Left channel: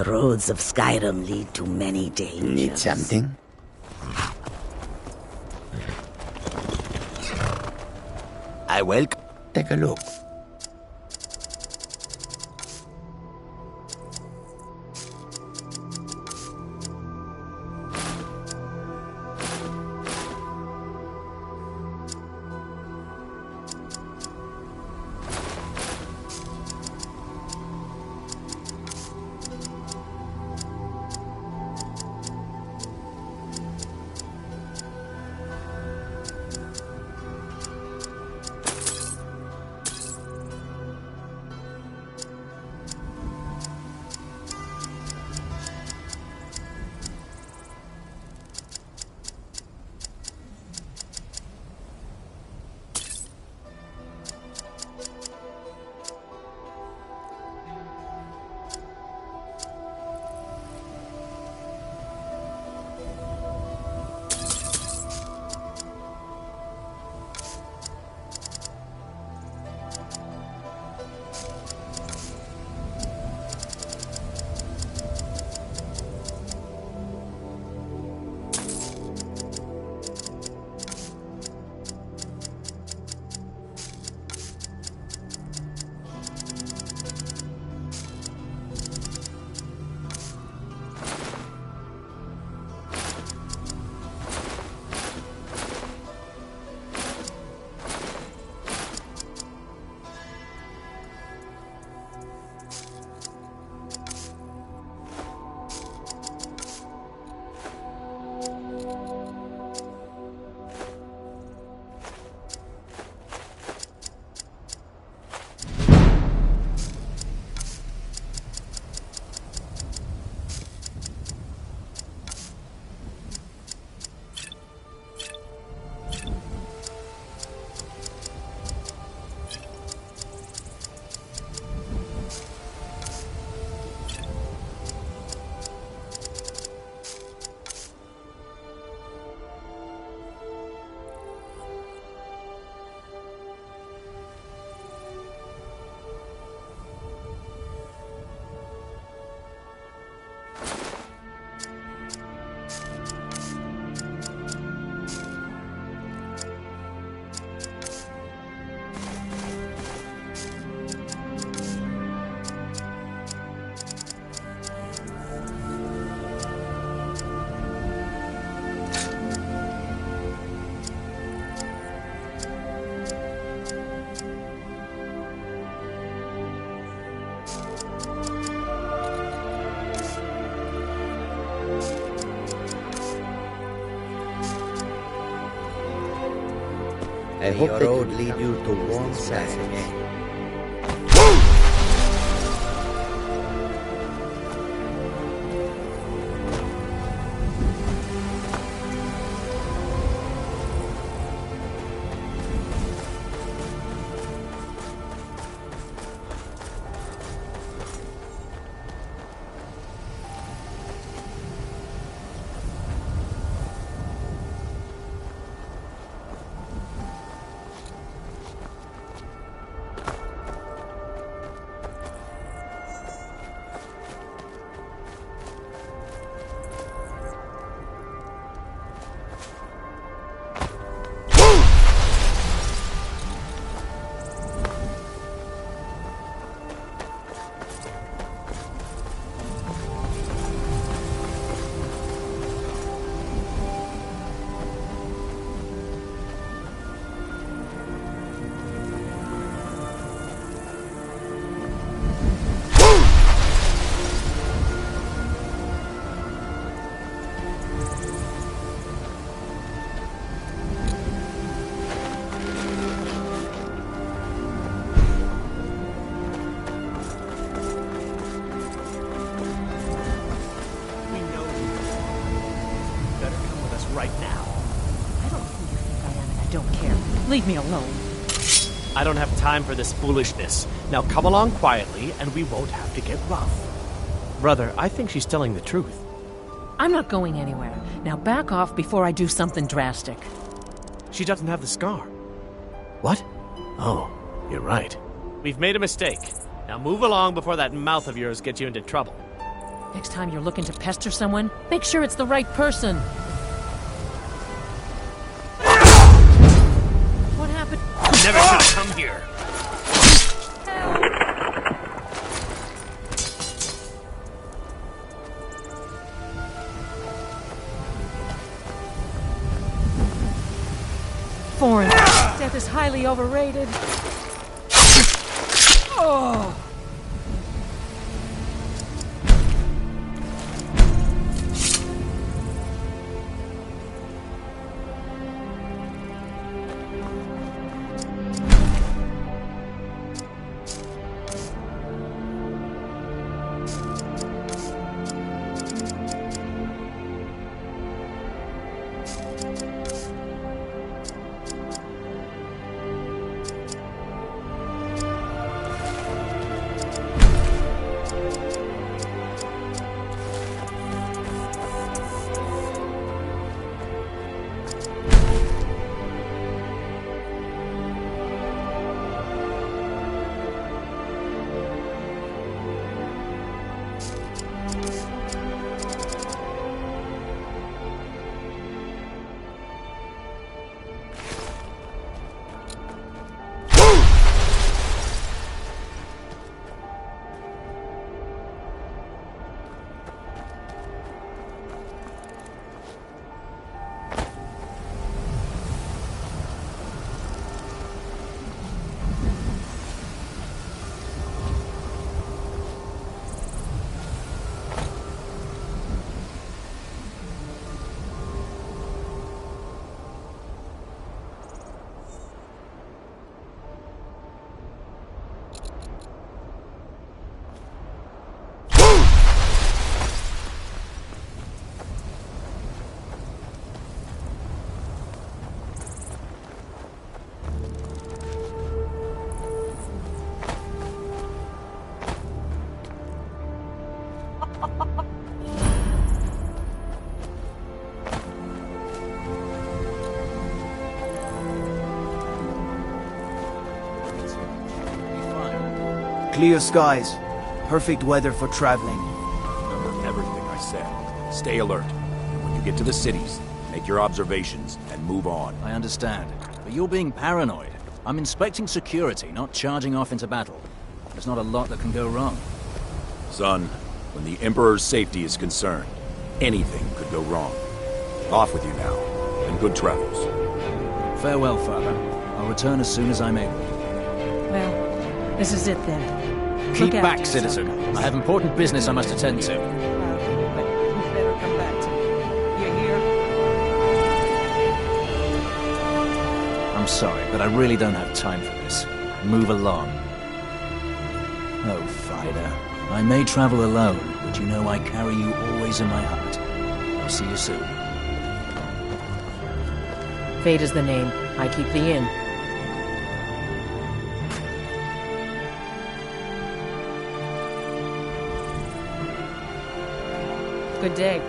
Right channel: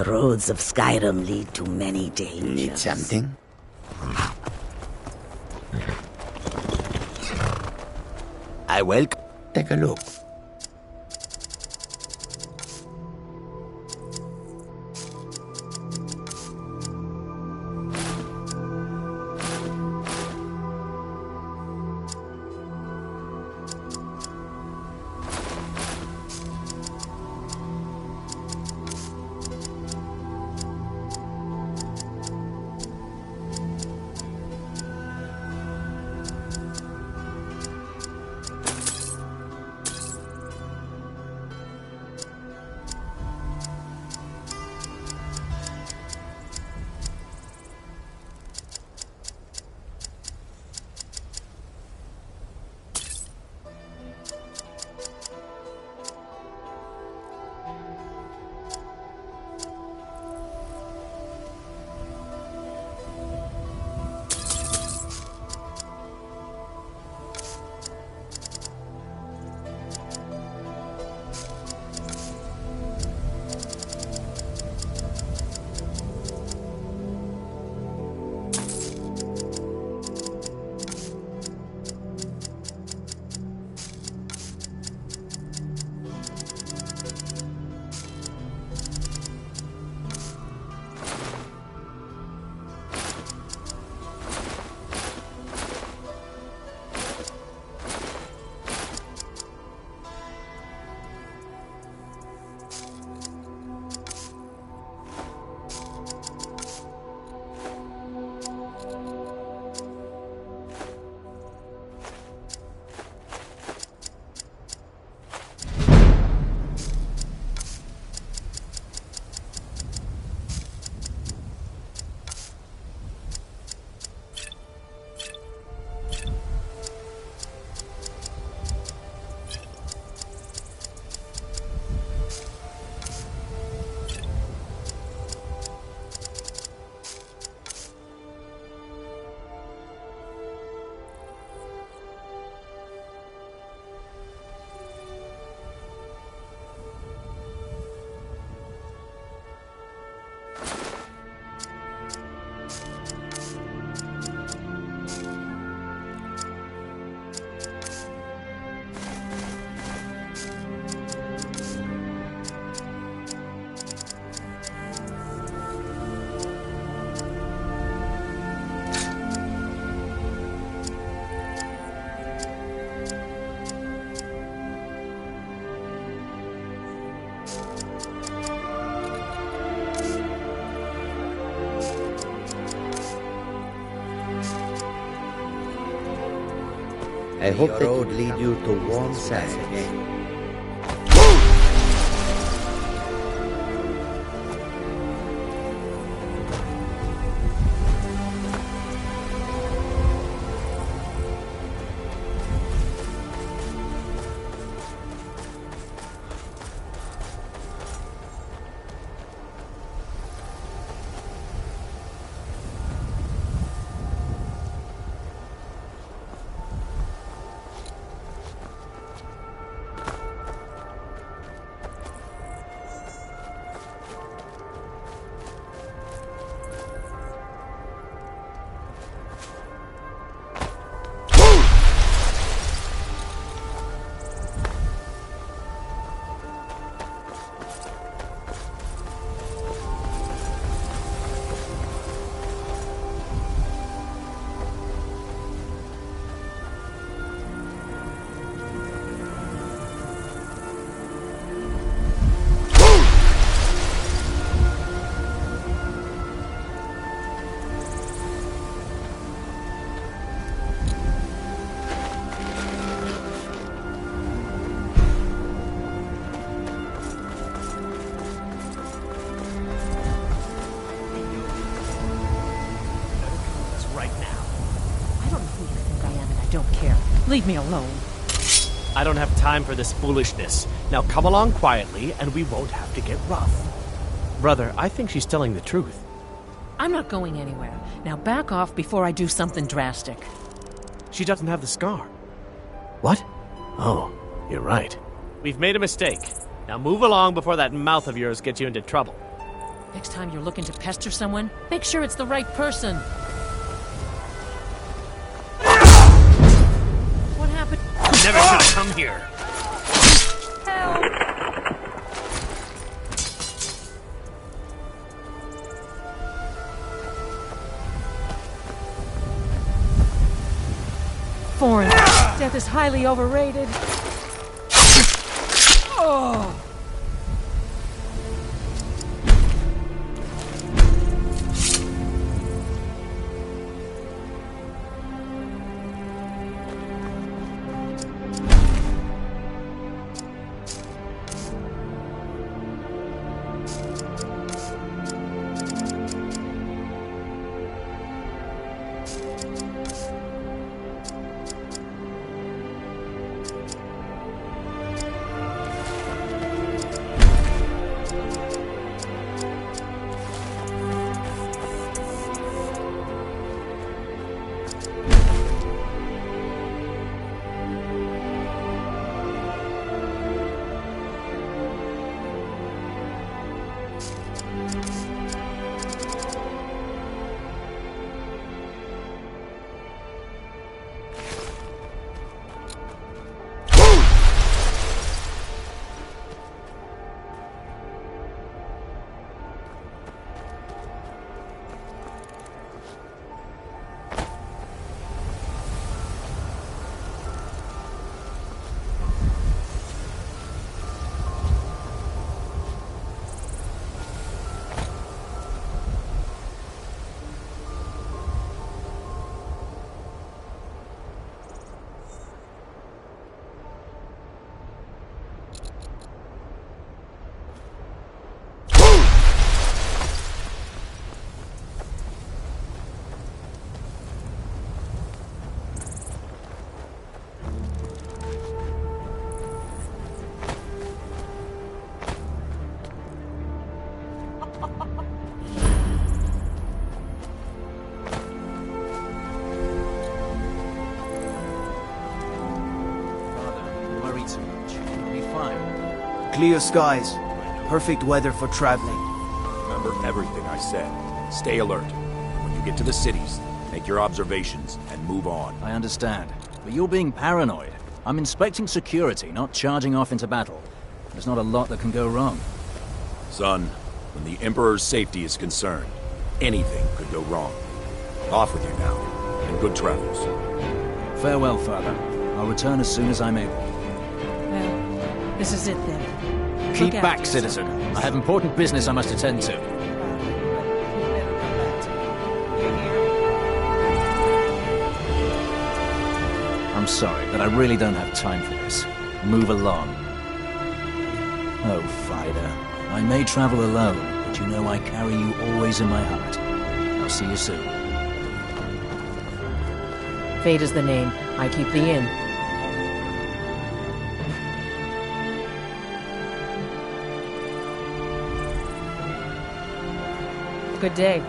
The roads of Skyrim lead to many dangers. Need something? I will. Take a look. I hope they could lead you to warm sides again. Right now. I don't know who you think I am, and I don't care. Leave me alone. I don't have time for this foolishness. Now come along quietly, and we won't have to get rough. Brother, I think she's telling the truth. I'm not going anywhere. Now back off before I do something drastic. She doesn't have the scar. What? Oh, you're right. We've made a mistake. Now move along before that mouth of yours gets you into trouble. Next time you're looking to pester someone, make sure it's the right person. What happened? Never should have come here. Foreign. Death is highly overrated. Oh. Clear skies. Perfect weather for traveling. Remember everything I said. Stay alert. And when you get to the cities, make your observations and move on. I understand. But you're being paranoid. I'm inspecting security, not charging off into battle. There's not a lot that can go wrong. Son, when the Emperor's safety is concerned, anything could go wrong. Off with you now, and good travels. Farewell, Father. I'll return as soon as I'm able. Well, this is it then. Keep Look back, after citizen. yourself, guys. I have important business I must attend to. But you better come back to me. You hear? I'm sorry, but I really don't have time for this. Move along. Oh, Fida. I may travel alone, but you know I carry you always in my heart. I'll see you soon. Fate is the name. I keep the inn. Good day.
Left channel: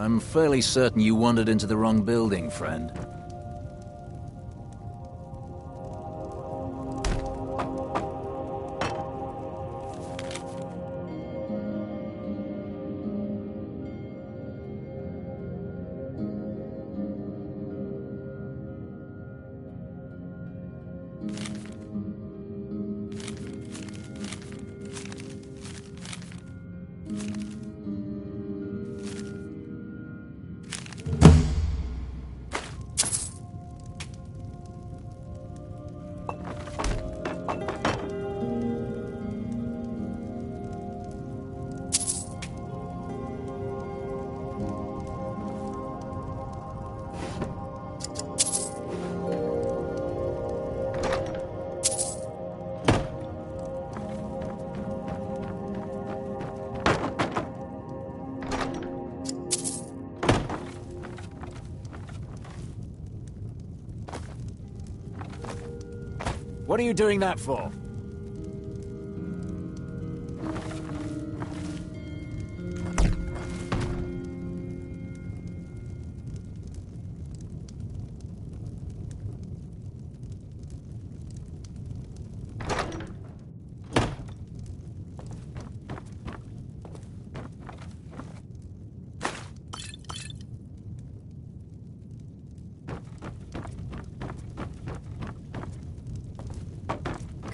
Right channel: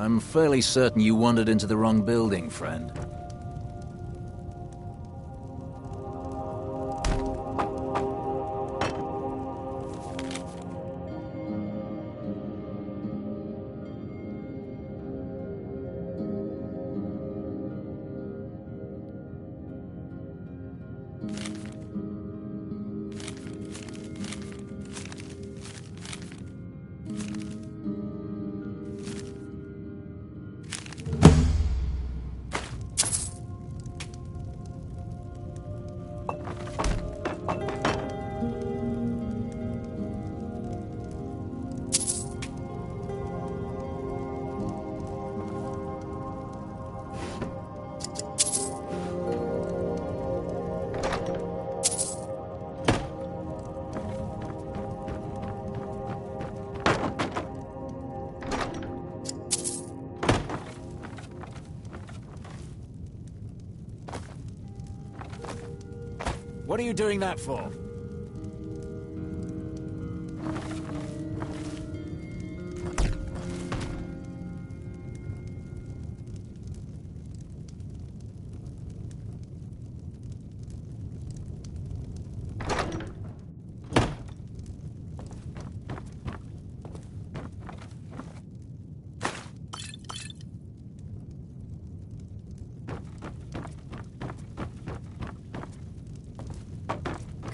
I'm fairly certain you wandered into the wrong building, friend. What are you doing that for?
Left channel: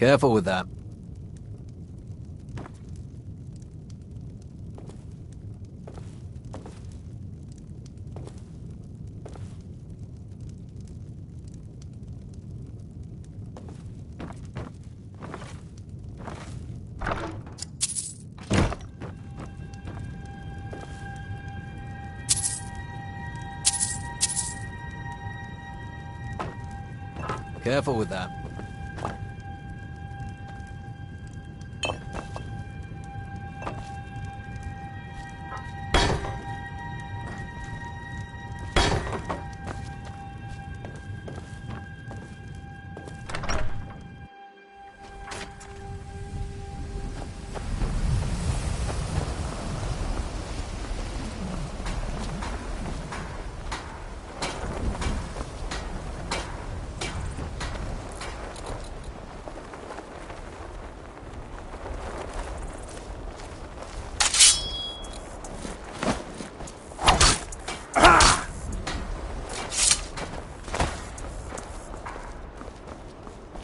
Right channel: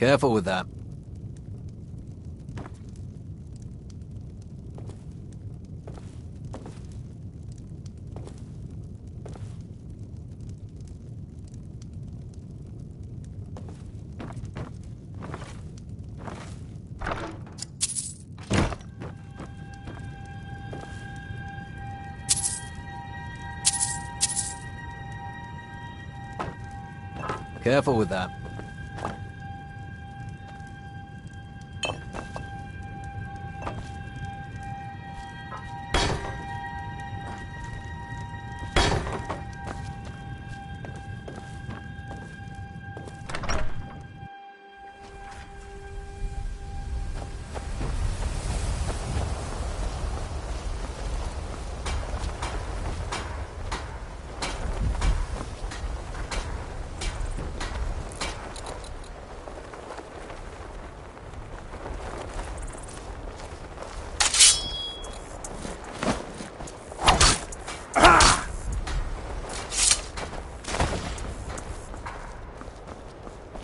Careful with that. Careful with that.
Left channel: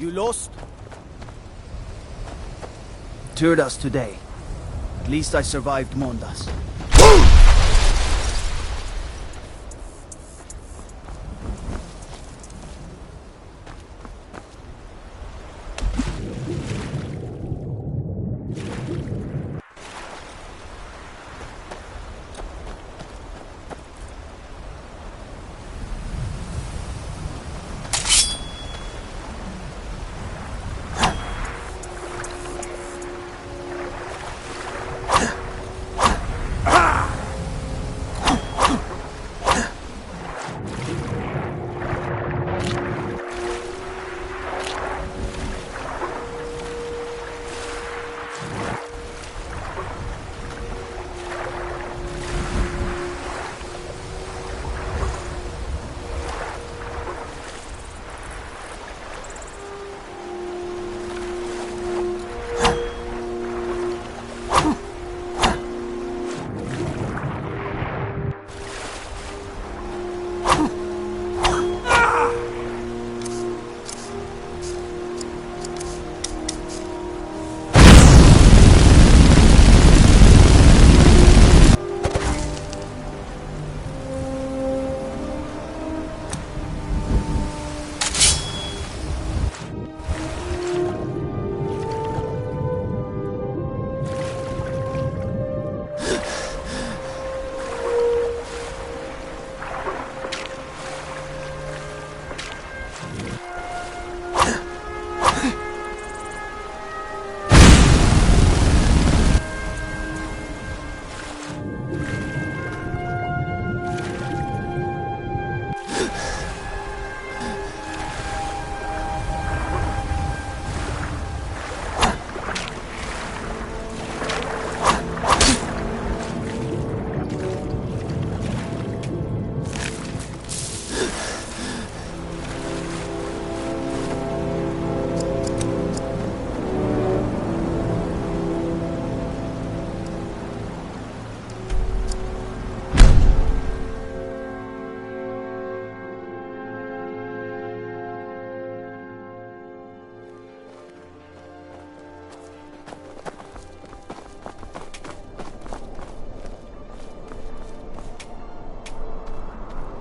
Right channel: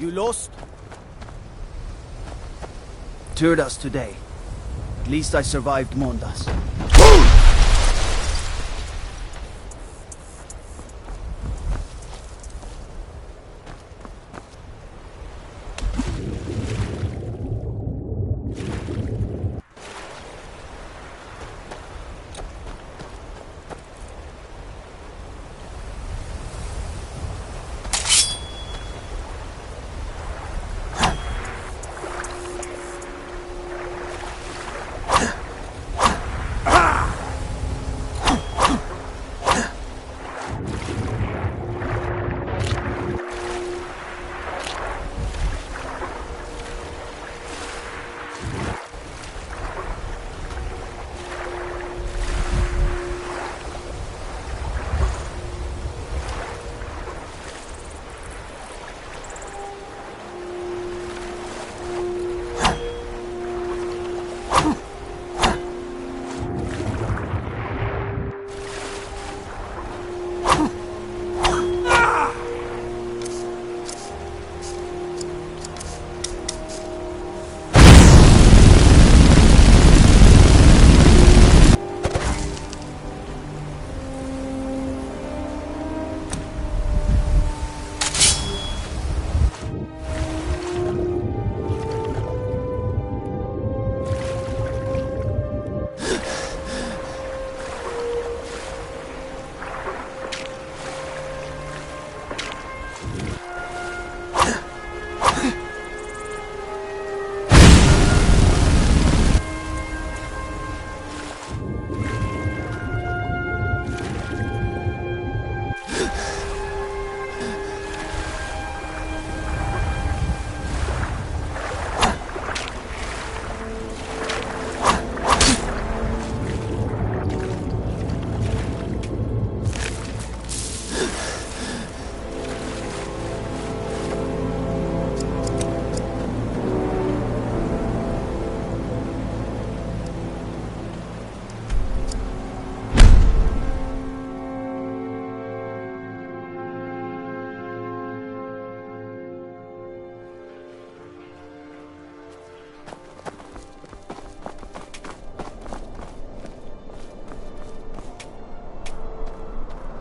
You lost? Toured us today. At least I survived Mondas.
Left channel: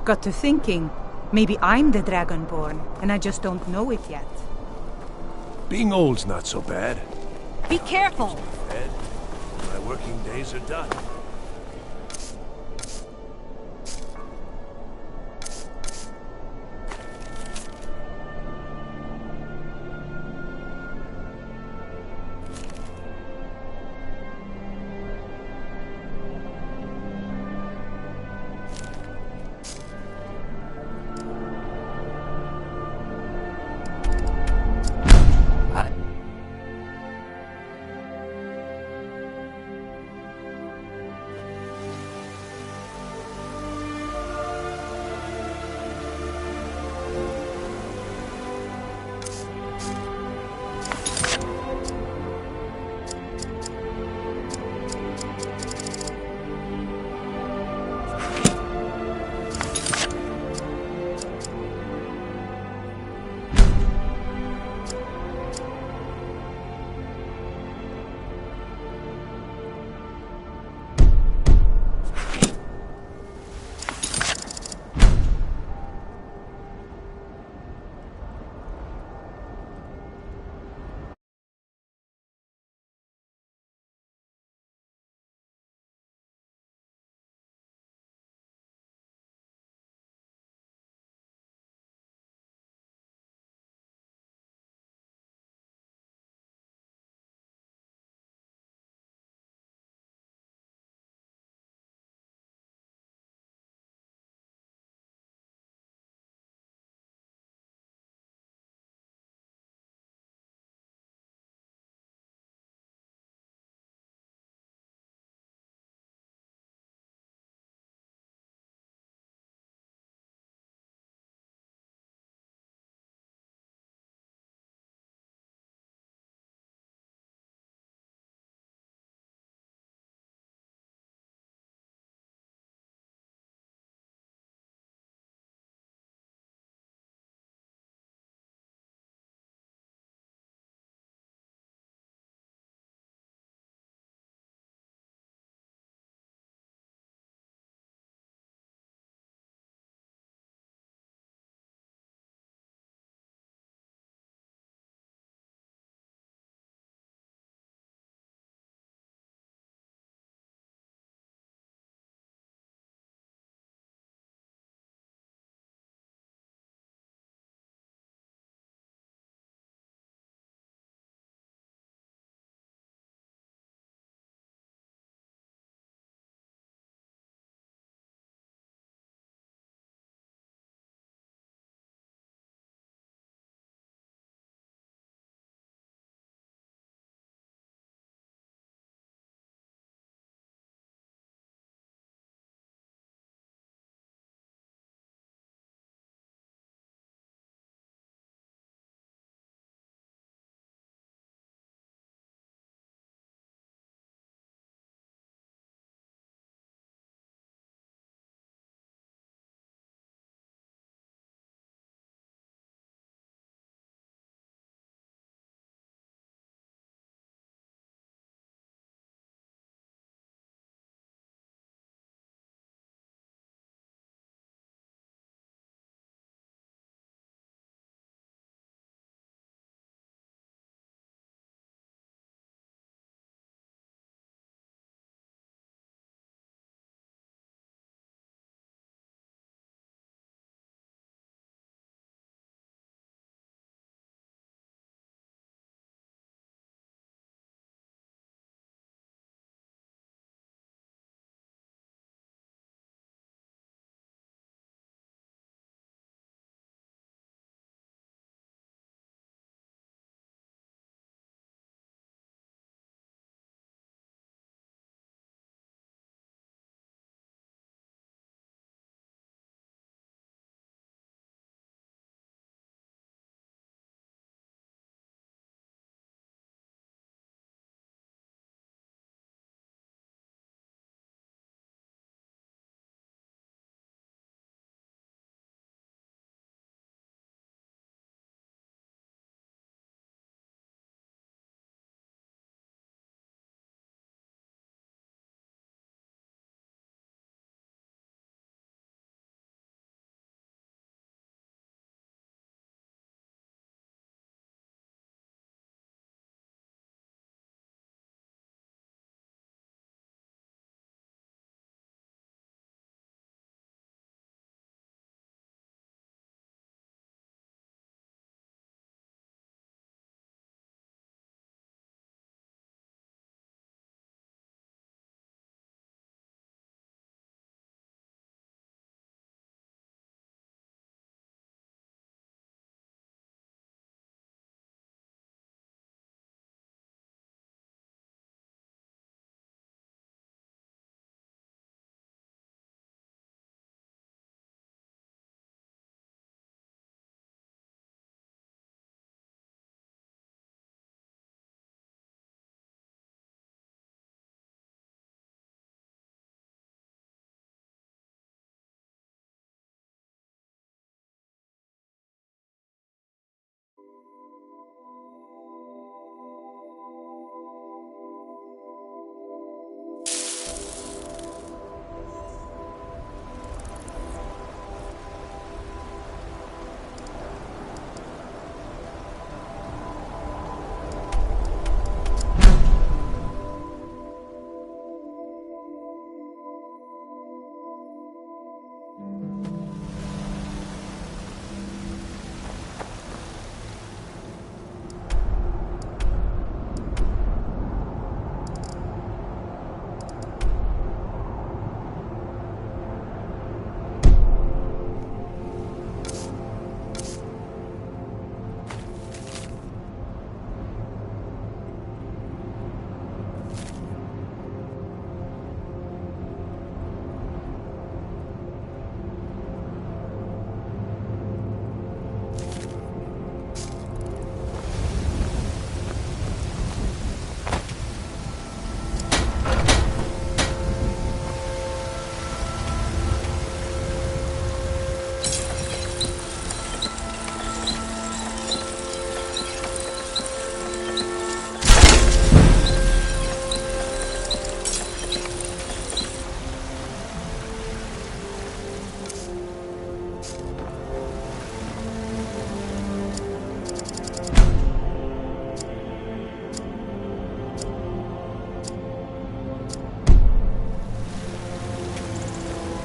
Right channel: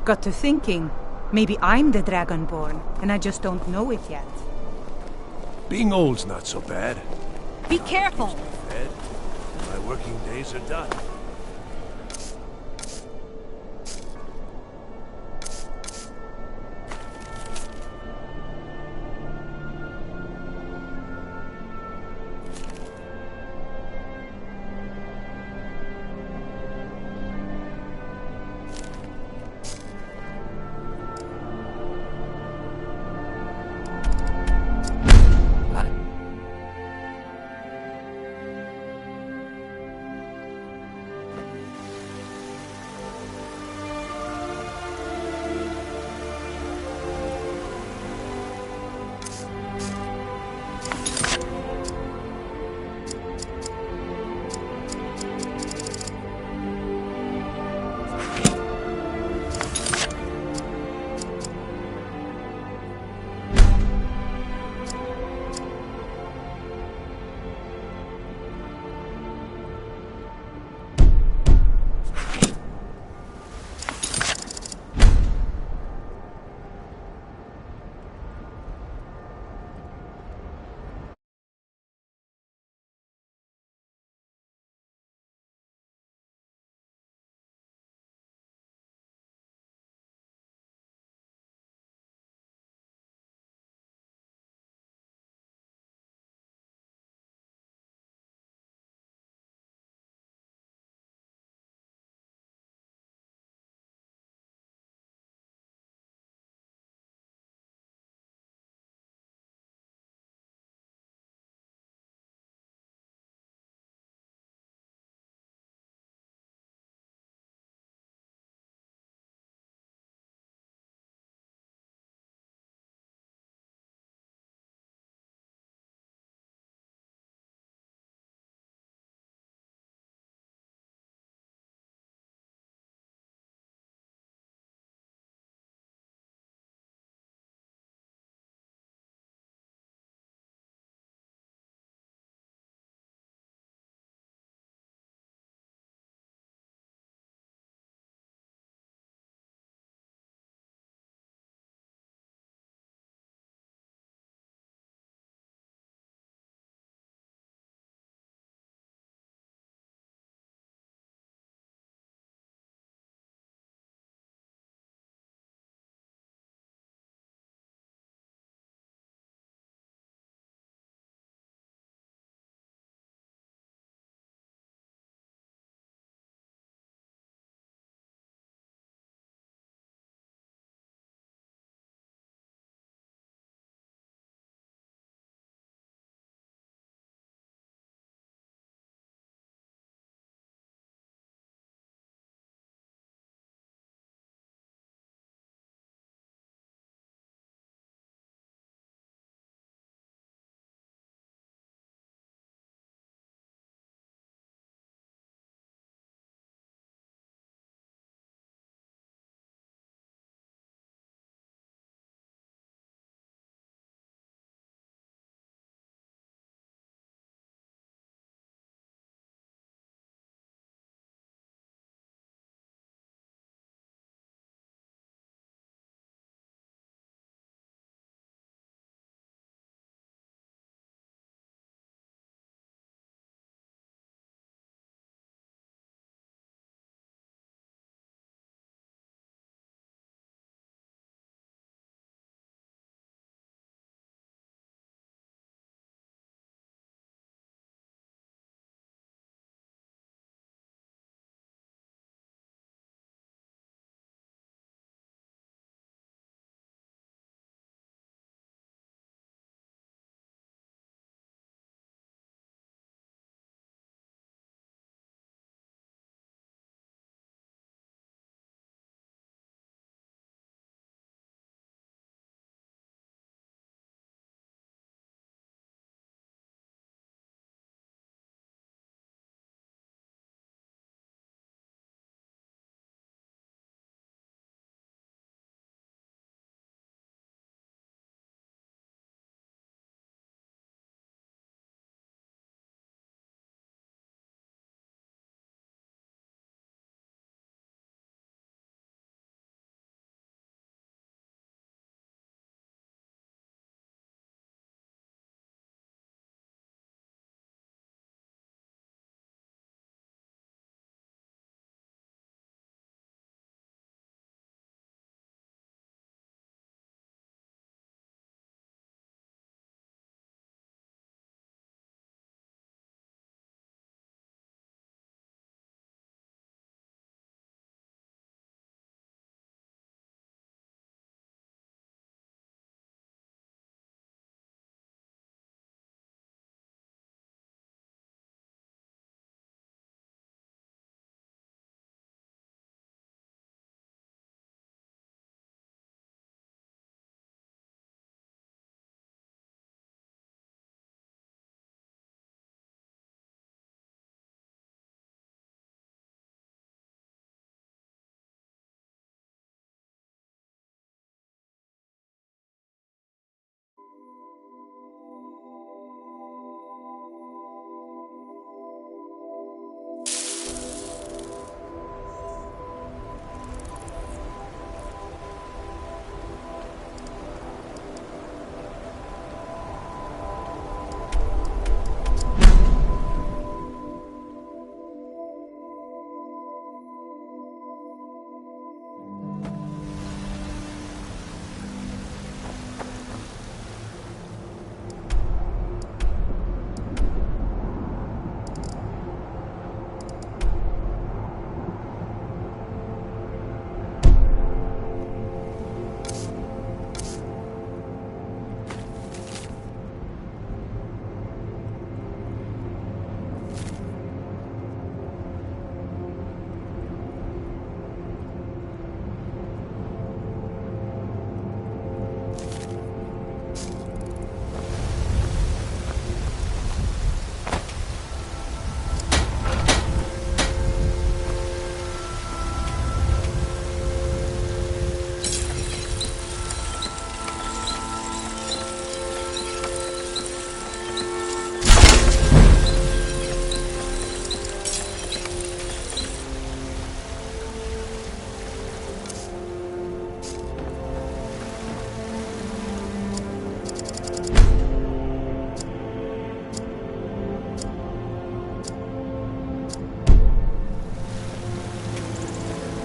Got to thinking, maybe I'm the Dragonborn, and I just don't know it yet. Being old's not so bad. Be careful! Fed, my working days are done.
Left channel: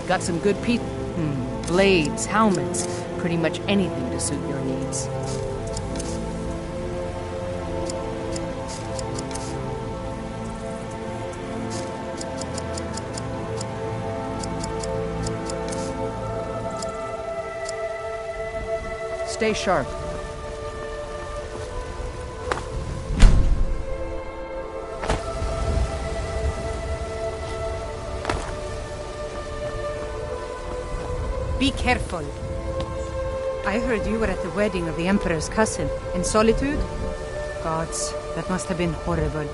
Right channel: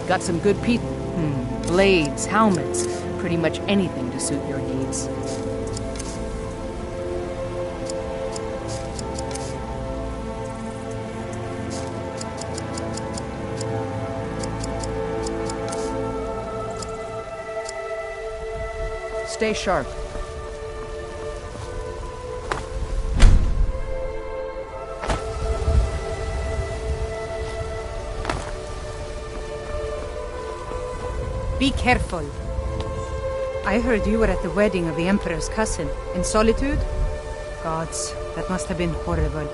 Got some good blades, helmets, pretty much anything to suit your needs. Stay sharp. Be careful. I heard you were at the wedding of the Emperor's cousin. In solitude? Gods, that must have been horrible.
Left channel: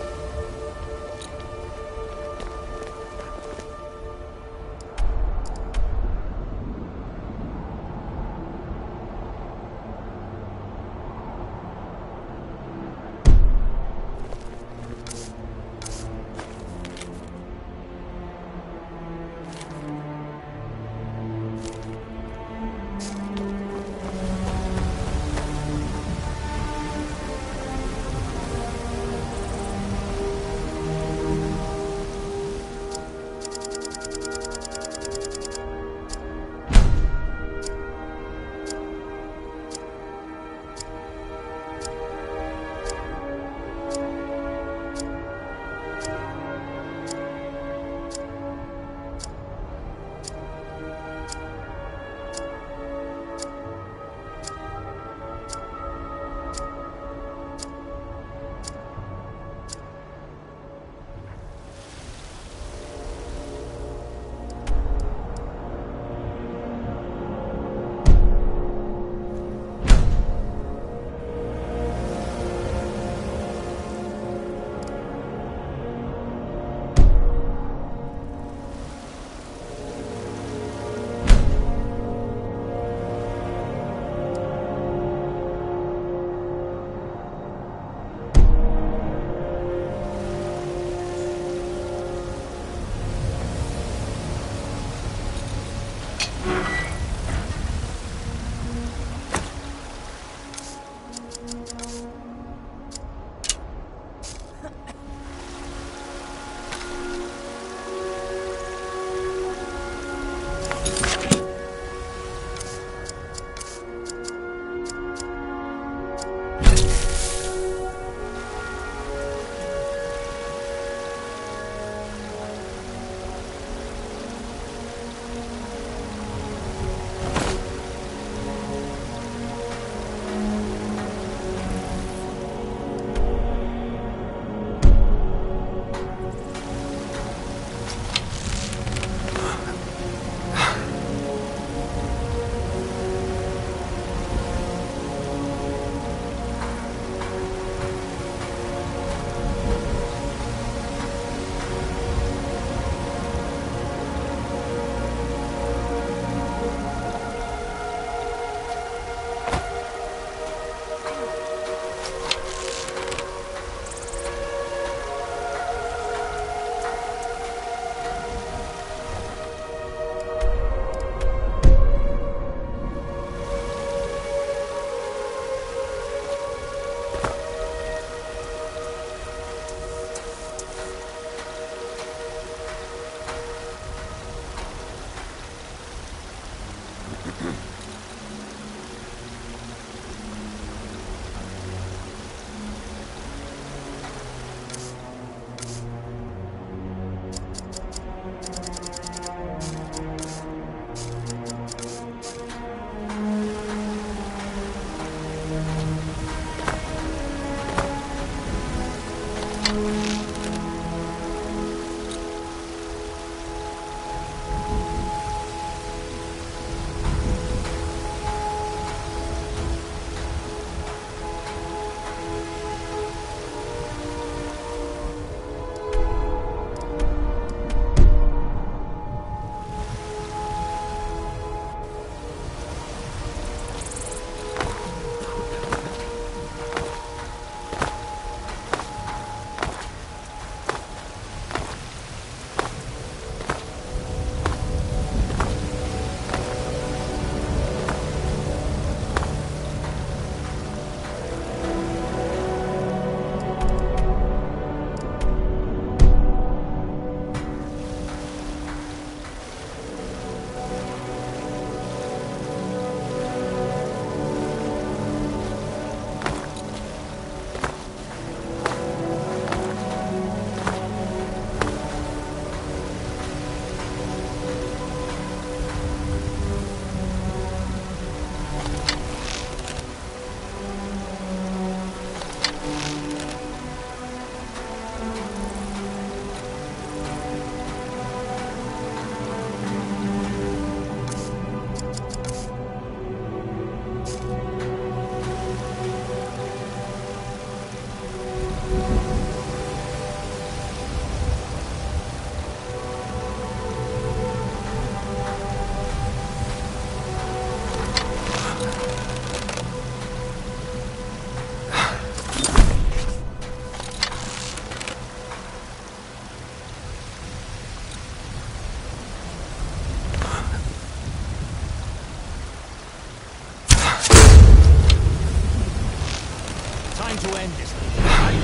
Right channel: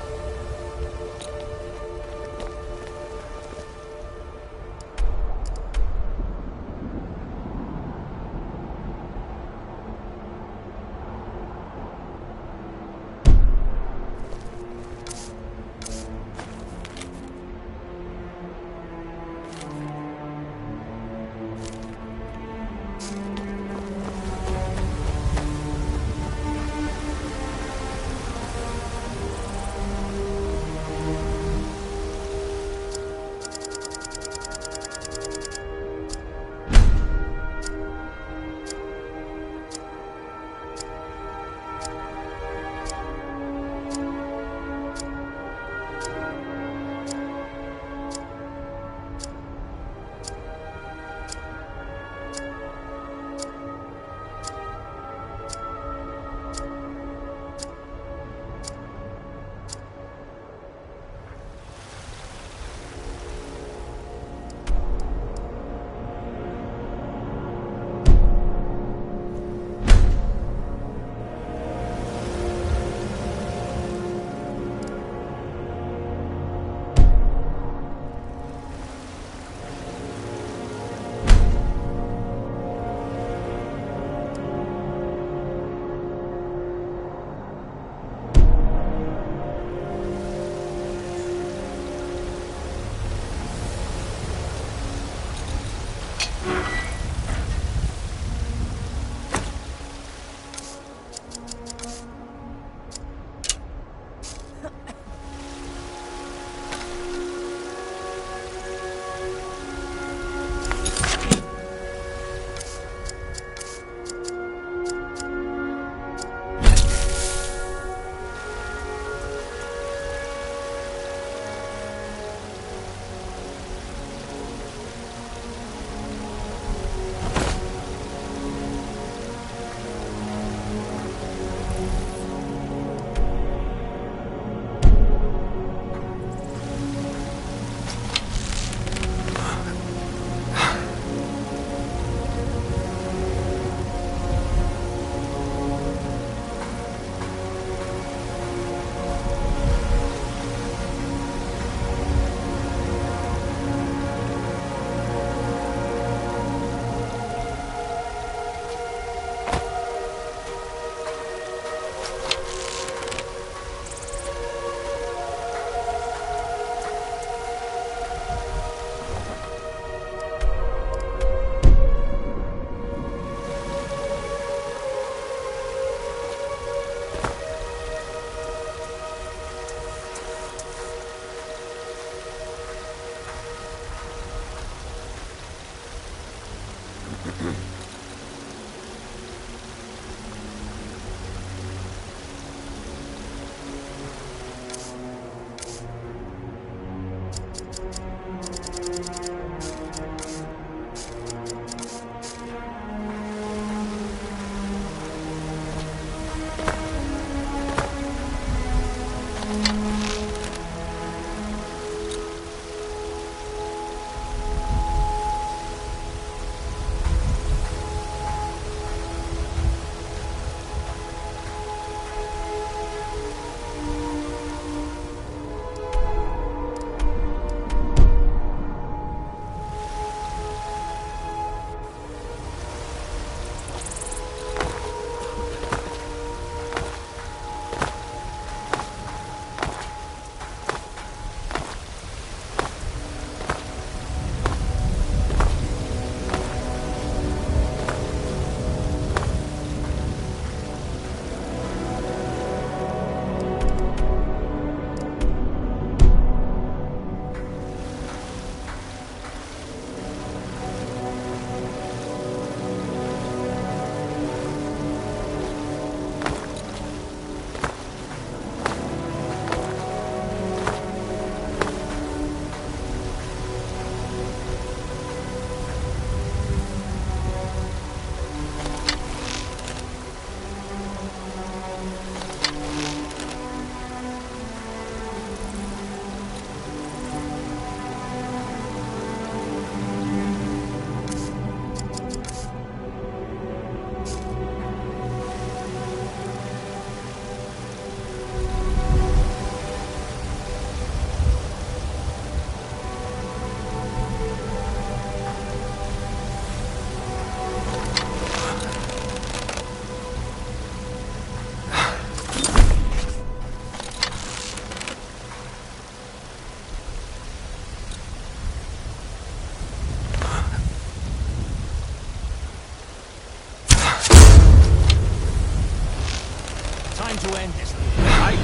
to end this, right?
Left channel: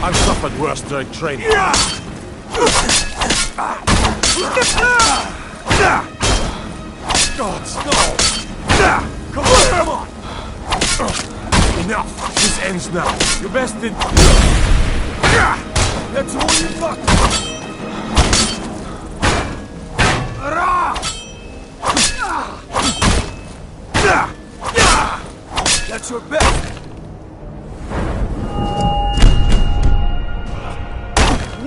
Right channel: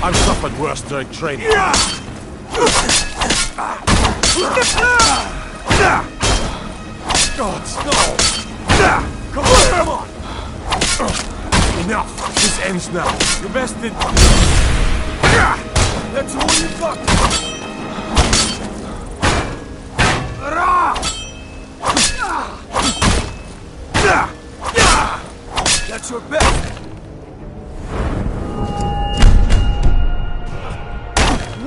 I've suffered worse during training. Gods, no! Come on! Enough! This ends now. Your best in... That's all you've got! That's your best!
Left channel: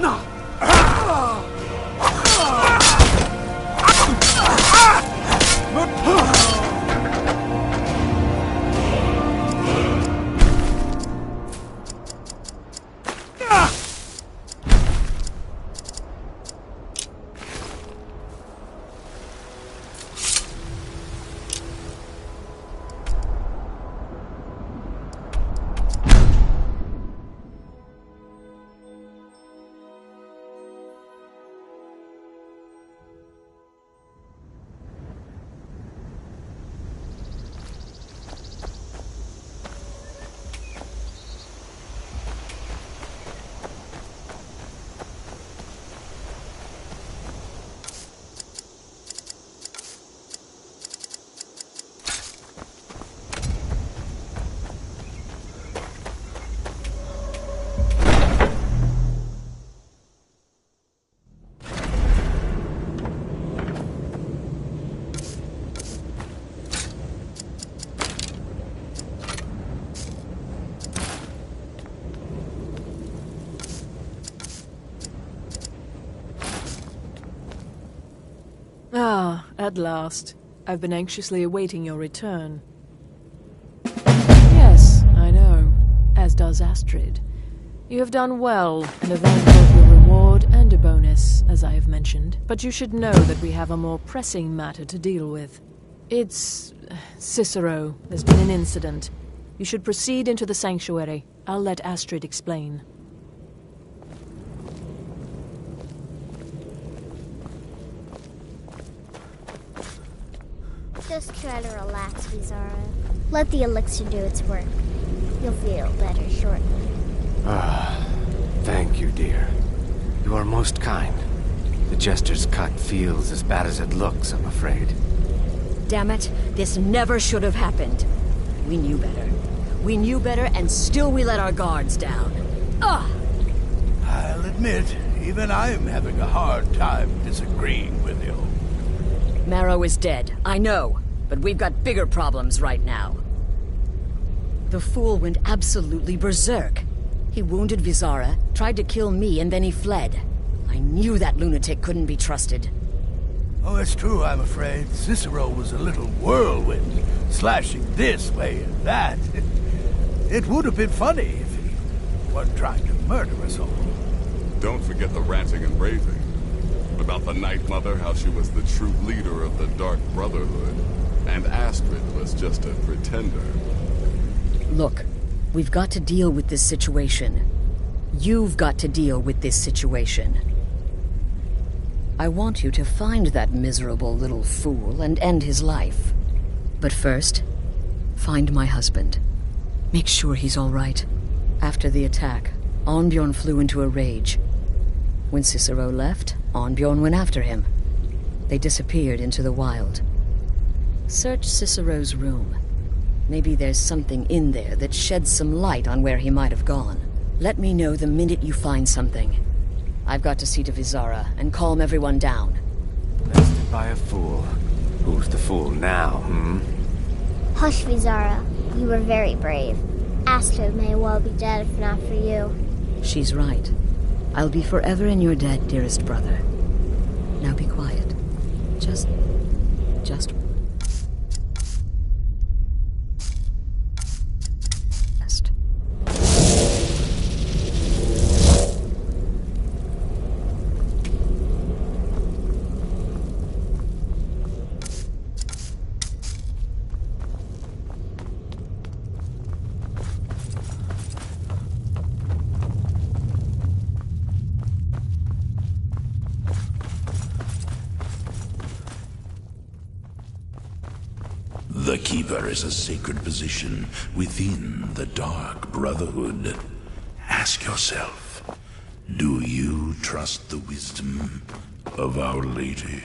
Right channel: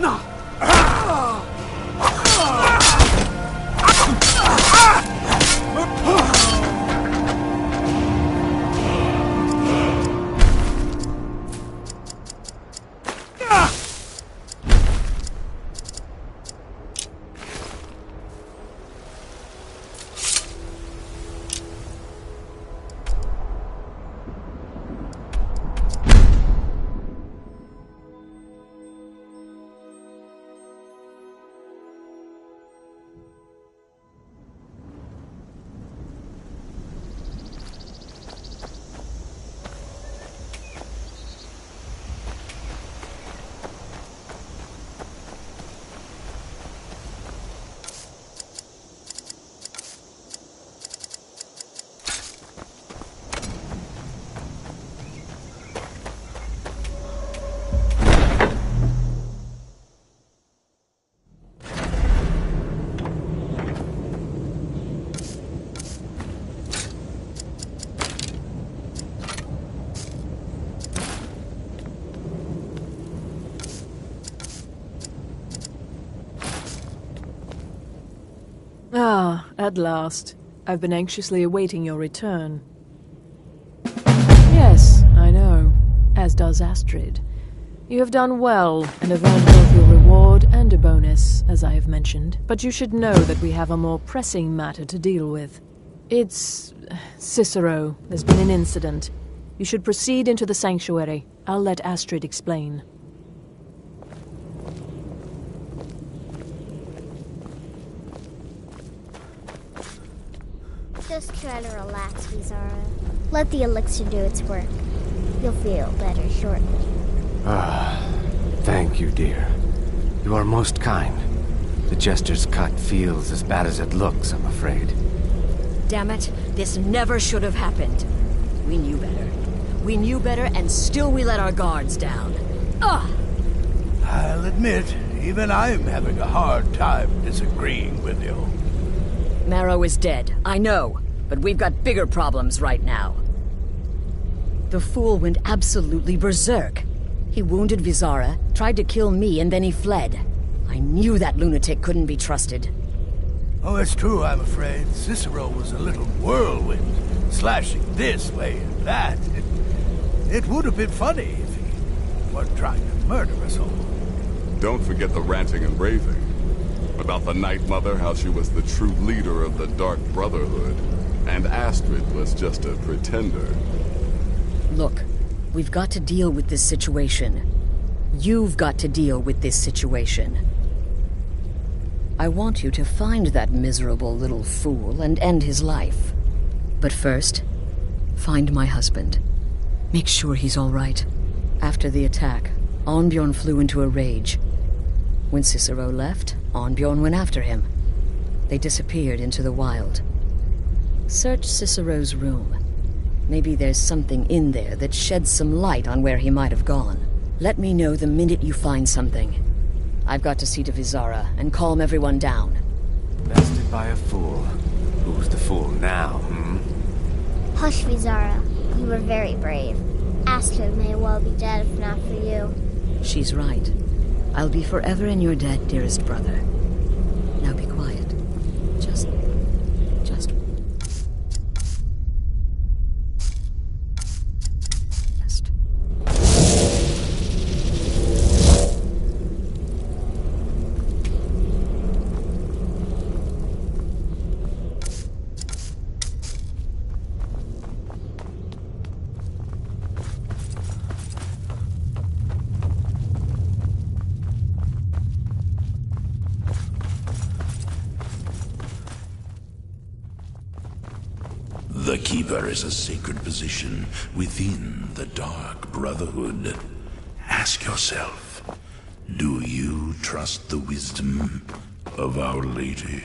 No! Ah, at last. I've been anxiously awaiting your return. Yes, I know. As does Astrid. You have done well, and have earned both your reward and a bonus, as I have mentioned. But you should know that we have a more pressing matter to deal with. It's... Cicero. There's been an incident. You should proceed into the sanctuary. I'll let Astrid explain. Just try to relax, Vizara. Let the elixir do its work. You'll feel better shortly. Thank you, dear. You are most kind. The Jester's cut feels as bad as it looks, I'm afraid. Damn it, this never should have happened. We knew better. We knew better, and still we let our guards down. Ugh! I'll admit, even I'm having a hard time disagreeing with you. Maro is dead, I know, but we've got bigger problems right now. The fool went absolutely berserk. He wounded Vizara, tried to kill me, and then he fled. I knew that lunatic couldn't be trusted. Oh, it's true, I'm afraid. Cicero was a little whirlwind, slashing this way and that. It would have been funny if he weren't trying to murder us all. Don't forget the ranting and raving. About the Night Mother, how she was the true leader of the Dark Brotherhood, and Astrid was just a pretender. Look, we've got to deal with this situation. You've got to deal with this situation. I want you to find that miserable little fool and end his life. But first, find my husband. Make sure he's all right. After the attack, Arnbjorn flew into a rage. When Cicero left, Arnbjorn went after him. They disappeared into the wild. Search Cicero's room. Maybe there's something in there that sheds some light on where he might have gone. Let me know the minute you find something. I've got to see to Vizara and calm everyone down. Bested by a fool. Who's the fool now, Hush, Vizara. You were very brave. Astrid may well be dead if not for you. She's right. I'll be forever in your debt, dearest brother. Now be quiet. Just... rest. The Keeper is a sacred position within the Dark Brotherhood. Ask yourself, do you trust the wisdom of Our Lady?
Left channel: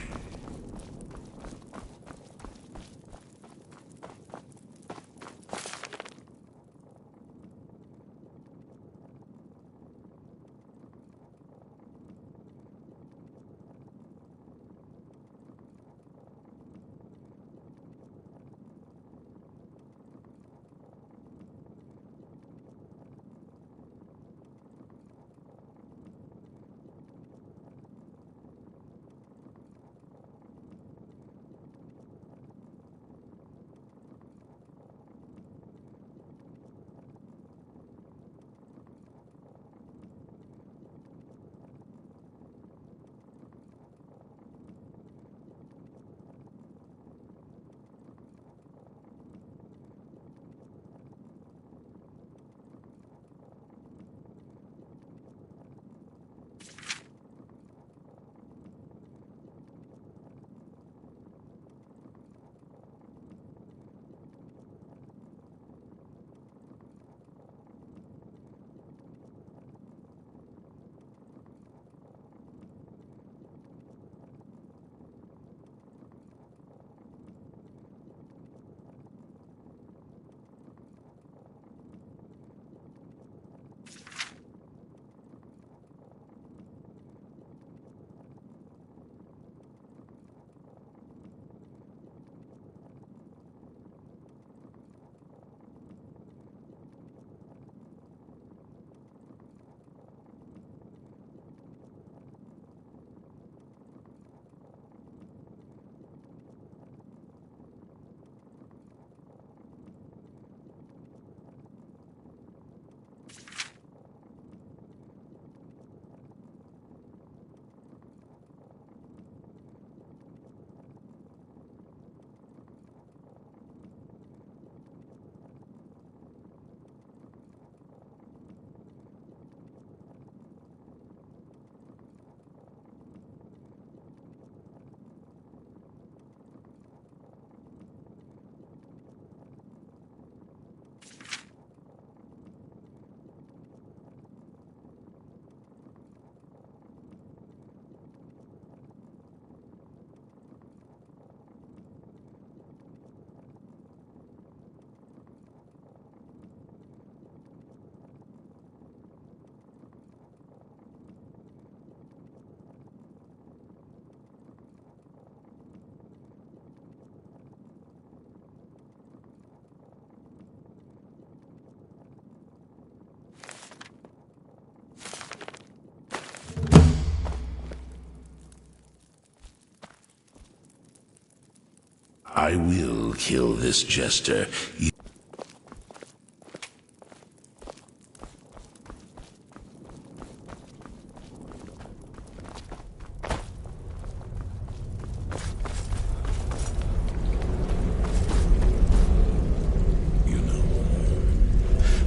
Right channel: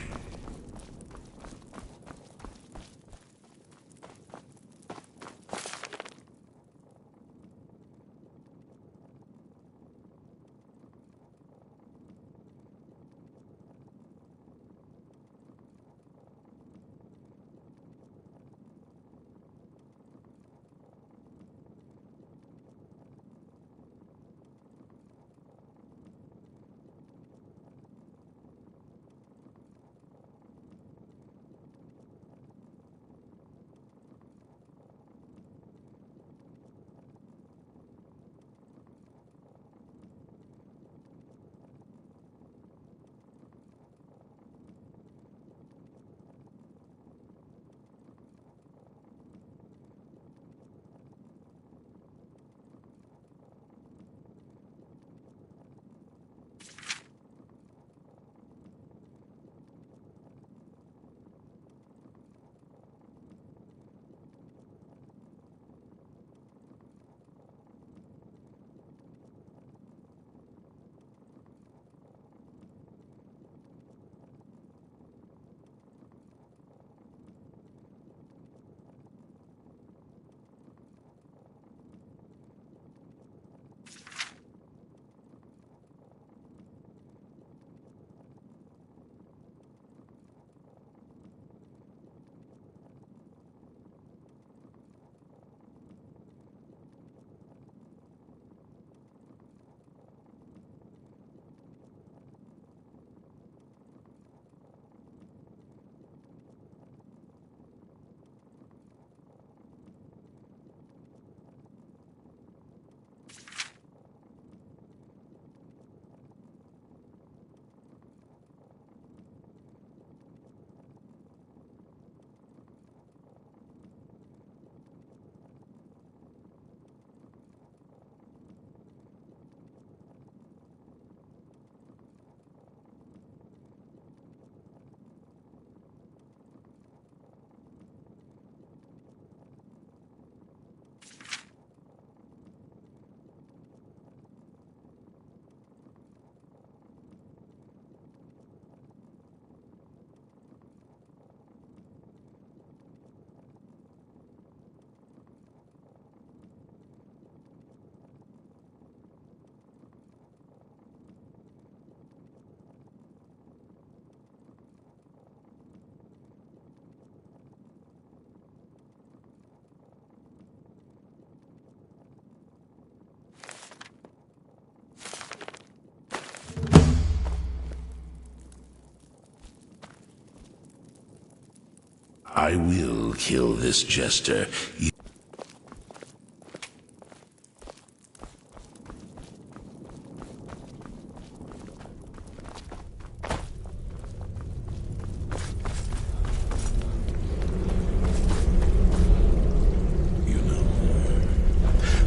I will kill this jester.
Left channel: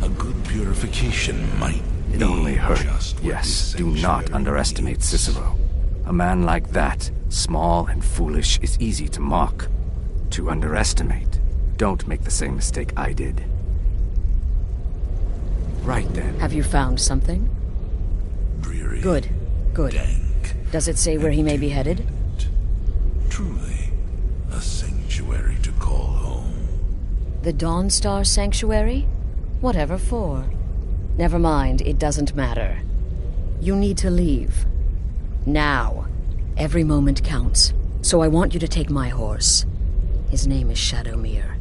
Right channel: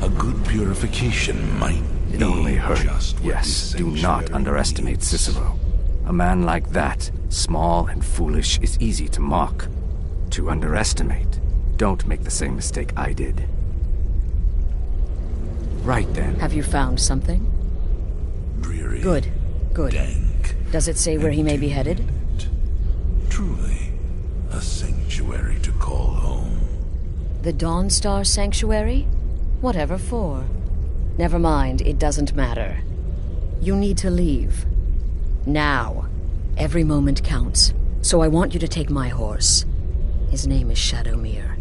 A good purification might It only hurt. just what Yes, this do not sanctuary underestimate needs. Cicero. A man like that, small and foolish, is easy to mock. To underestimate. Don't make the same mistake I did. Right then. Have you found something? Dreary, Good. Good. dank, Does it say where he may be headed? truly a sanctuary to call home. The Dawnstar Sanctuary? Whatever for. Never mind, it doesn't matter. You need to leave. Now. Every moment counts, so I want you to take my horse. His name is Shadowmere.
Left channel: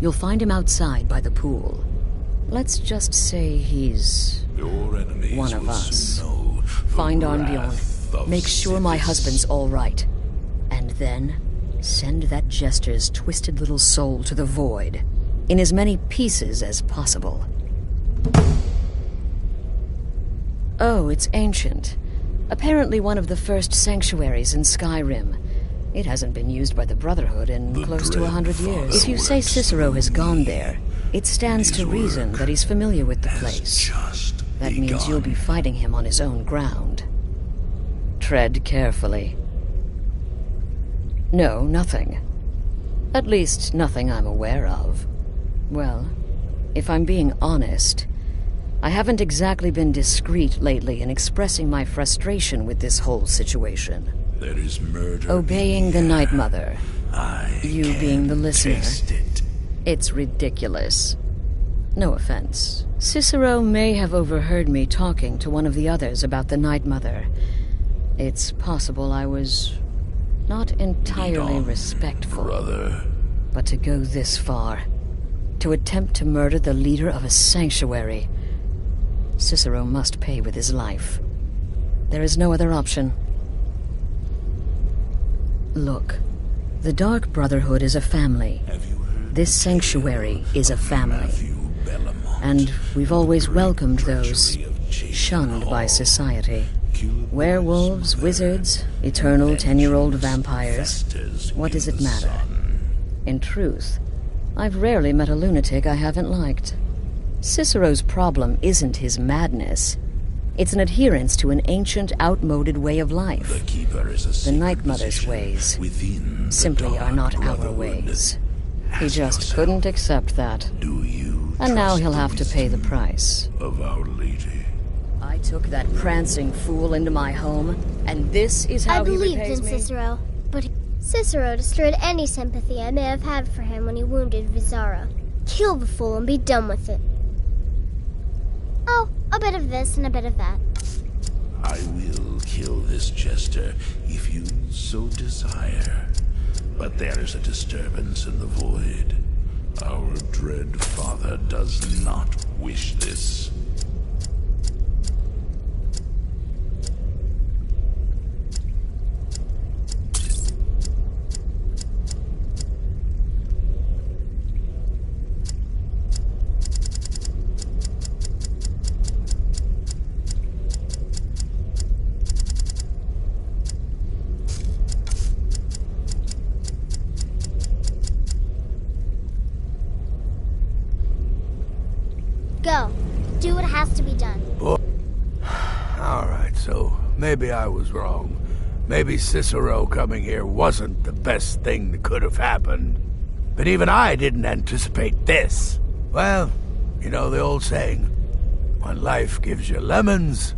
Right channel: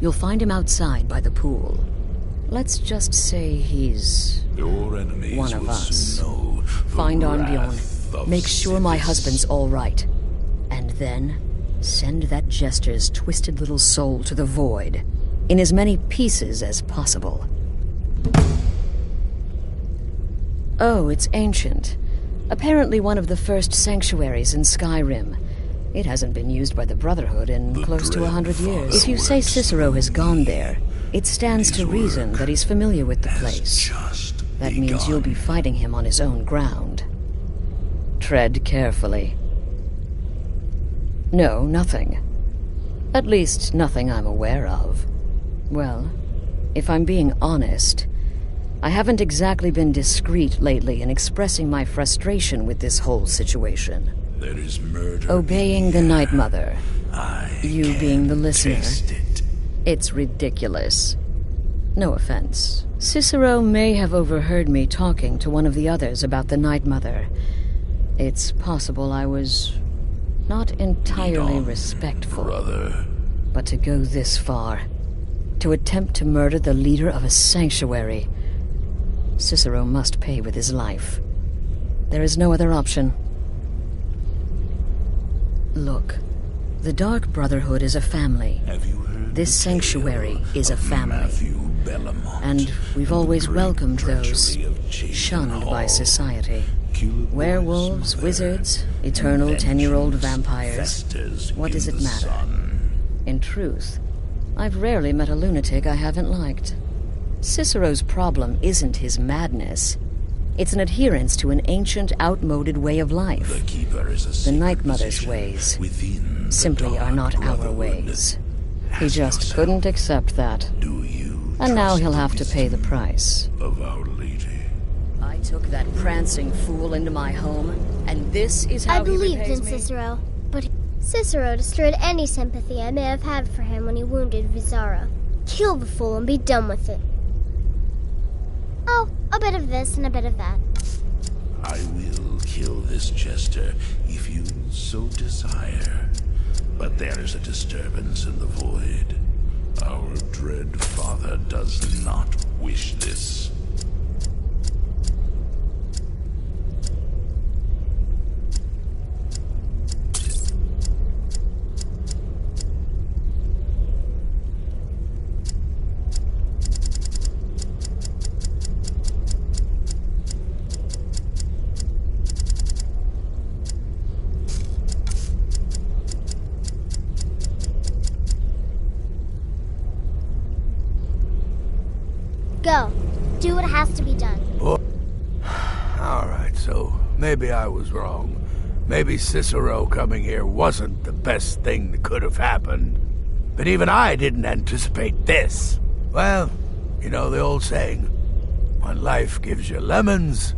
You'll find him outside by the pool. Let's just say he's Your enemies one of will us. soon know the Find Arnbjorn. wrath of Make sure my Sisyphus. husband's all right. And then send that jester's twisted little soul to the void, in as many pieces as possible. Oh, it's ancient. Apparently one of the first sanctuaries in Skyrim. It hasn't been used by the Brotherhood in close to 100 years. If you say Cicero has gone there, it stands to reason that he's familiar with the place. That means you'll be fighting him on his own ground. Tread carefully. No, nothing. At least, nothing I'm aware of. Well, if I'm being honest, I haven't exactly been discreet lately in expressing my frustration with this whole situation. There is murder. Obeying the Night Mother. You being the listener. taste It's ridiculous. No offense. Cicero may have overheard me talking to one of the others about the Night Mother. It's possible I was not entirely respectful. Brother. But to go this far, to attempt to murder the leader of a sanctuary, Cicero must pay with his life. There is no other option. Look, the Dark Brotherhood is a family. This sanctuary is a family. And we've always welcomed those shunned by society. Werewolves, wizards, eternal 10-year-old vampires. What does it matter? In truth, I've rarely met a lunatic I haven't liked. Cicero's problem isn't his madness. It's an adherence to an ancient, outmoded way of life. The Night Mother's ways simply are not our ways. He just couldn't accept that. And now he'll have to pay the price. Of Our Lady. I took that prancing fool into my home, and this is how I he believed repays in me? Cicero, but Cicero destroyed any sympathy I may have had for him when he wounded Vizara. Kill the fool and be done with it. Oh, a bit of this and a bit of that. I will kill this jester if you so desire. But there is a disturbance in the void. Our dread father does not wish this. Go. Do what has to be done. Alright, so maybe I was wrong. Maybe Cicero coming here wasn't the best thing that could have happened. But even I didn't anticipate this. Well, you know the old saying, when life gives you lemons,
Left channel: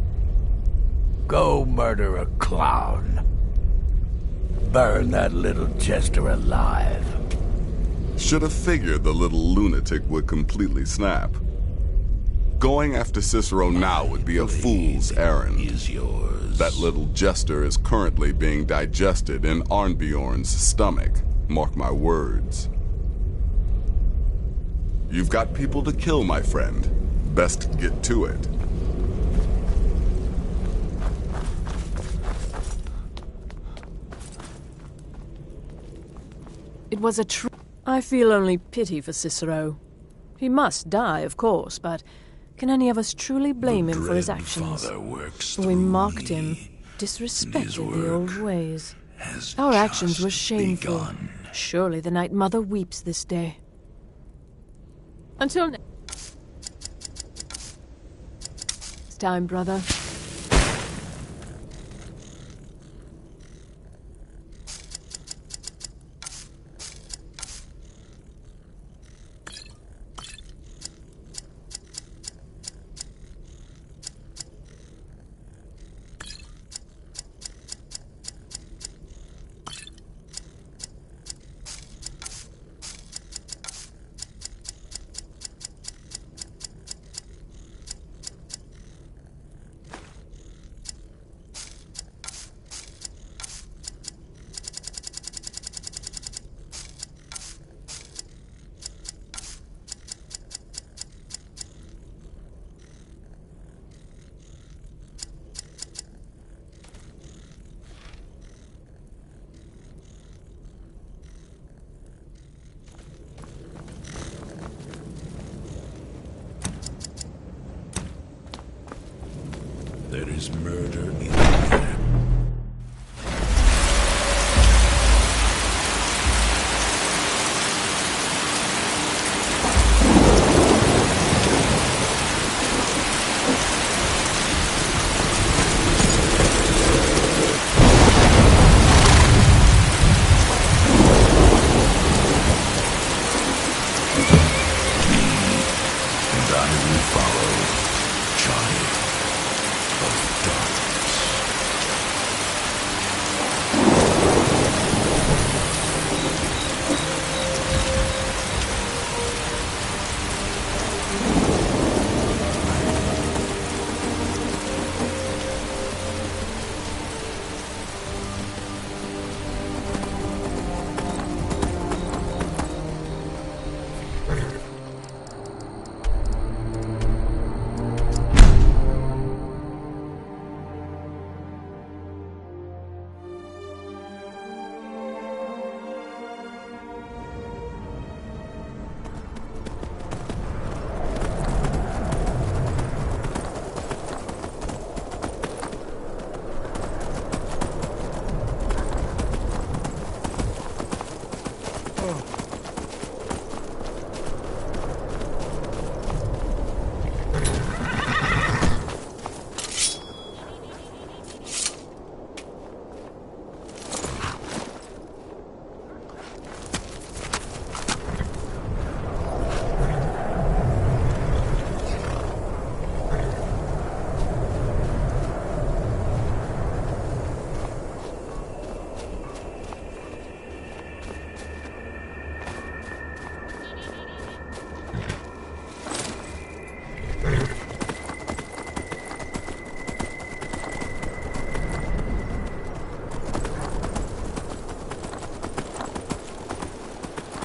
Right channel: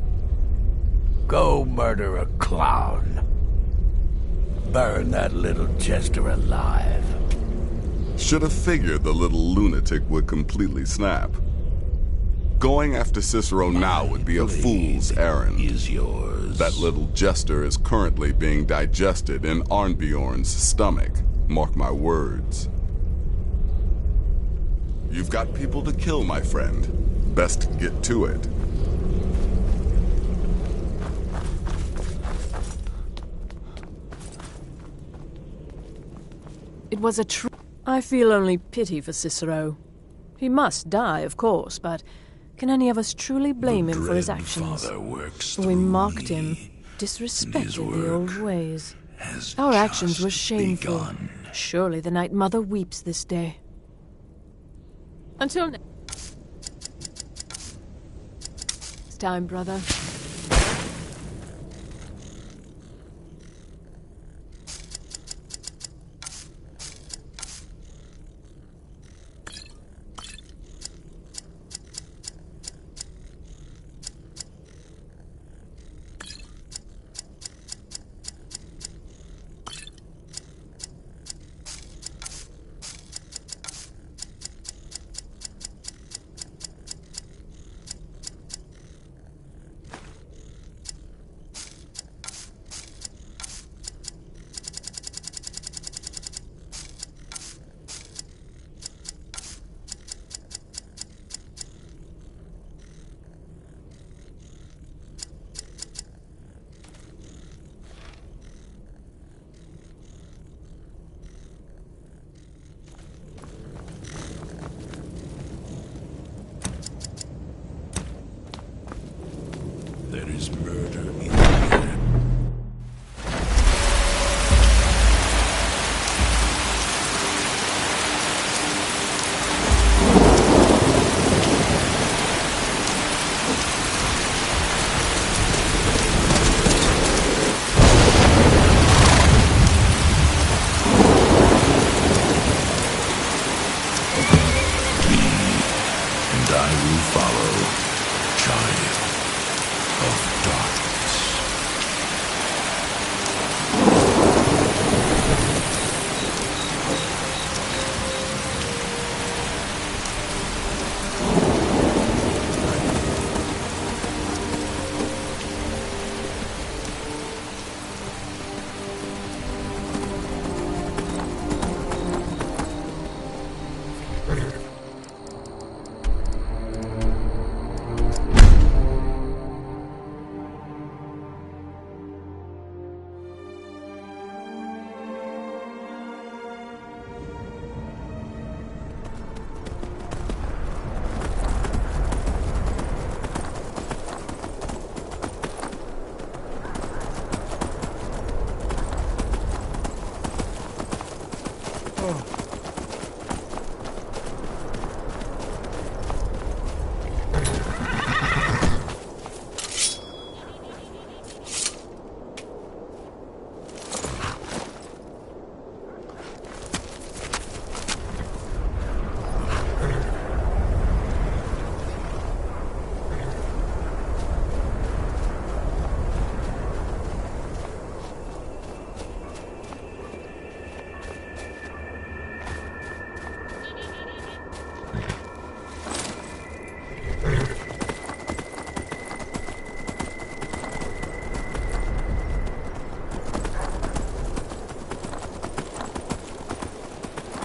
go murder a clown. Burn that little jester alive. Should have figured the little lunatic would completely snap. Going after Cicero now would be a fool's errand. That little jester is currently being digested in Arnbjorn's stomach. Mark my words. You've got people to kill, my friend. Best get to it. It was a true... I feel only pity for Cicero. He must die, of course, but can any of us truly blame him for his actions? We mocked him, disrespected the old ways. Our actions were shameful. Surely the Night Mother weeps this day. Until next time, brother. There is murder in the air. And I will follow, child of darkness.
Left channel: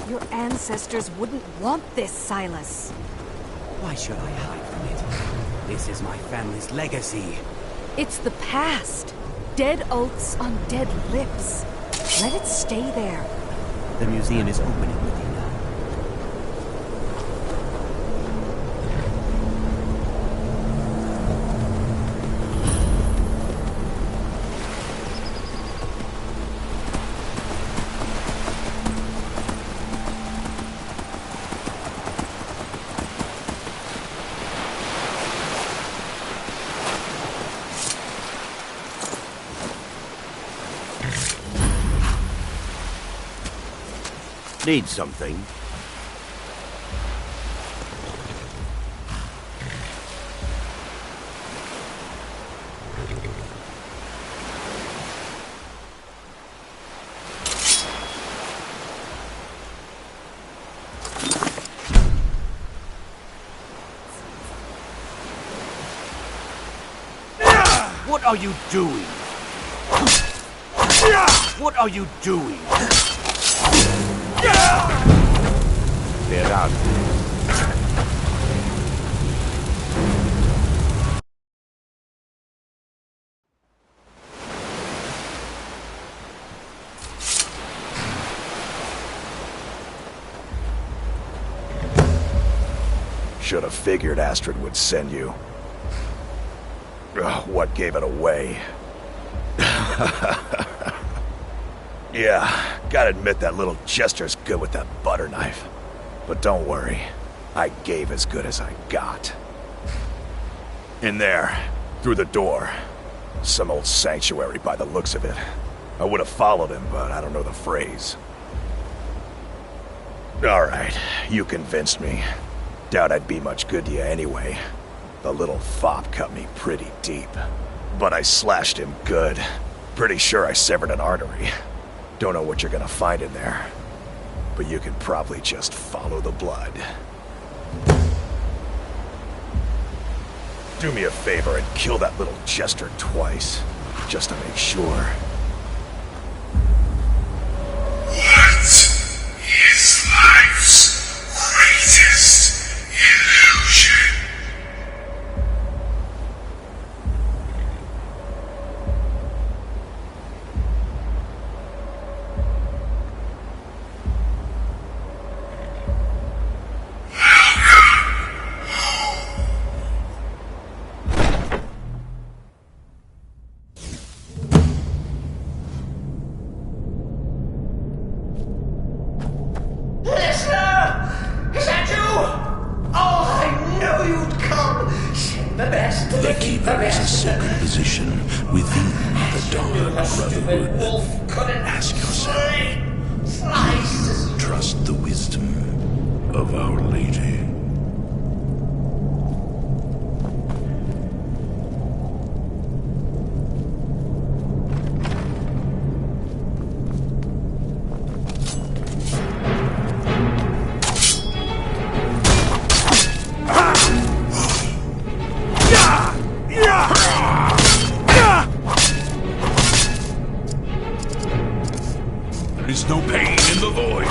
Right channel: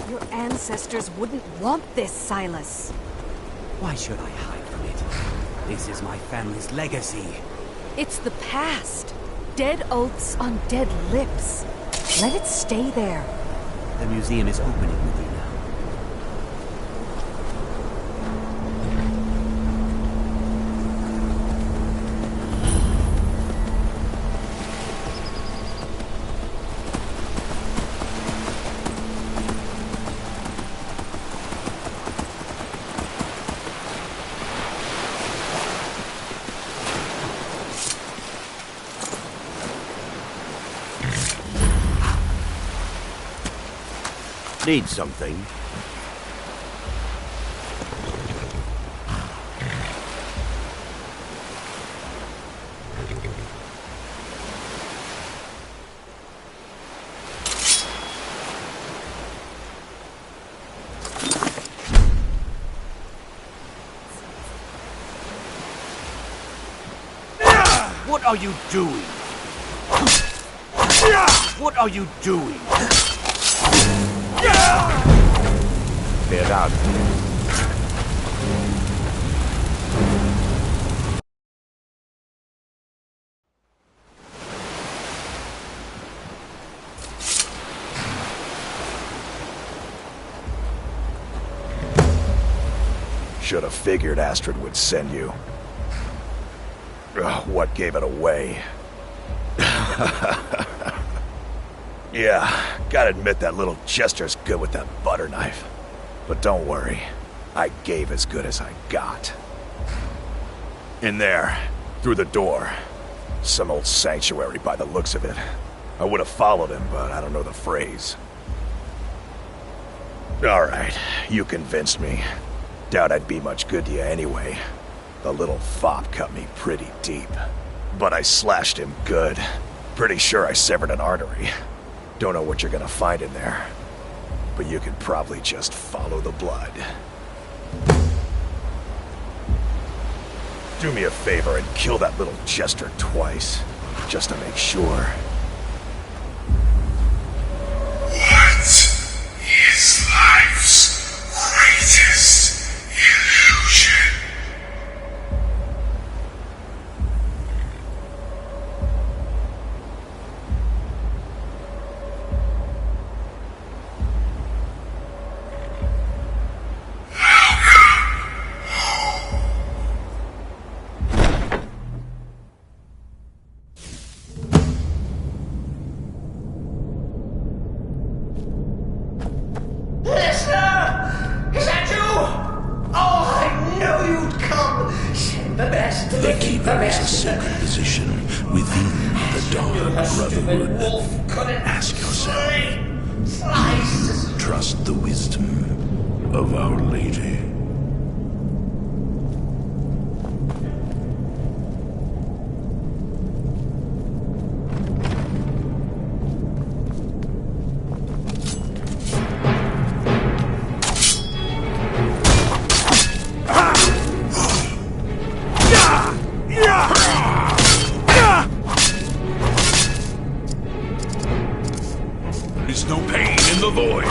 Your ancestors wouldn't want this, Silas. Why should I hide from it? This is my family's legacy. It's the past. Dead oaths on dead lips. Let it stay there. The museum is opening, Medina. Need something? What are you doing? What are you doing? They're out. Should have figured Astrid would send you. Ugh, what gave it away? Yeah, gotta admit that little Jester's good with that butter knife. But don't worry, I gave as good as I got. In there, through the door. Some old sanctuary by the looks of it. I would have followed him, but I don't know the phrase. Alright, you convinced me. Doubt I'd be much good to you anyway. The little fop cut me pretty deep. But I slashed him good. Pretty sure I severed an artery. Don't know what you're gonna find in there. But you can probably just follow the blood. Do me a favor and kill that little Jester twice. Just to make sure. What is life's greatest illusion? Listener! Is that you? Oh, I knew you'd come! Send the best to The defeat Keeper the is a rest. sacred position within the Dark Brotherhood. Ask yourself, do you trust the wisdom of Our Lady? There is no pain in the void.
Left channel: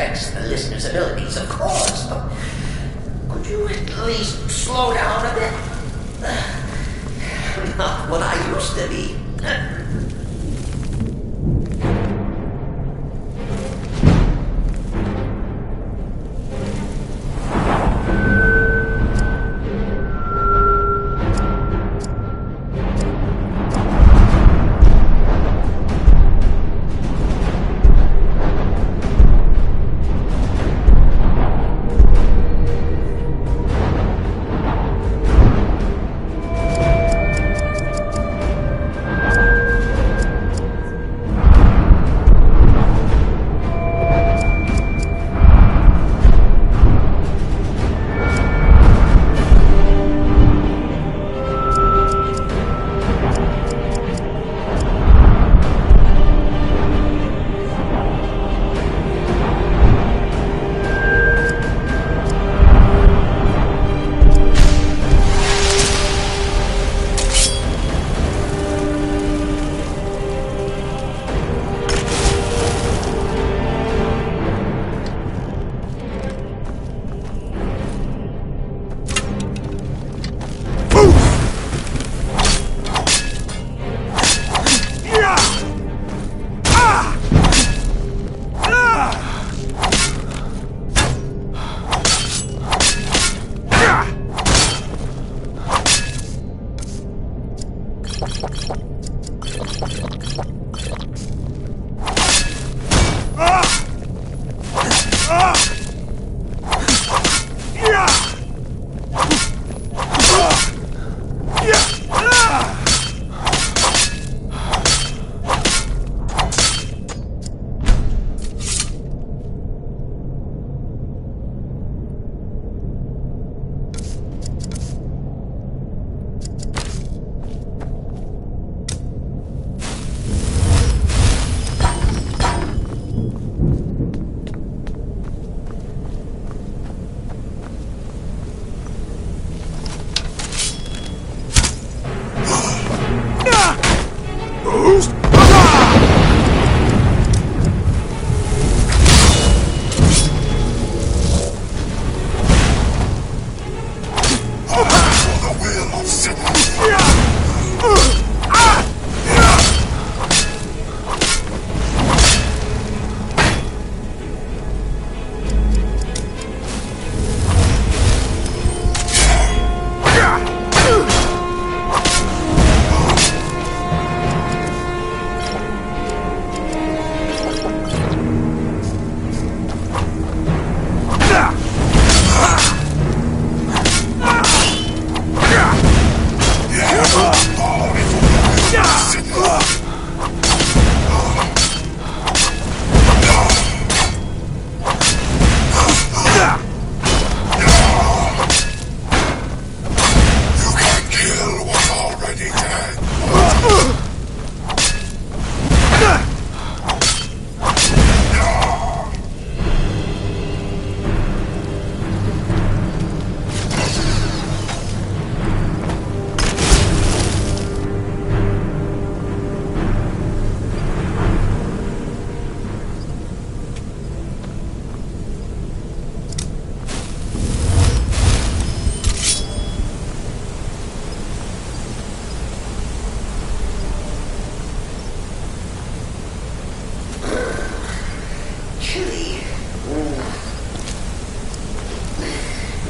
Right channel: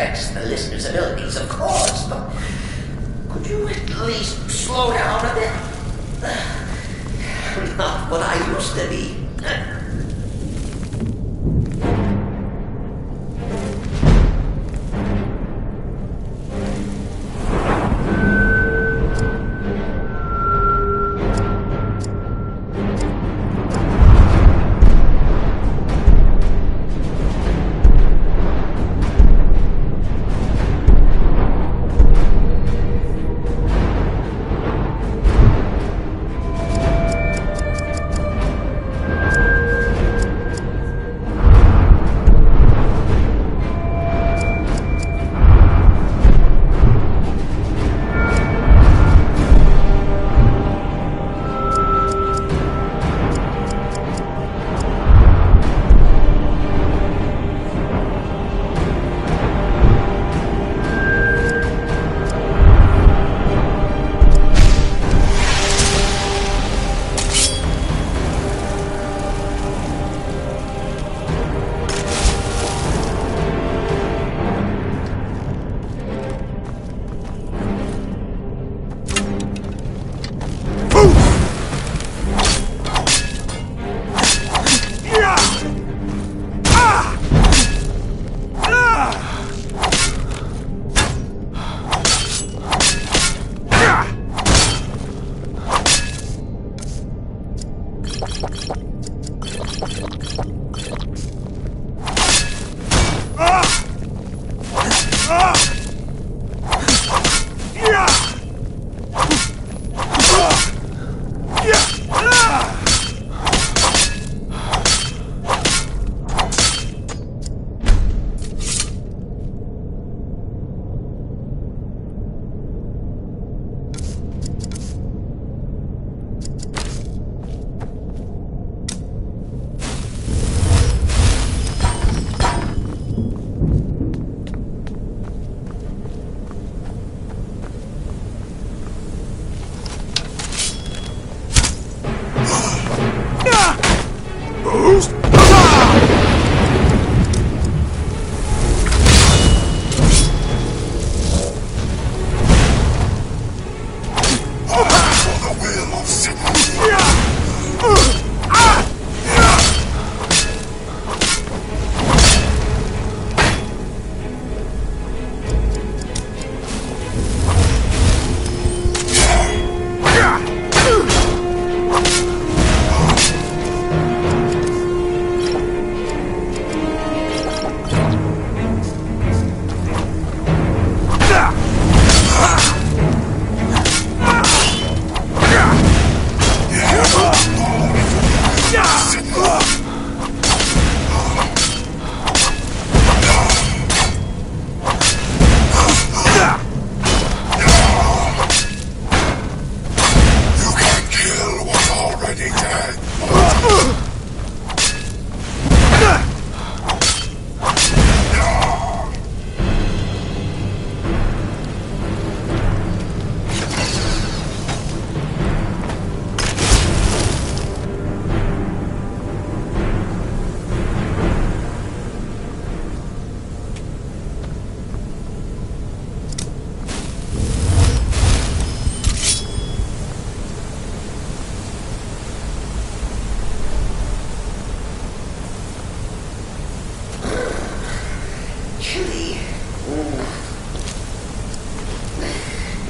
respects the listener's abilities, of course, but could you at least slow down a bit? Not what I used to be.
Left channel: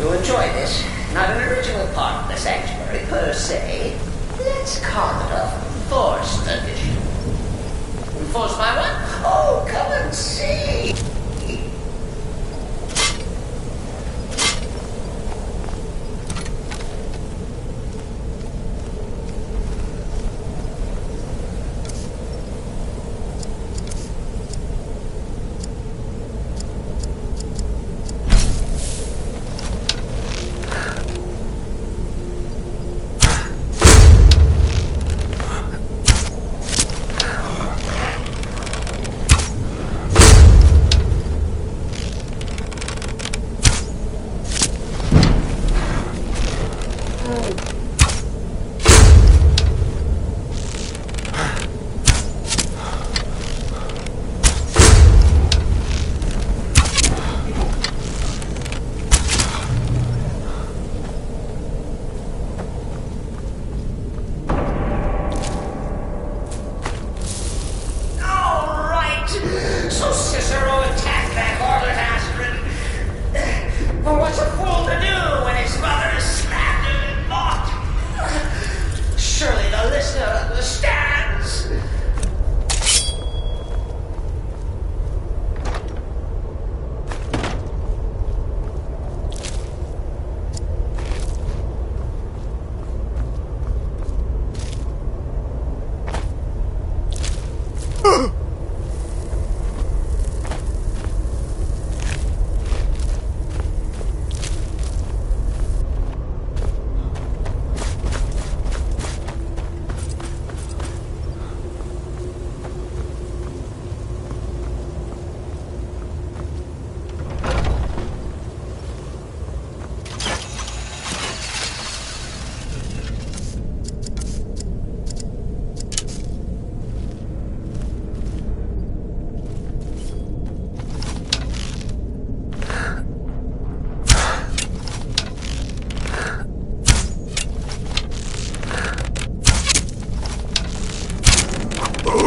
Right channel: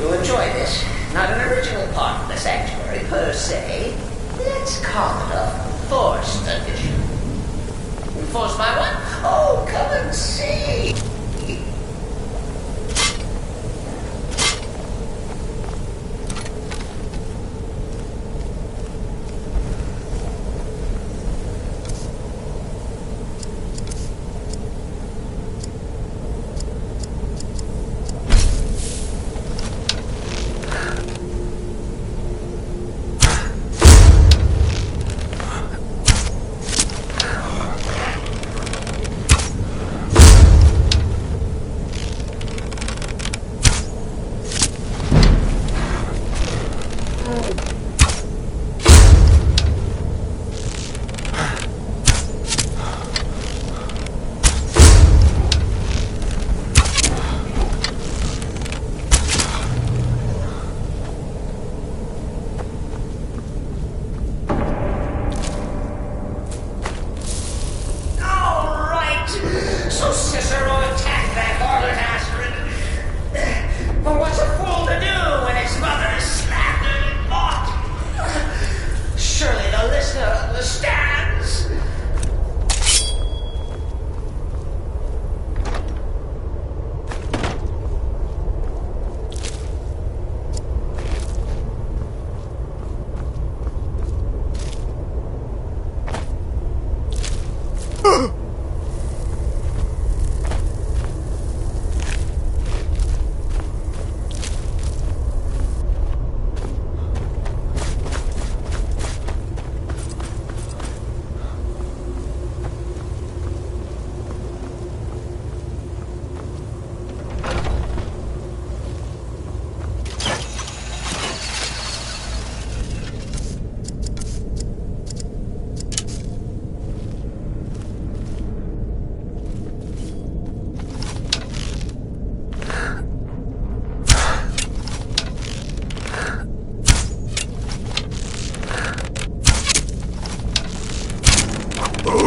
You'll enjoy this. Not an original part of the sanctuary, per se. Let's call it a forced addition. Forced by what? Oh, come and see!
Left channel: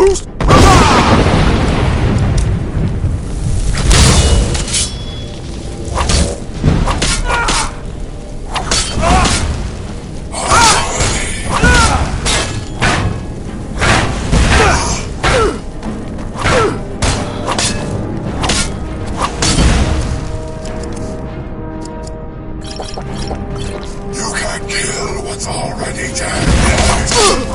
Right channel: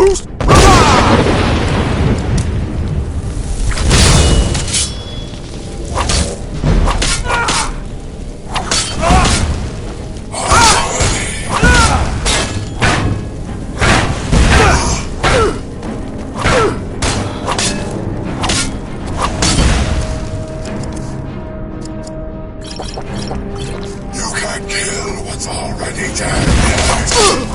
You can't kill what's already dead.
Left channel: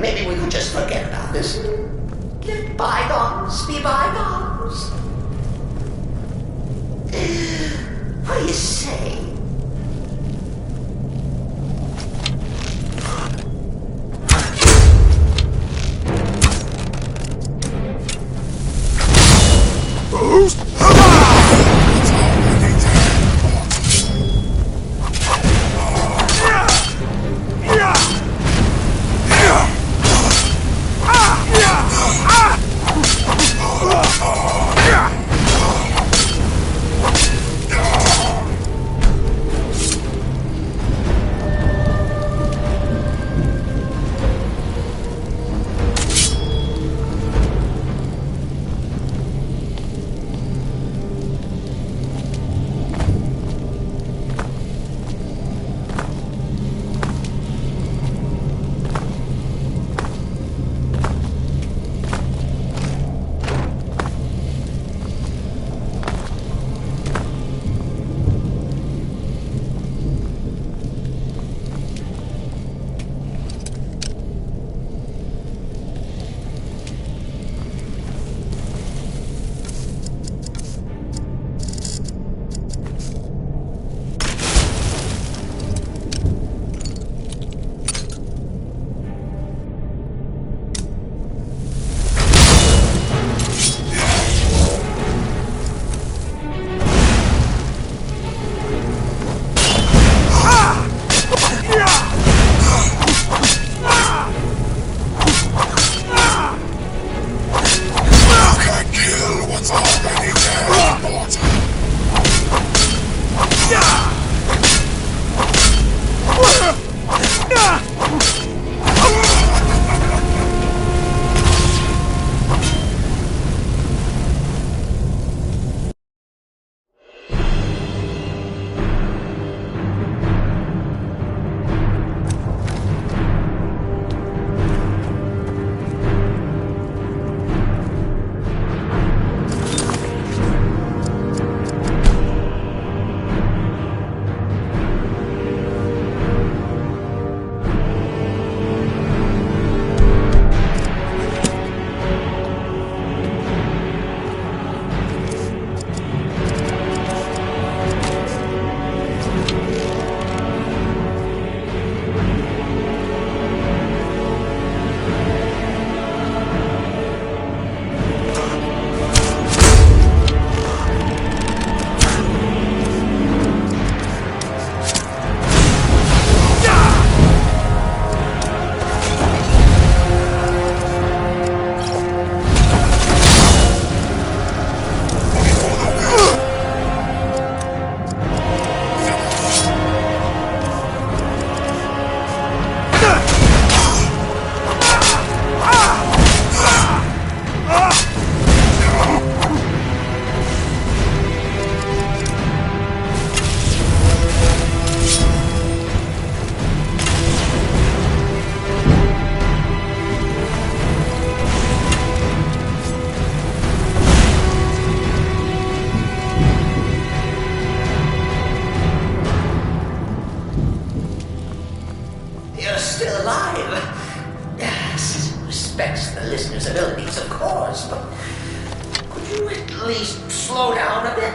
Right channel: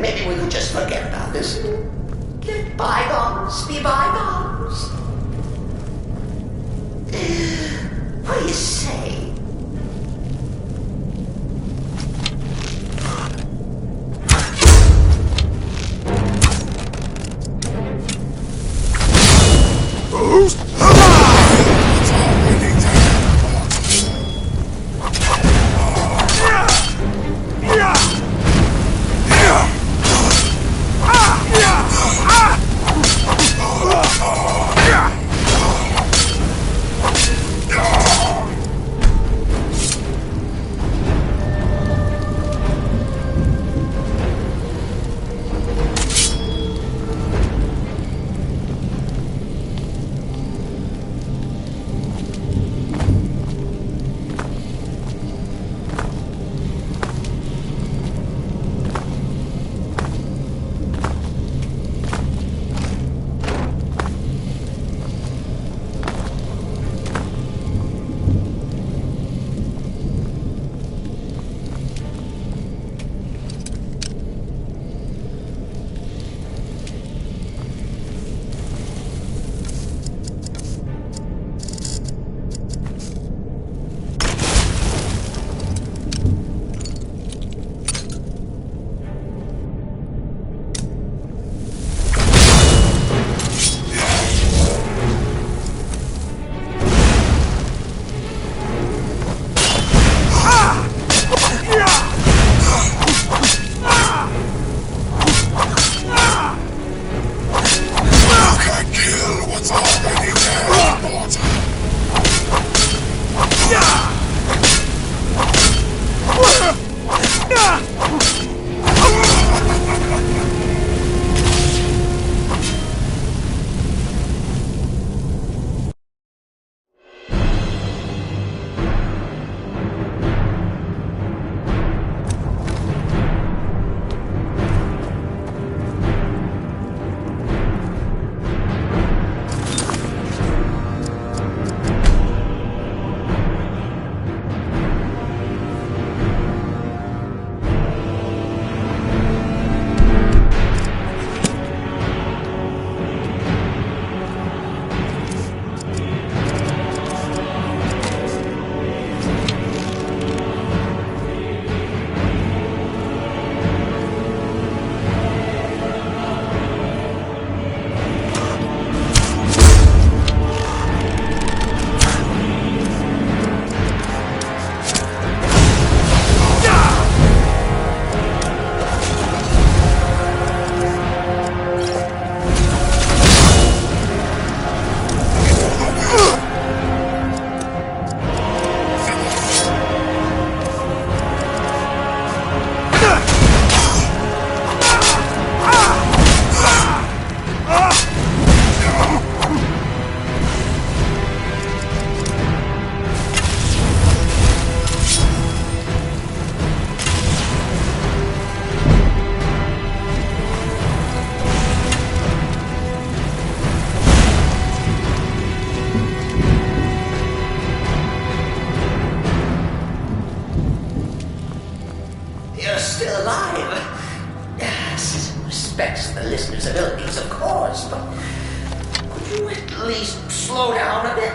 Maybe we could just forget about this. Let bygones be bygones. What do you say? you're still alive. Cicero respects the listener's abilities, of course, but could you at least slow down a bit?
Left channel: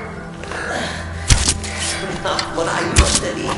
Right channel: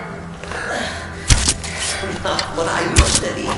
Not what I used to be.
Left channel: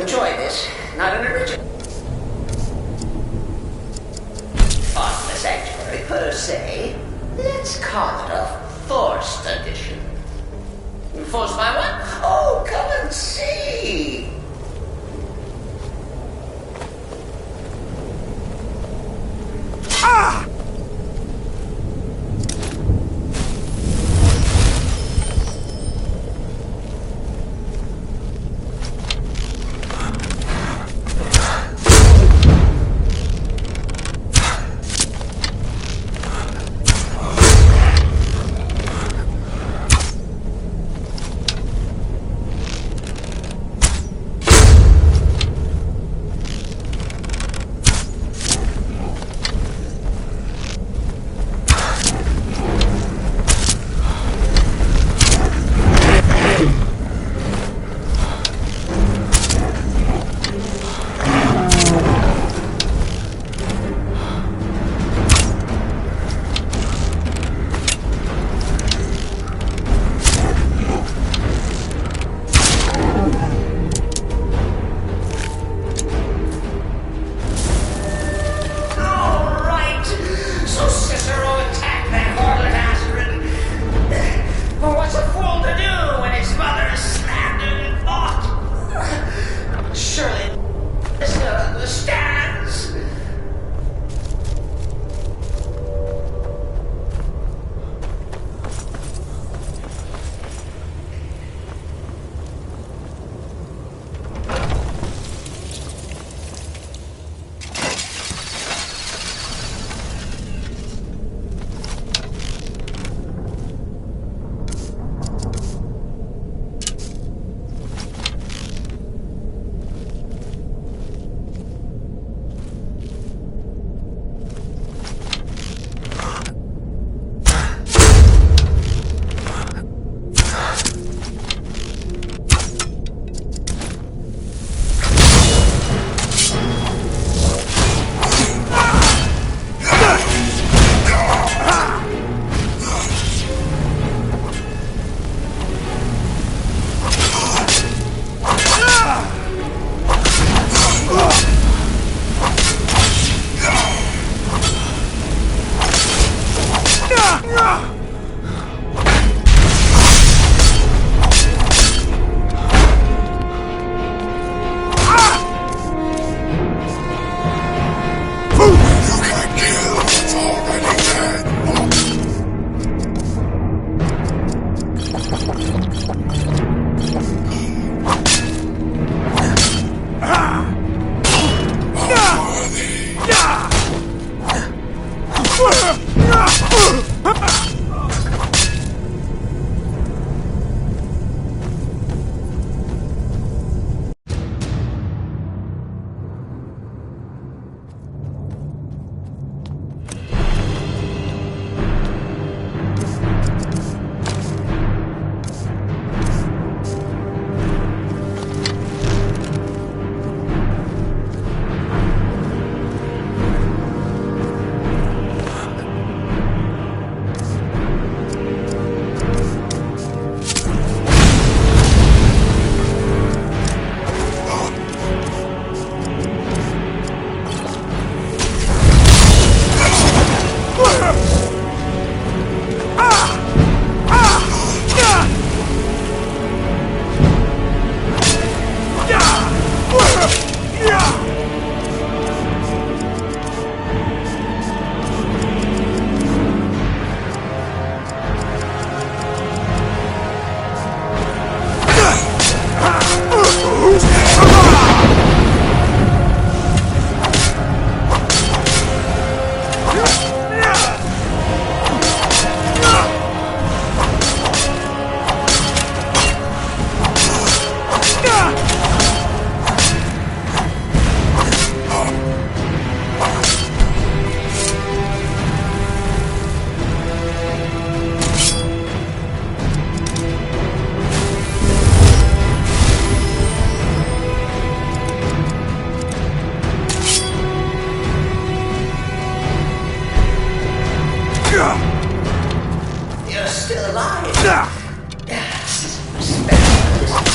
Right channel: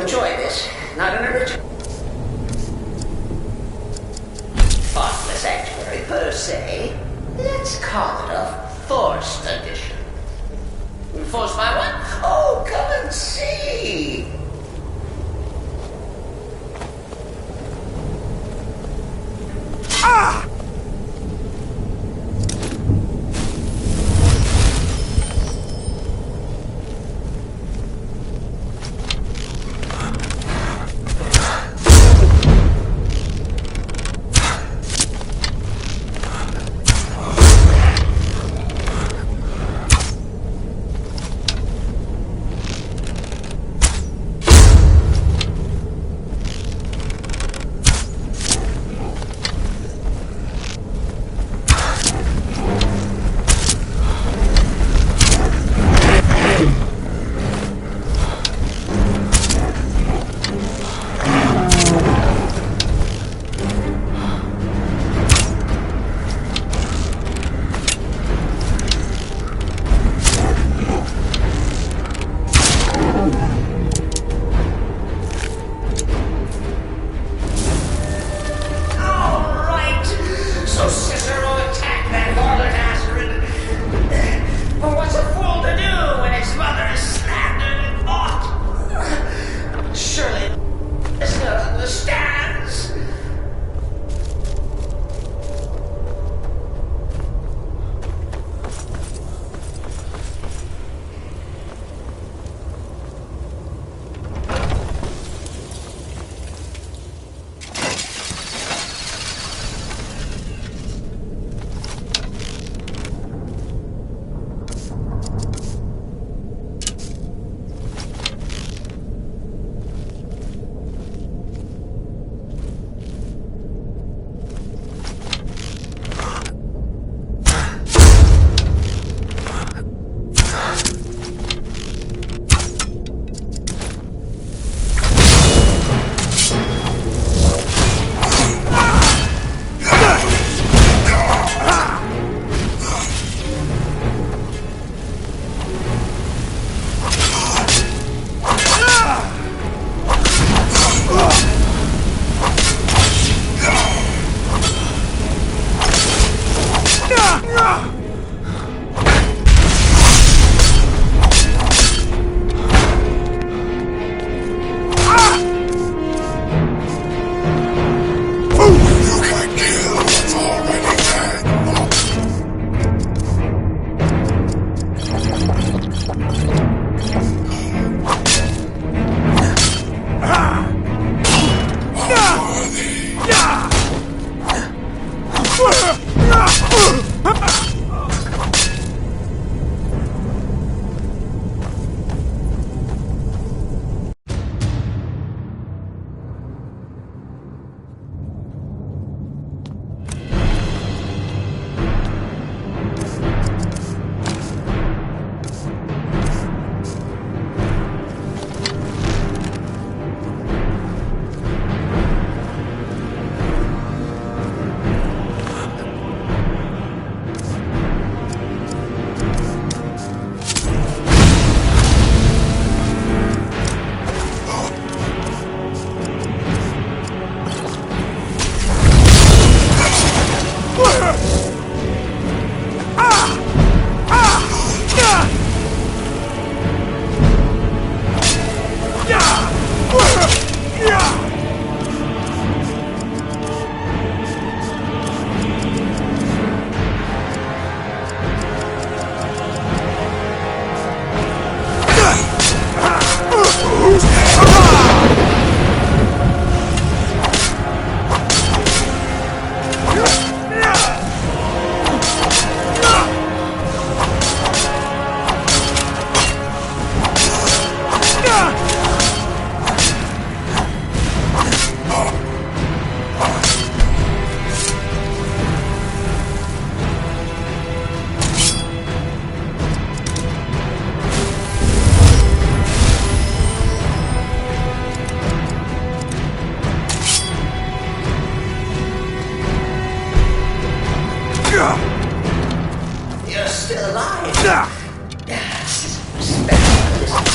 Enjoy this. Not an original. Part of the sanctuary per se. Let's call it a forced edition. Forced by what? Oh, come and see. Ah! So Cicero attacked that harlot Astrid. But what's a fool to do when his mother is slandered and mocked? Surely Listener understands.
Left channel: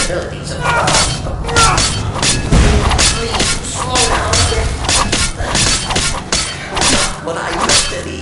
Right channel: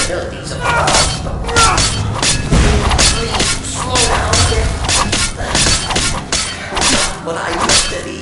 possibilities of Please, slow down a bit. Not what I used to be.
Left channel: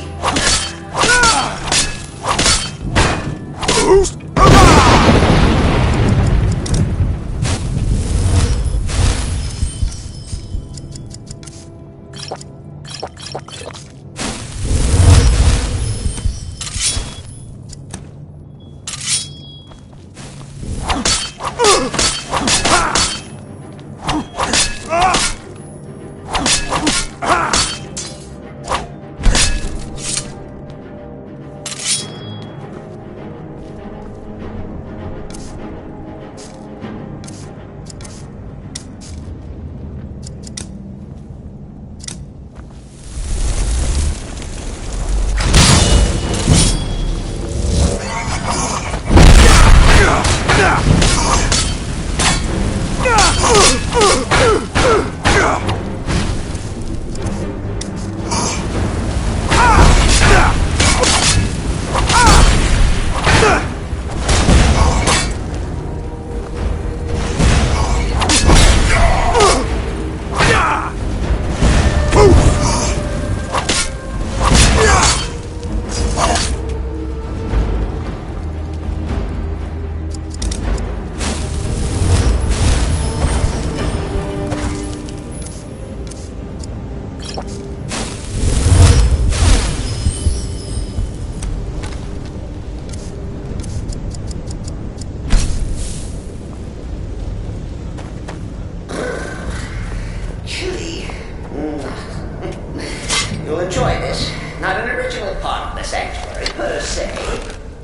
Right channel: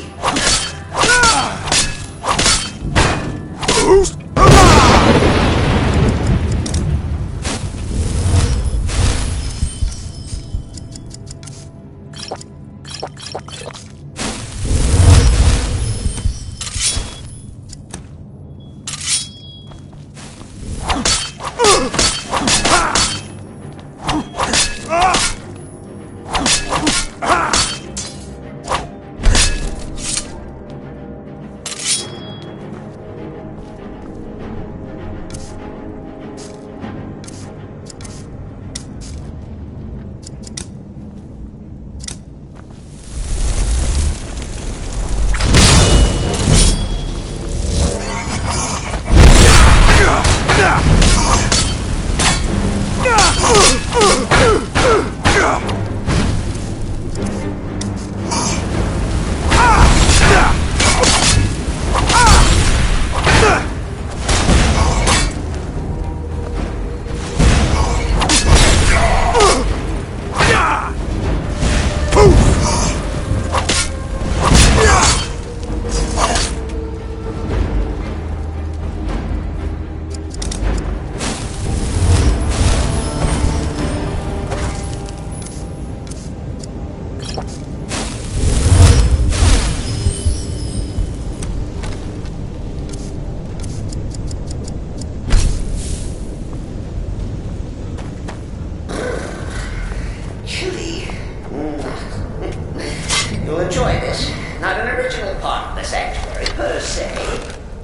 You'll enjoy this. Not an original part of the sanctuary per se.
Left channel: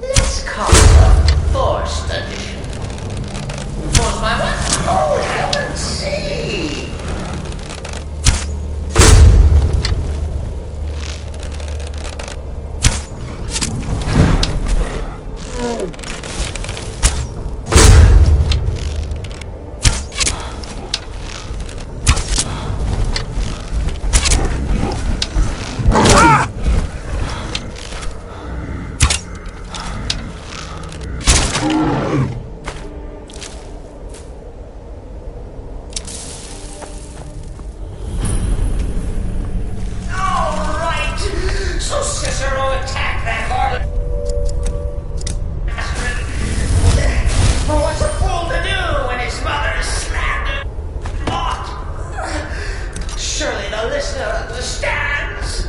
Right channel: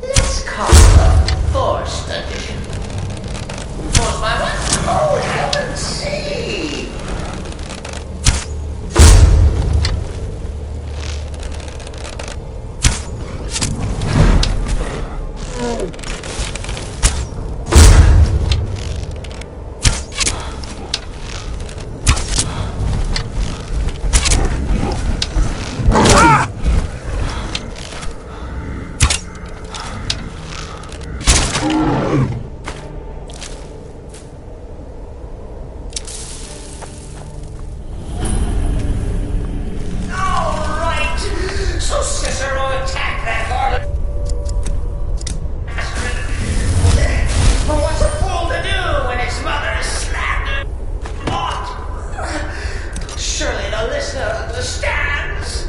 Let's call it a forced addition. Forced by what? Oh, heavens sake! So Cicero attacked that harlot bastard. Well, what's a fool to do when his mother is slandered? What? Surely the listener understands.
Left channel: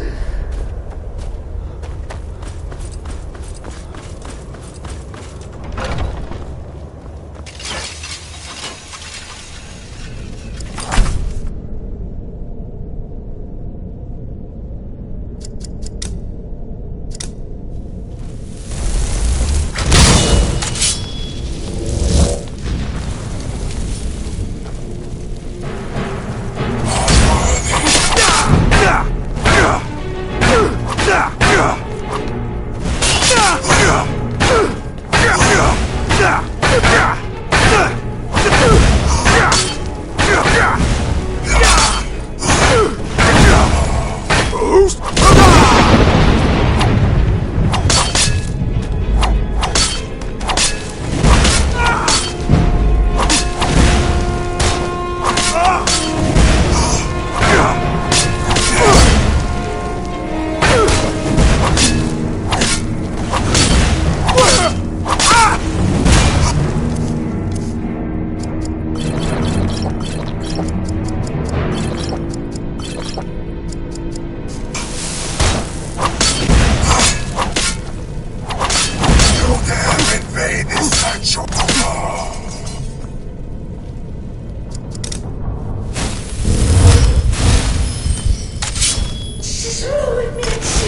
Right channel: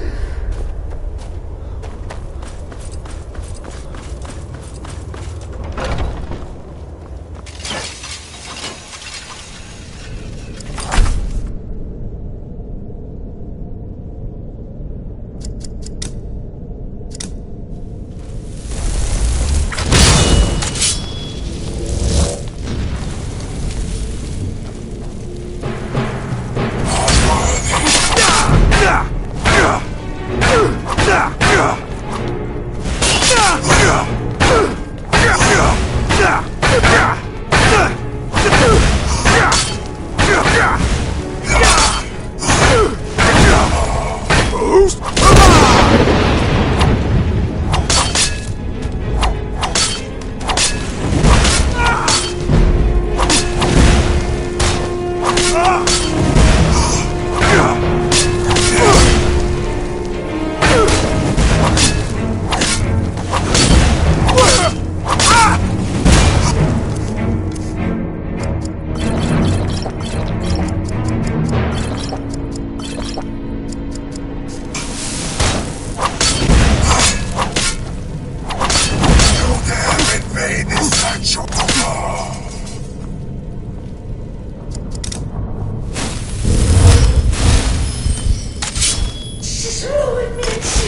Cicero admits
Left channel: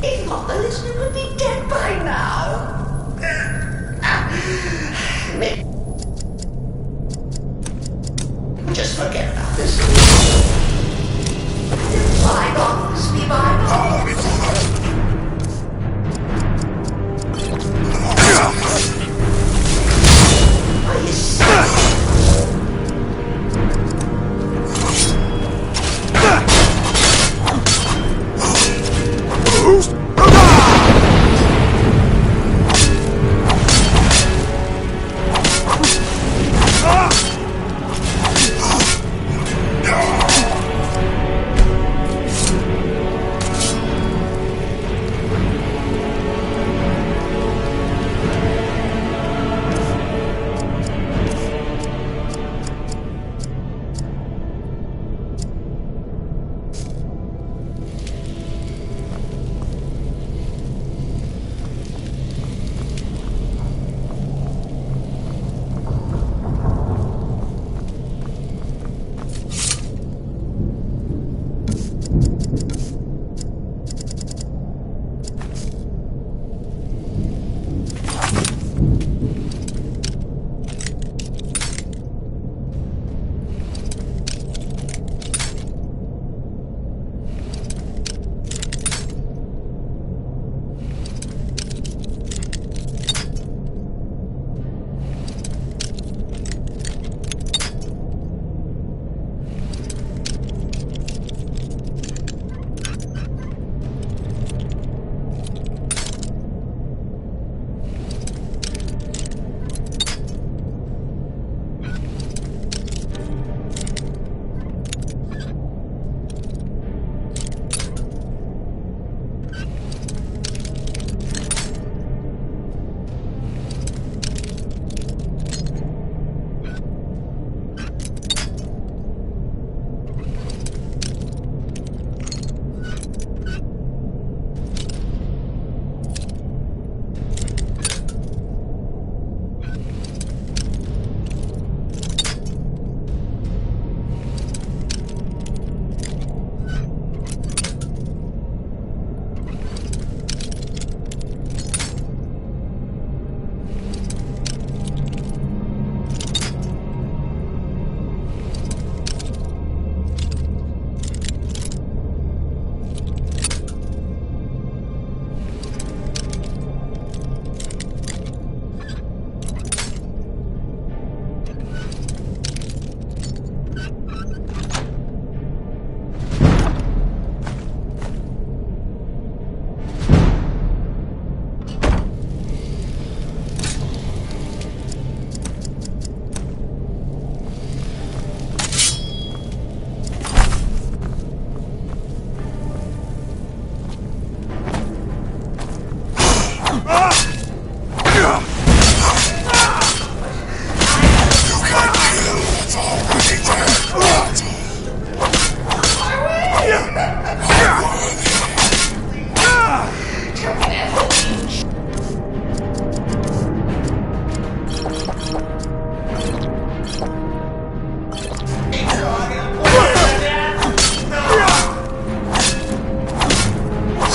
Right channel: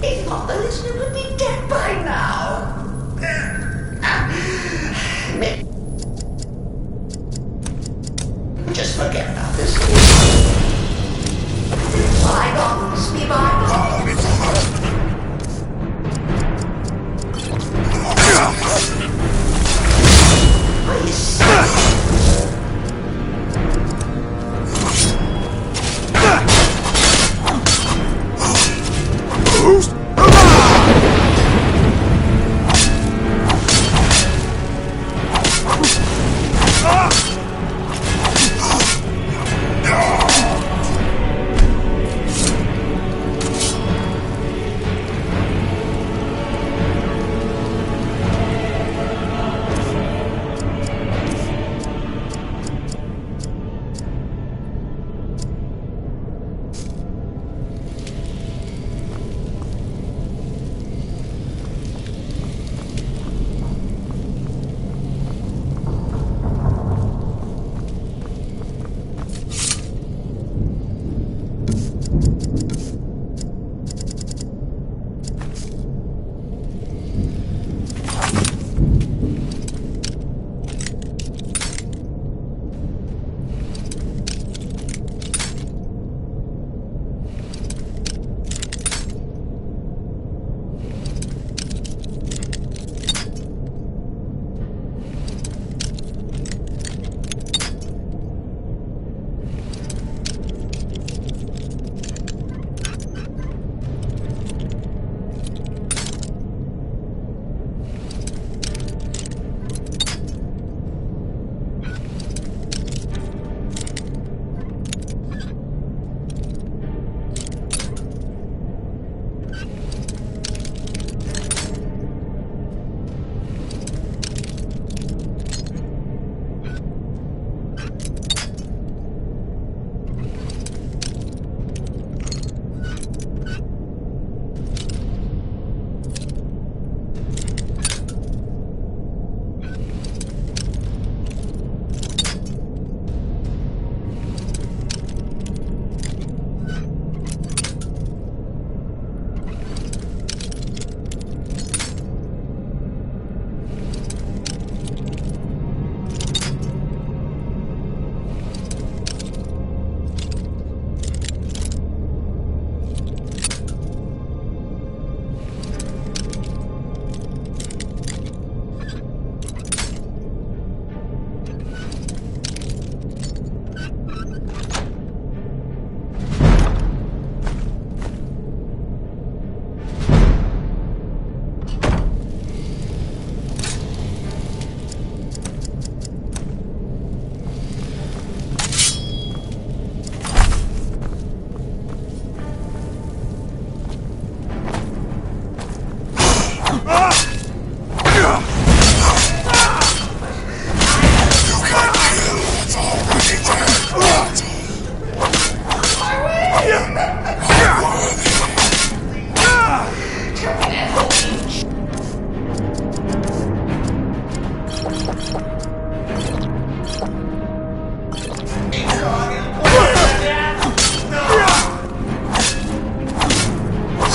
he thought the listener would be dead by now. Just forget about this. Bygones be bygones. Are you serious?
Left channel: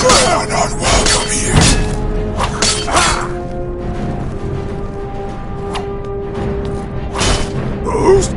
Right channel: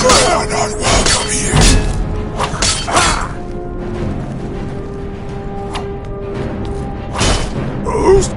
You're not welcome here. Boost!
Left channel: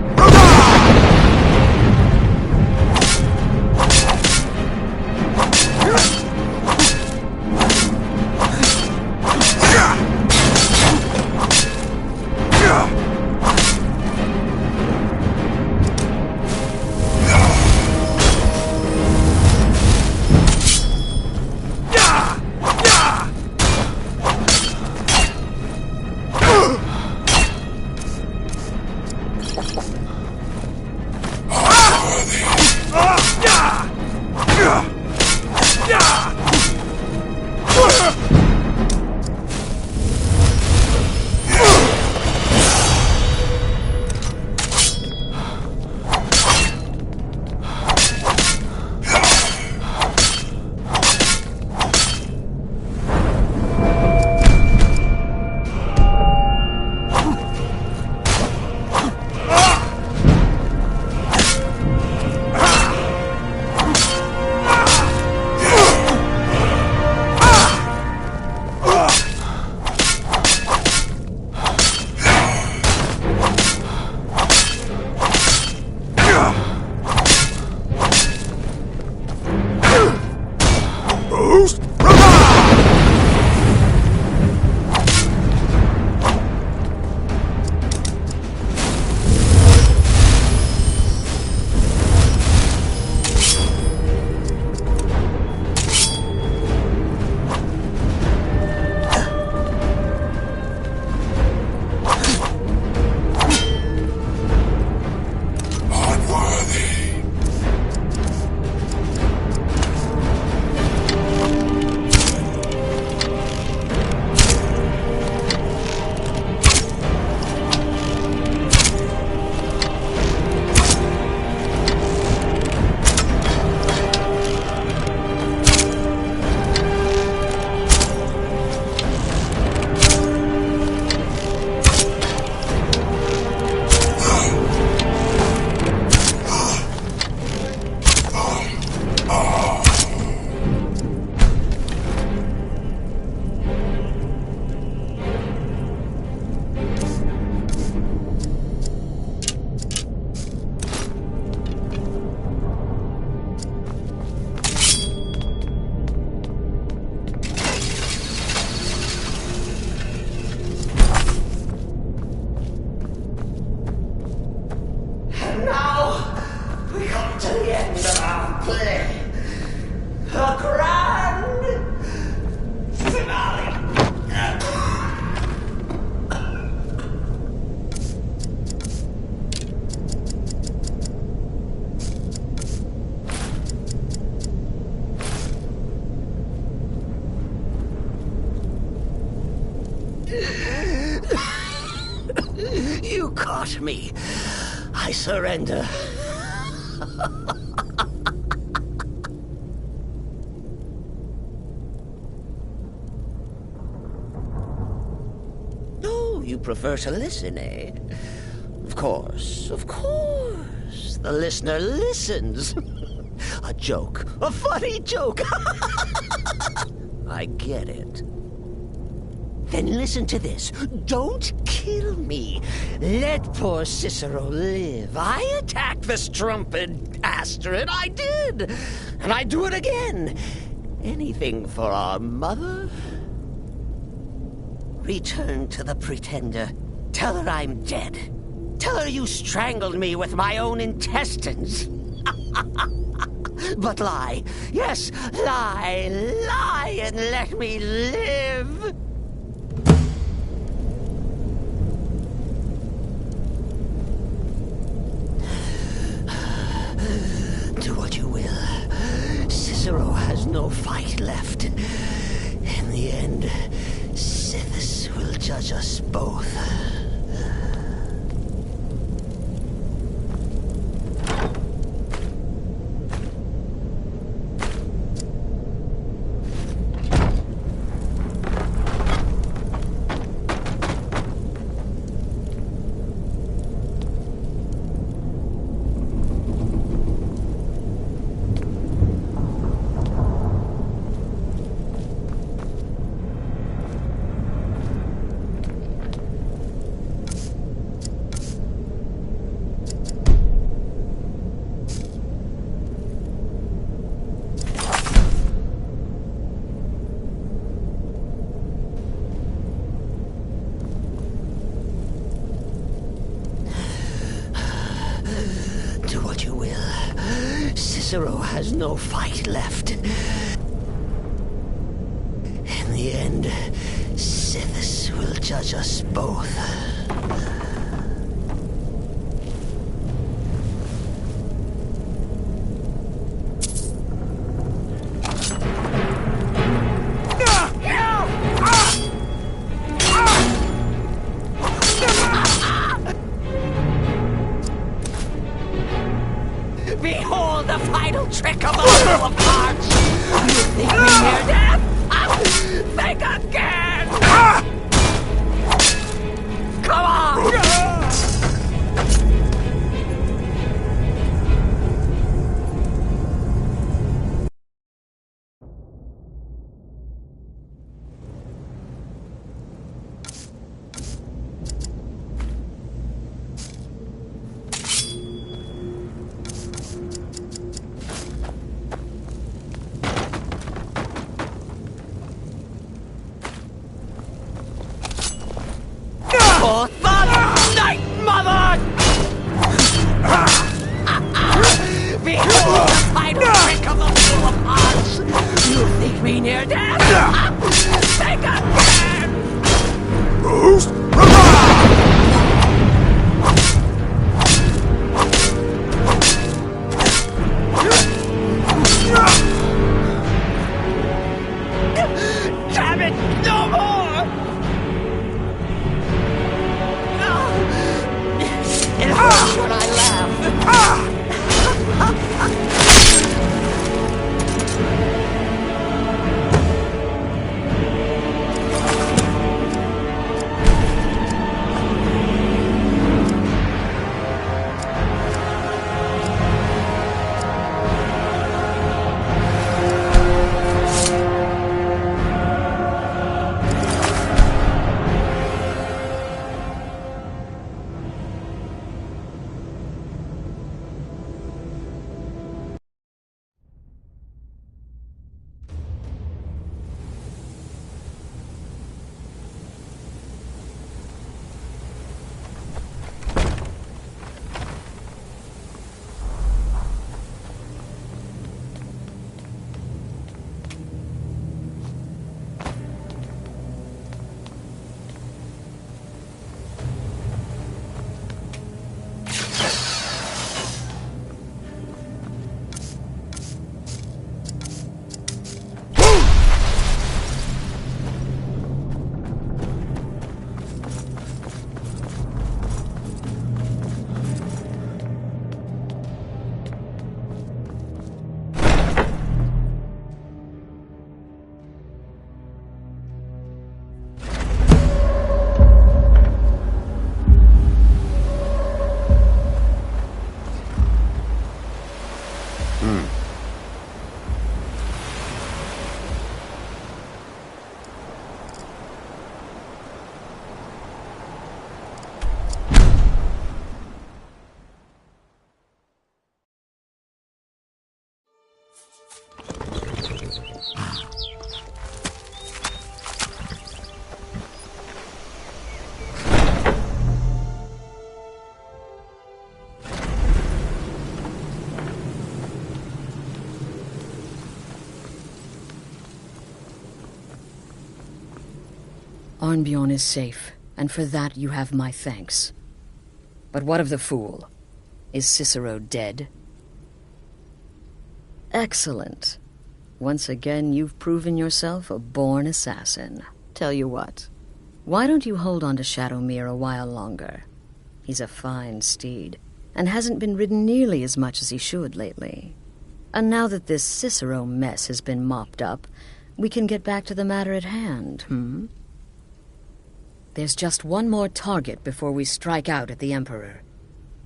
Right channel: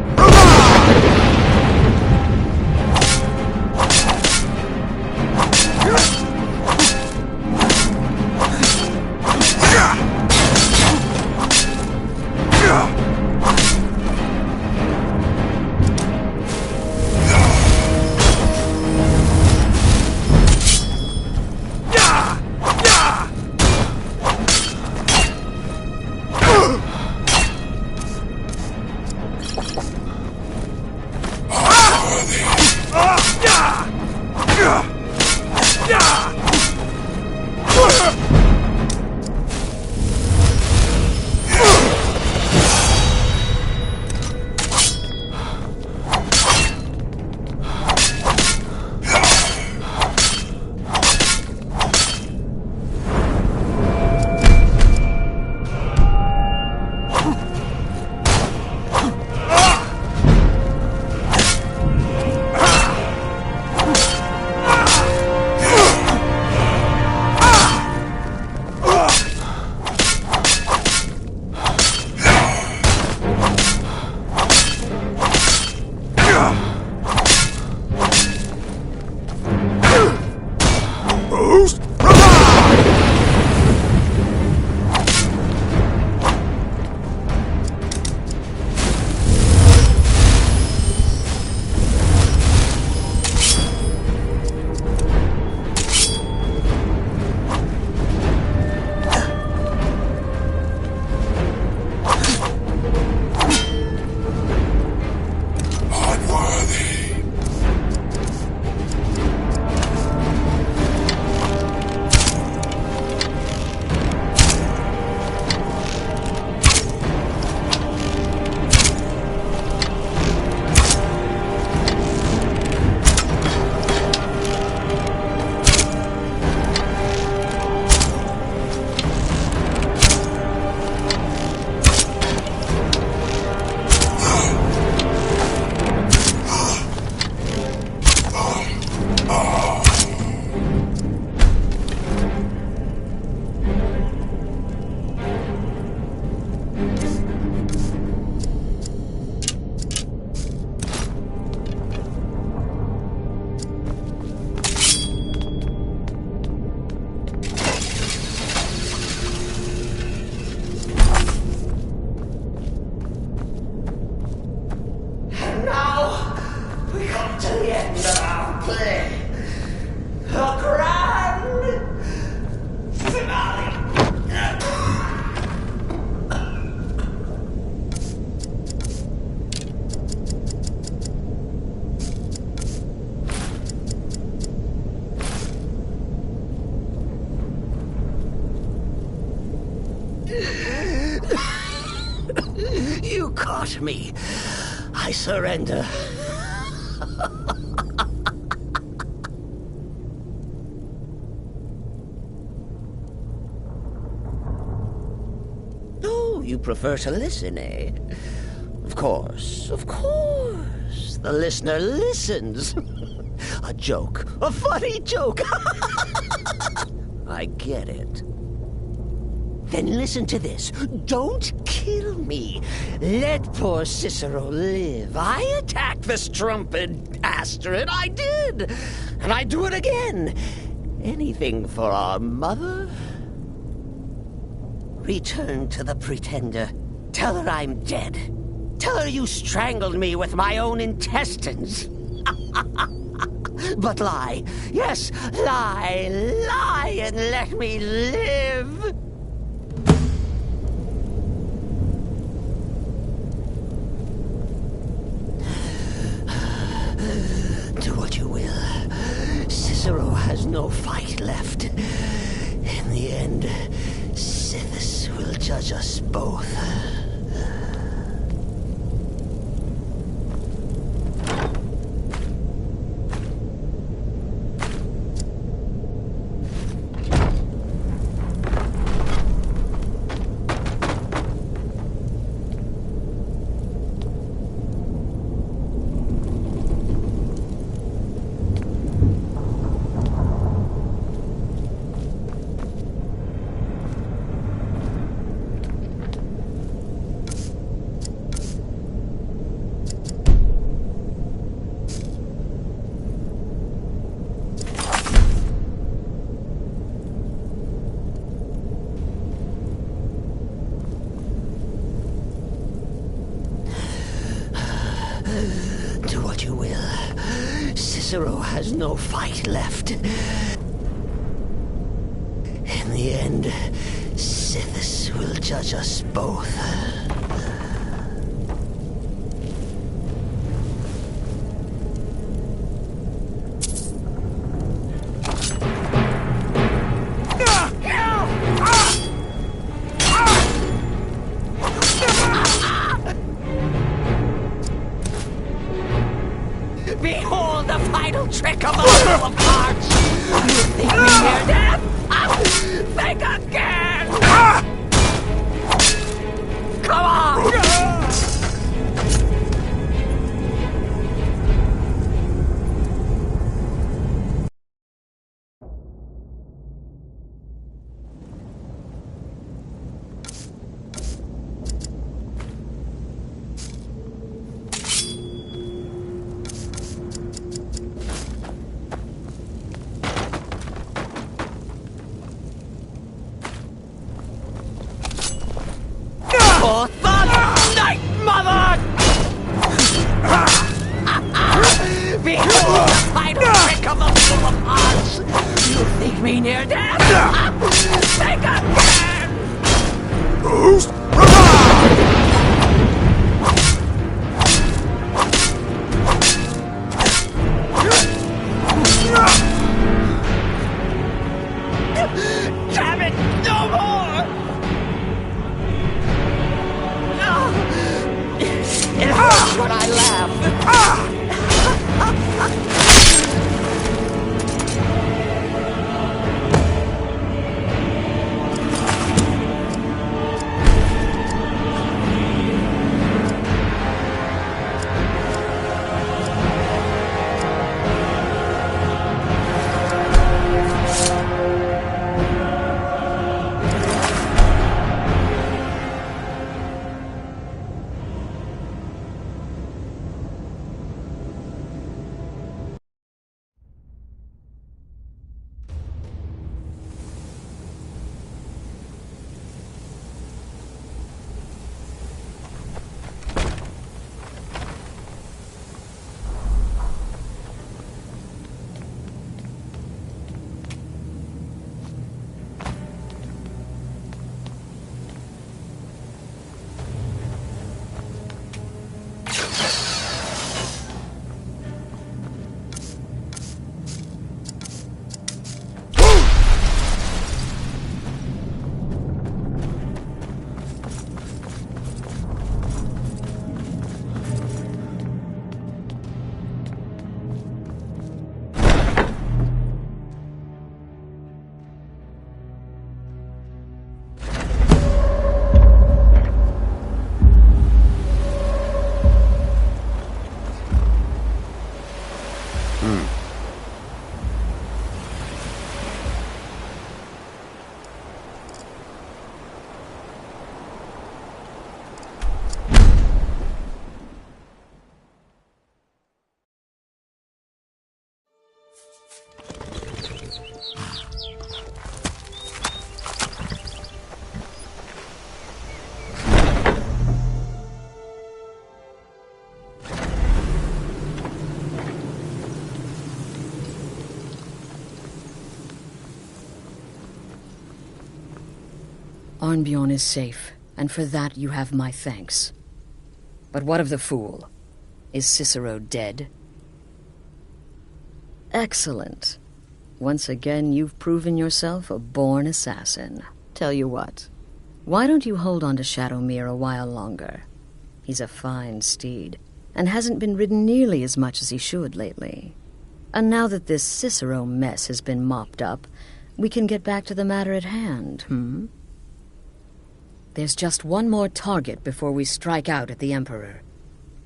You caught me. I surrender. Oh, you prefer to listen, eh? Of course, of course. The listener listens. A joke. A funny joke. I get it. Then listen to this. Don't kill me. Let poor Cicero live. I attacked the strumpet Astrid. I did. And I'd do it again. Anything for our mother. Return to the Pretender. Tell her I'm dead. Tell her you strangled me with my own intestines. But lie. Yes, lie. Lie and let me live. Do what you will. Cicero has no fight left. In the end, Sithis will judge us both. Do what you will. Cicero has no fight left. In the end, Sithis will judge us both. Behold the final trick of the Wheel of Hearts! You think me near death? Think again! Come on! For the Night Mother! Behold the final trick of the Wheel of Hearts! You think me near death? Think again! Boost! Damn it! No more! It hurts when I laugh. Arnbjorn is safe, and for that you have my thanks. But what of the fool? Is Cicero dead? Excellent. Once again, you've proven yourself a born assassin. Tell you what, why don't you hold on to Shadowmere a while longer? He's a fine steed, and hasn't been ridden nearly as much as he should lately. And now that this Cicero mess has been mopped up, we can get back to the matter at hand, There's just one more target before we strike out at the Emperor.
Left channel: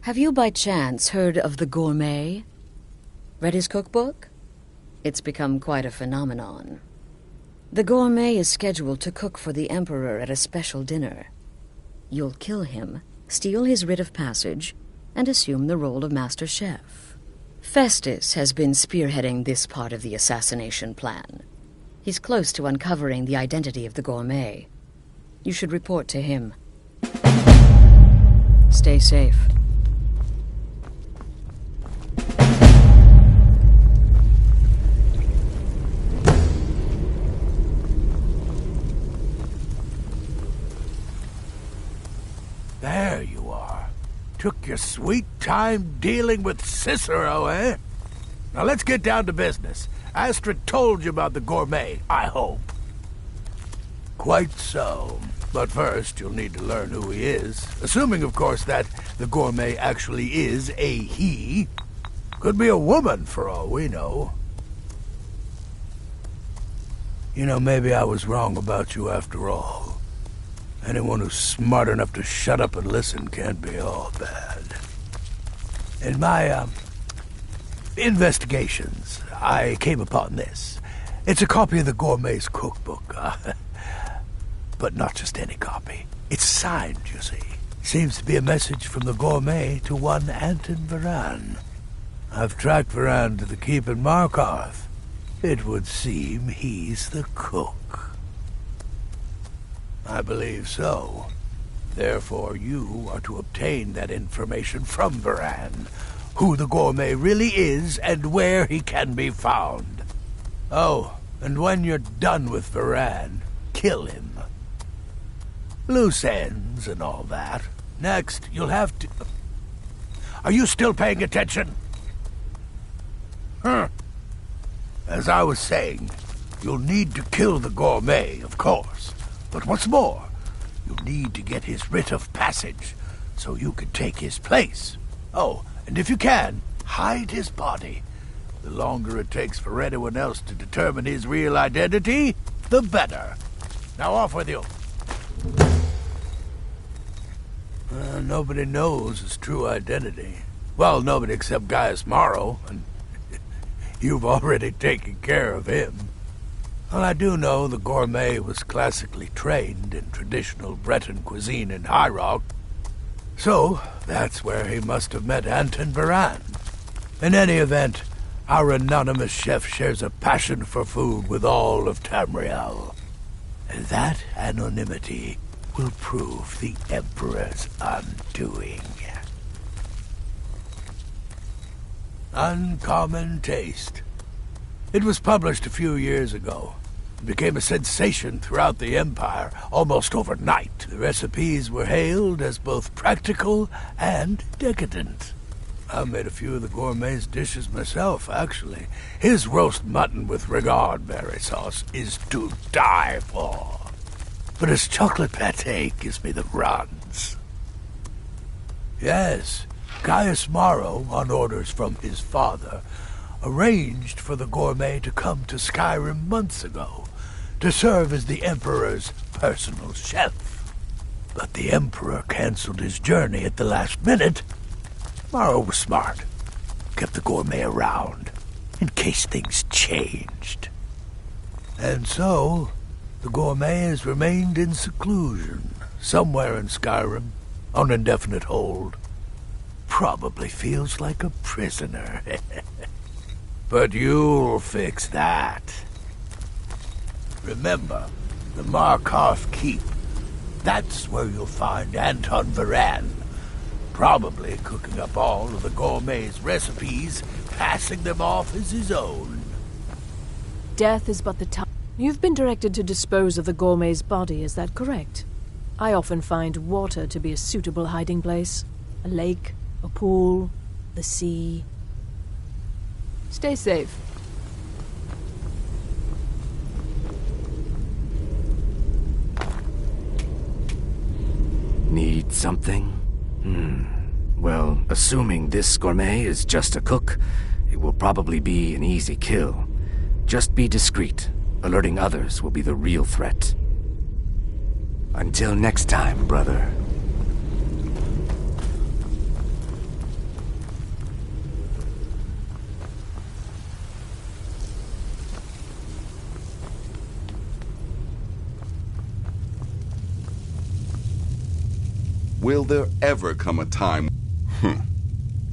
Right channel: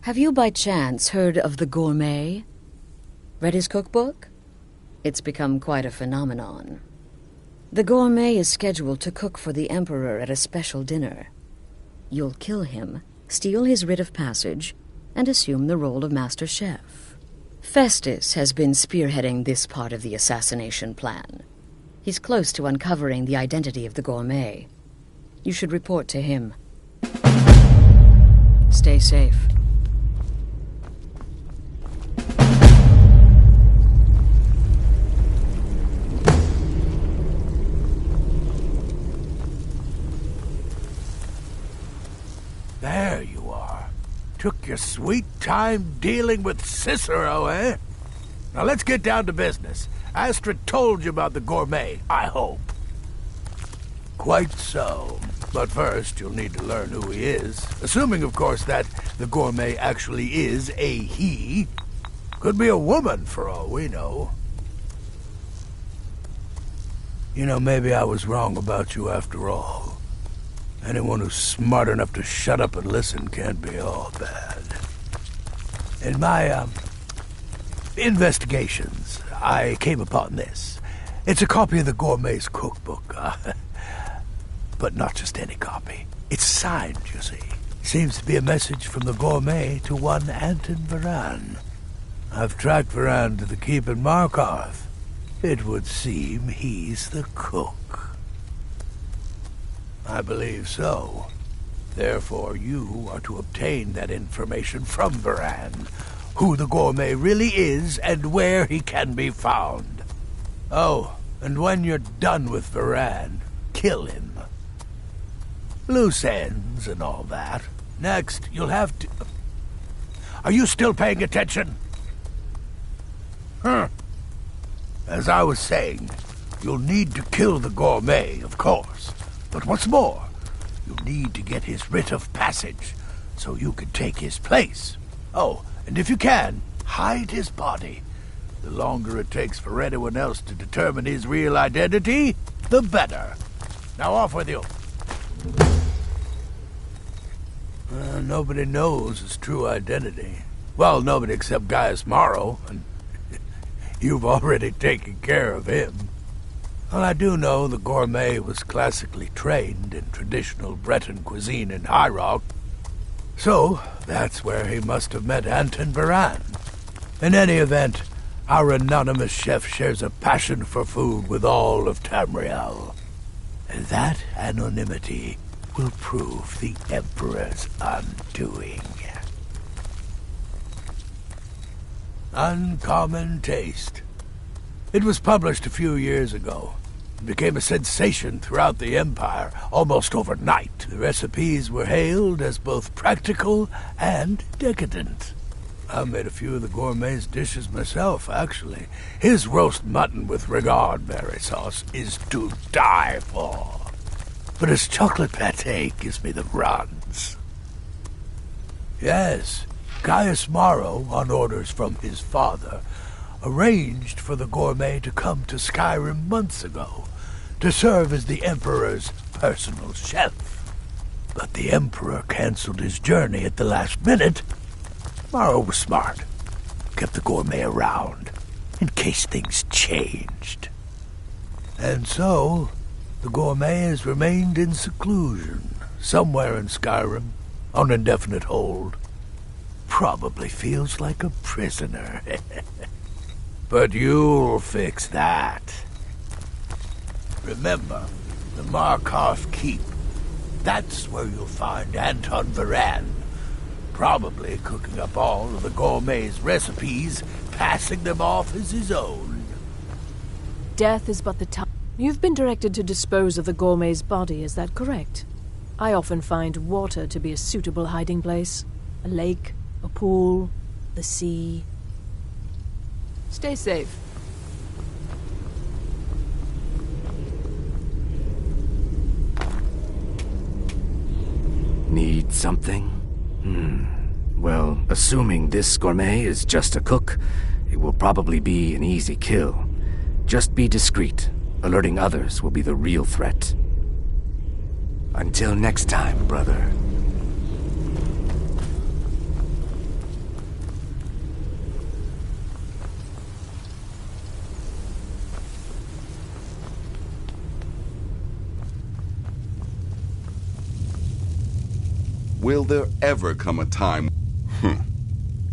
Have you by chance heard of the Gourmet? Read his cookbook? It's become quite a phenomenon. The Gourmet is scheduled to cook for the Emperor at a special dinner. You'll kill him, steal his writ of passage, and assume the role of Master Chef. Festus has been spearheading this part of the assassination plan. He's close to uncovering the identity of the Gourmet. You should report to him. Stay safe. you are. Took your sweet time dealing with Cicero, eh? Now let's get down to business. Astrid told you about the Gourmet, I hope. Quite so. But first, you'll need to learn who he is. Assuming, of course, that the Gourmet actually is a he. Could be a woman, for all we know. You know, maybe I was wrong about you after all. Anyone who's smart enough to shut up and listen can't be all bad. In my, investigations, I came upon this. It's a copy of the Gourmet's cookbook, but not just any copy. It's signed, you see. Seems to be a message from the Gourmet to one Anton Varan. I've tracked Varan to the keep in Markarth. It would seem he's the cook. I believe so. Therefore, you are to obtain that information from Varan, who the Gourmet really is and where he can be found. Oh, and when you're done with Varan, kill him. Loose ends and all that. Next, you'll have to... Are you still paying attention? As I was saying, you'll need to kill the Gourmet, of course. But what's more, you'll need to get his writ of passage, so you can take his place. Oh, and if you can, hide his body. The longer it takes for anyone else to determine his real identity, the better. Now off with you. Nobody knows his true identity. Well, nobody except Gaius Maro, and you've already taken care of him. Well, I do know the Gourmet was classically trained in traditional Breton cuisine in High Rock, so that's where he must have met Anton Varan. In any event, our anonymous chef shares a passion for food with all of Tamriel. And that anonymity will prove the Emperor's undoing. Uncommon Taste. It was published a few years ago. It became a sensation throughout the Empire almost overnight. The recipes were hailed as both practical and decadent. I made a few of the Gourmet's dishes myself, actually. His roast mutton with regard berry sauce is to die for. But his chocolate pâté gives me the runs. Yes, Gaius Maro, on orders from his father, arranged for the Gourmet to come to Skyrim months ago to serve as the Emperor's personal chef. But the Emperor canceled his journey at the last minute. Maro was smart. Kept the Gourmet around in case things changed. And so, the Gourmet has remained in seclusion somewhere in Skyrim on indefinite hold. Probably feels like a prisoner. But you'll fix that. Remember, the Markarth Keep. That's where you'll find Anton Varan. Probably cooking up all of the Gourmet's recipes, passing them off as his own. Death is but the time. You've been directed to dispose of the Gourmet's body, is that correct? I often find water to be a suitable hiding place. A lake, a pool, the sea. Stay safe. Need something? Well, assuming this Gourmet is just a cook, it will probably be an easy kill. Just be discreet. Alerting others will be the real threat. Until next time, brother. Will there ever come a time...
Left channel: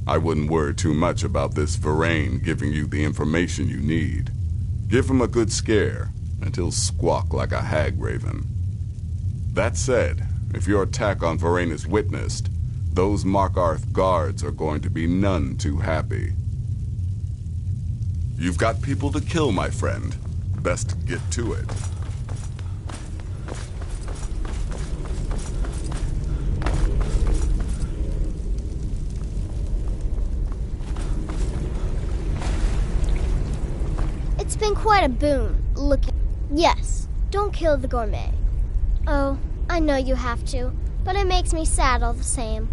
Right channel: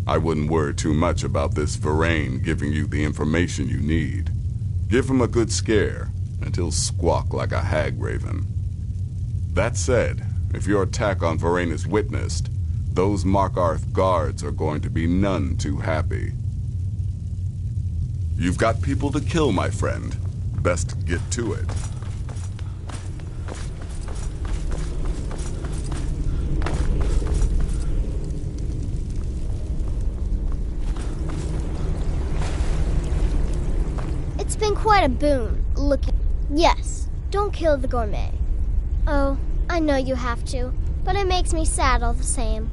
I wouldn't worry too much about this Varan giving you the information you need. Give him a good scare, and he'll squawk like a hag raven. That said, if your attack on Varan is witnessed, those Markarth guards are going to be none too happy. You've got people to kill, my friend. Best get to it. It's been quite a boon, looking... Yes, don't kill the gourmet. Oh, I know you have to, but it makes me sad all the same.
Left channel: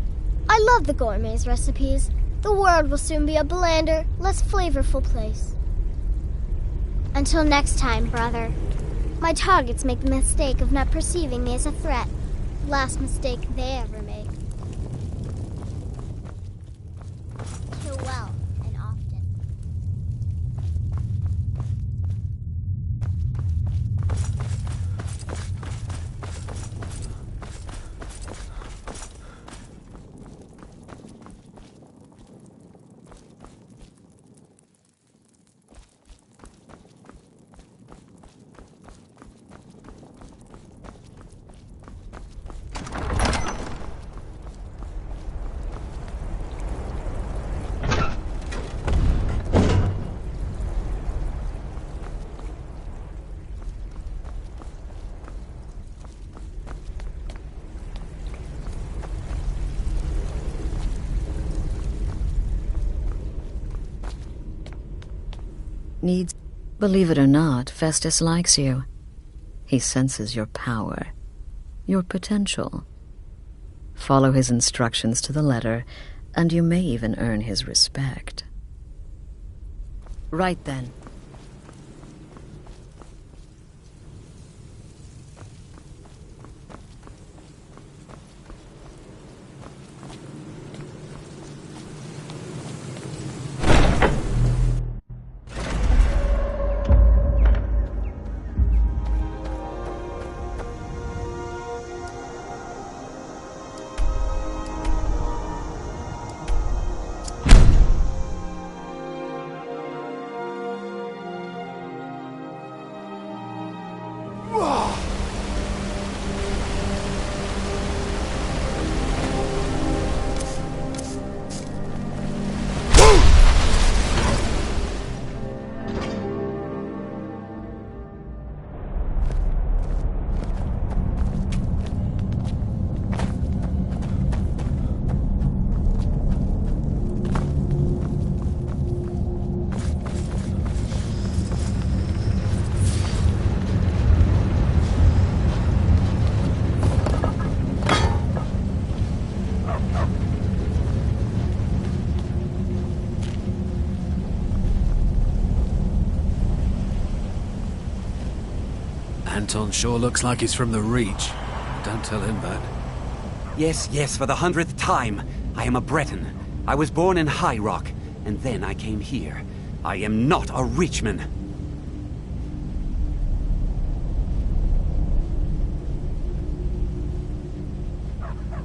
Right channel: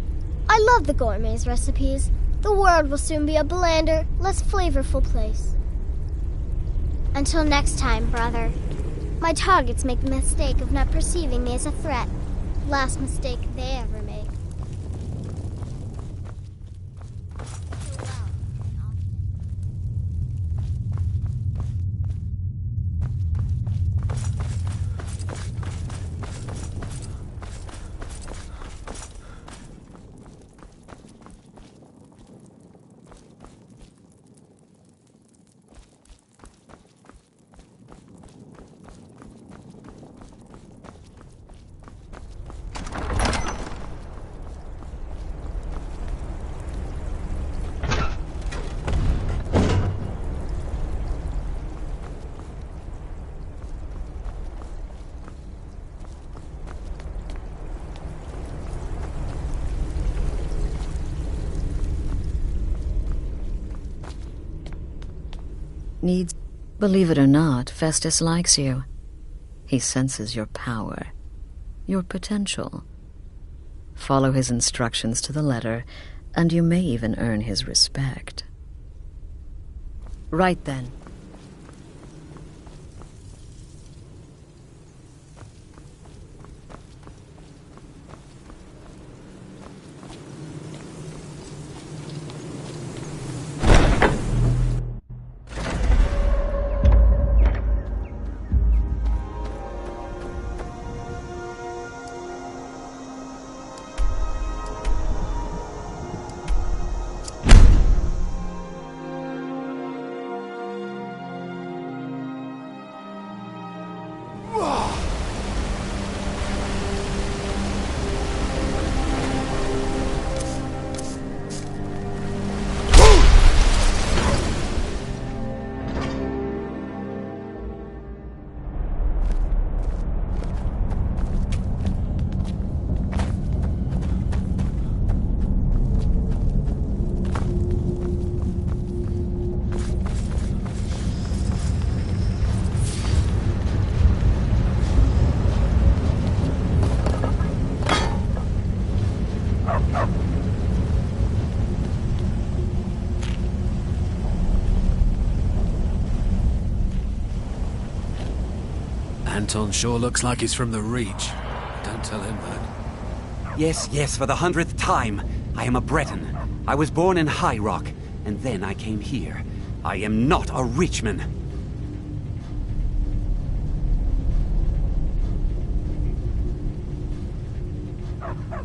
I love the gourmet's recipes. The world will soon be a blander, less flavorful place. Until next time, brother. My targets make the mistake of not perceiving me as a threat. Last mistake they ever make. Kill well and often. Needs... Believe it or not, Festus likes you. He senses your power, your potential. Follow his instructions to the letter, and you may even earn his respect. Right then. Anton sure looks like he's from the Reach. Don't tell him that. Yes, yes, for the 100th time. I am a Breton. I was born in High Rock, and then I came here. I am not a Richman.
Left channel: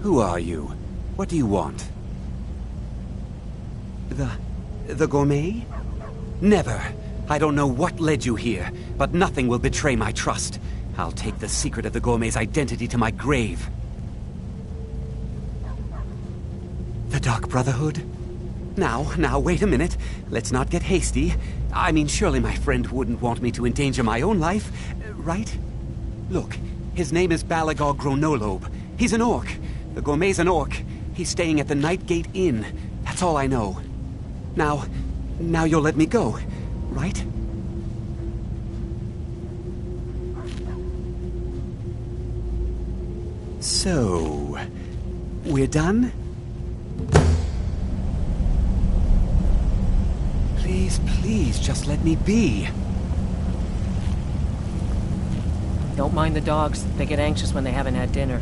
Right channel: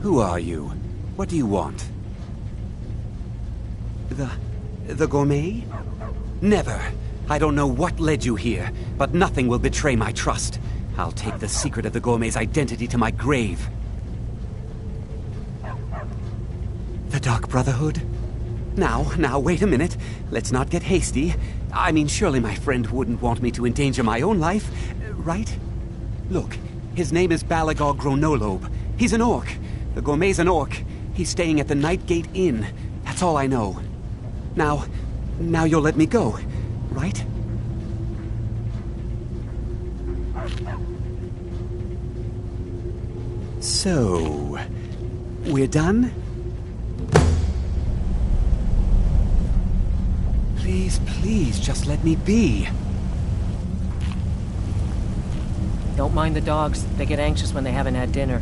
Who are you? What do you want? The Gourmet? Never. I don't know what led you here, but nothing will betray my trust. I'll take the secret of the Gourmet's identity to my grave. The Dark Brotherhood? Now, wait a minute. Let's not get hasty. I mean, surely my friend wouldn't want me to endanger my own life, right? Look, his name is Balagor Gronolobe. He's an orc. The Gourmet's an orc. He's staying at the Nightgate Inn. That's all I know. Now you'll let me go, right? So, we're done? Please, just let me be. Don't mind the dogs. They get anxious when they haven't had dinner.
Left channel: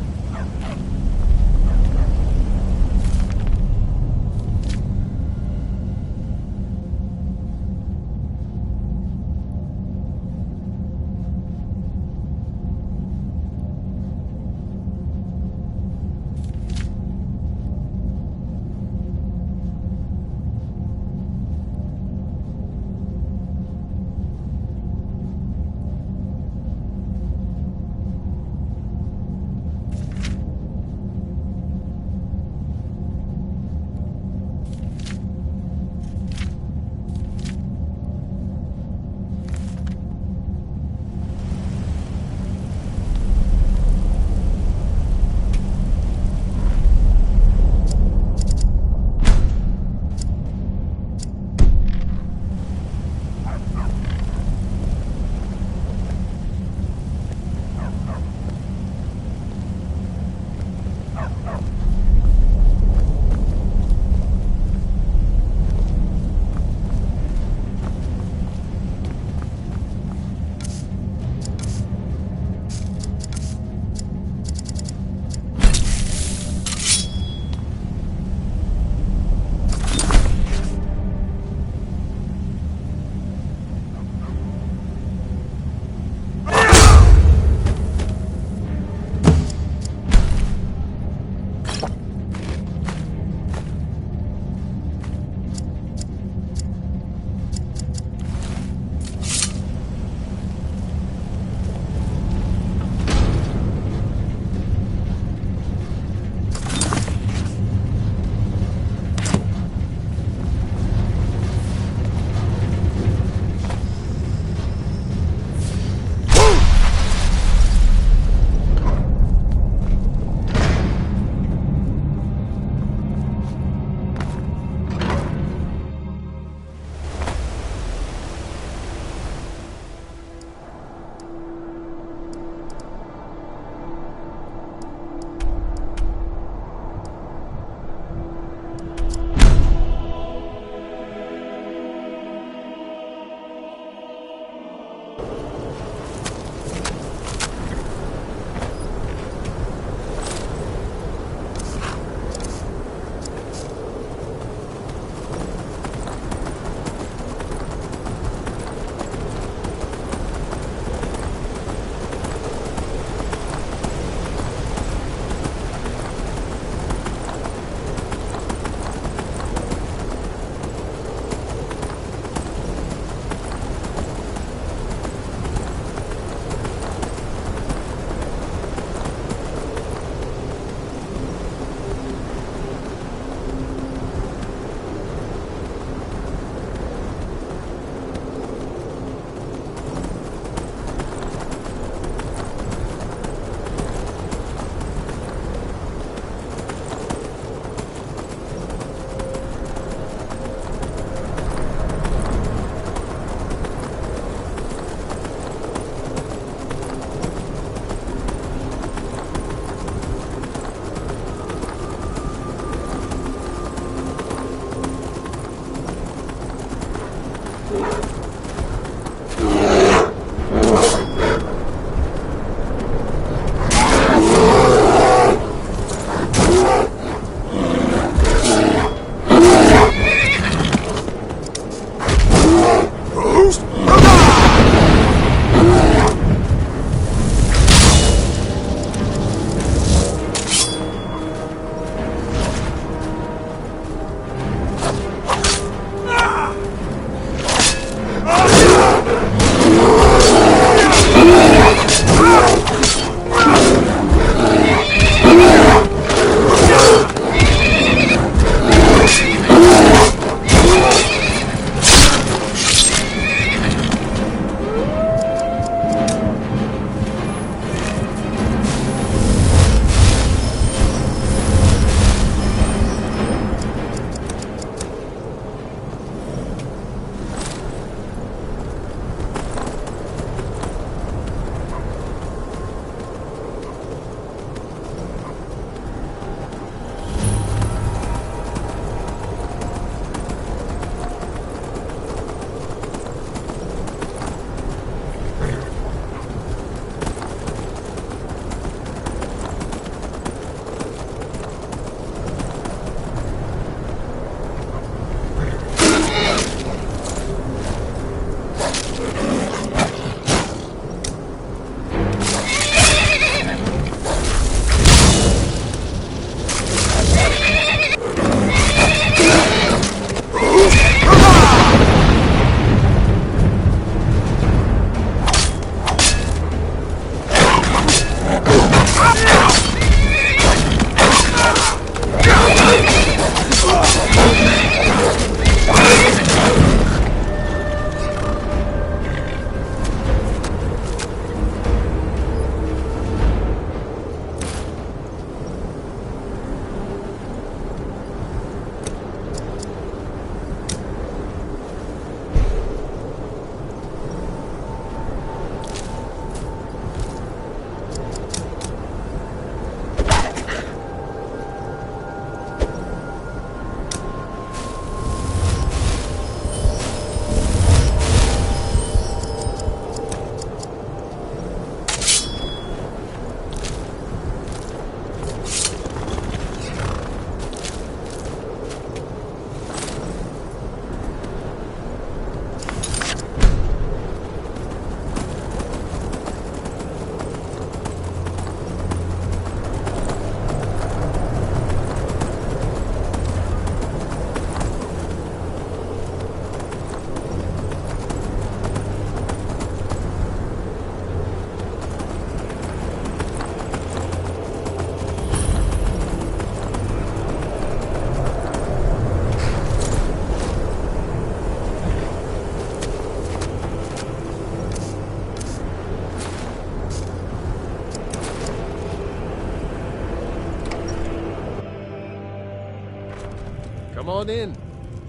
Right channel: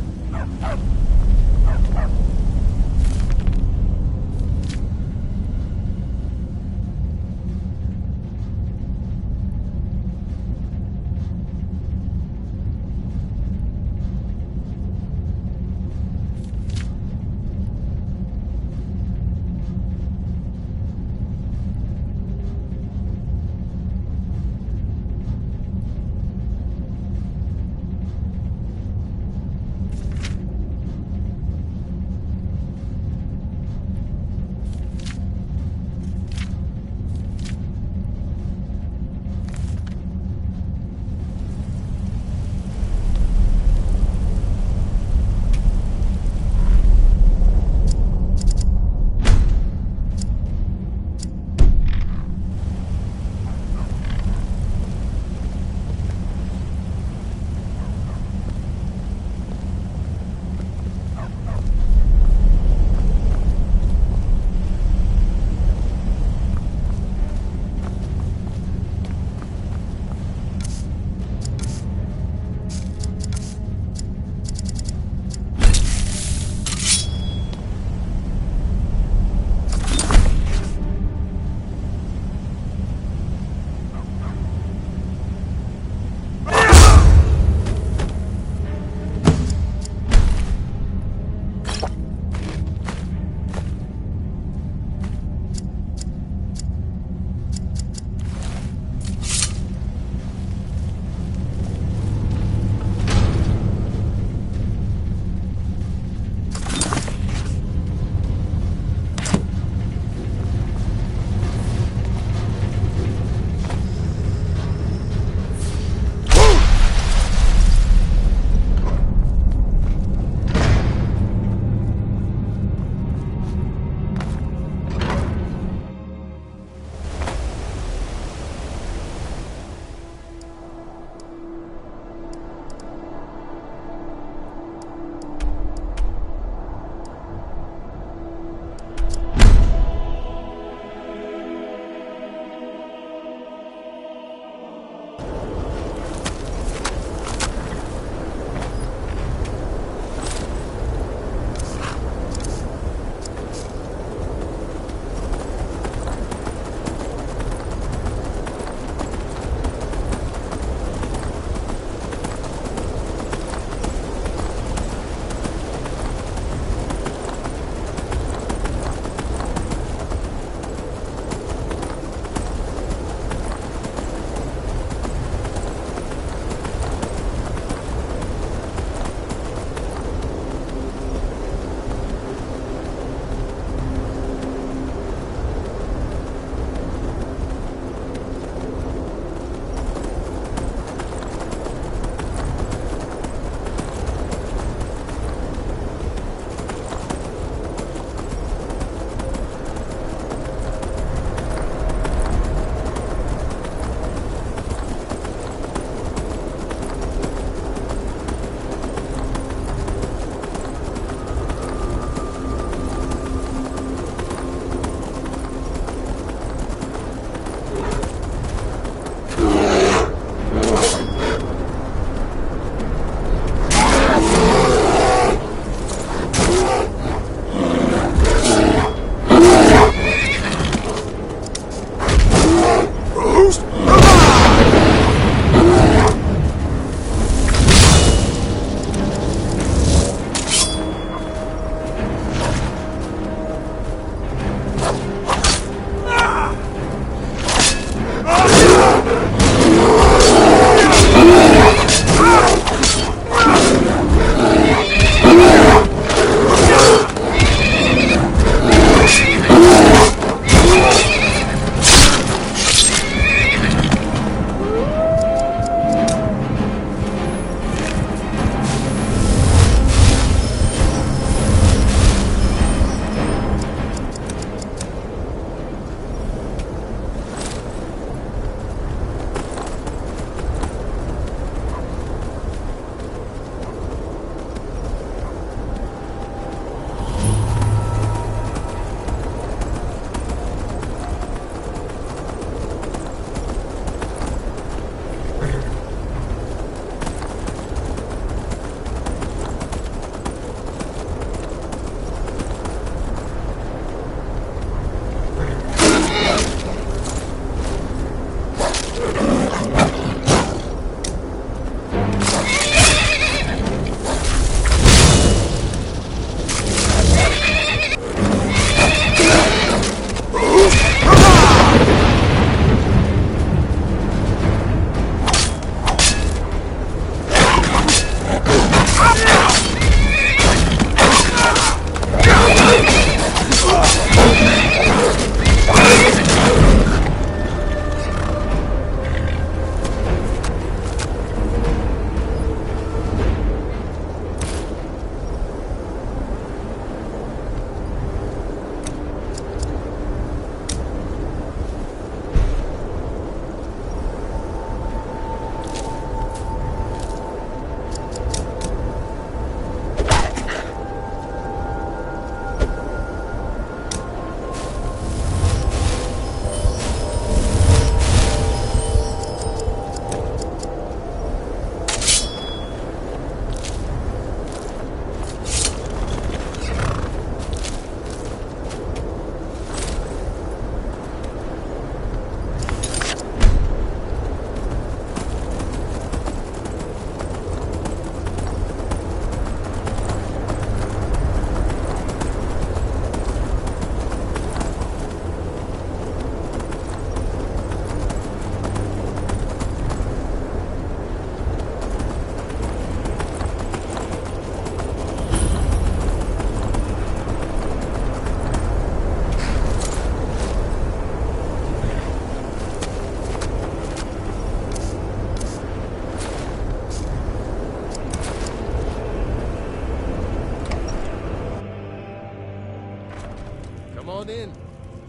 Come on in.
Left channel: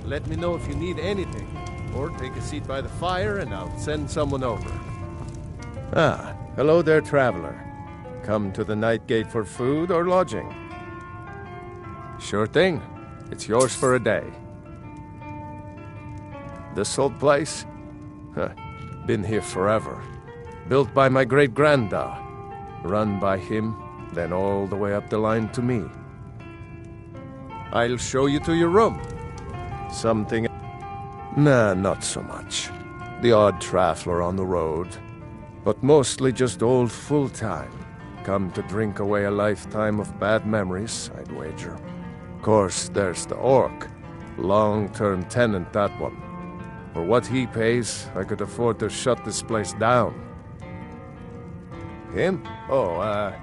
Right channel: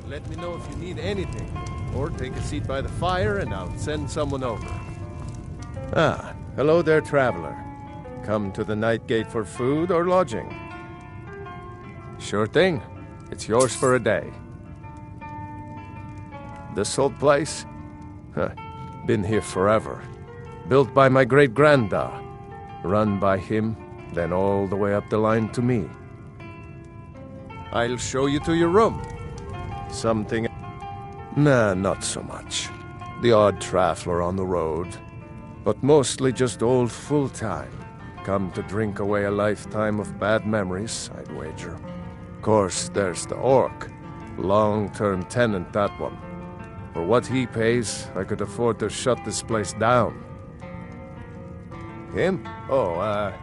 Let me know if you need anything. Or take a seat by the fire and I'll send someone over. Ah, hello there, traveler. Come to the Night Gate for food or lodging? Sure thing. It's yours for a day. This old place? Huh. Been here forever. Built by my great-granda. Run by him, then all the way up the line to me. I'll show you to your room. Something... Nah, not so much. The odd traveler on the road. But mostly just old full-time. Come to drink away a lifetime of bad memories, I'd wager. Course, there's the orc. Long-term tenant, that one. For what he pays, I could afford to shut this place down. Him? Oh,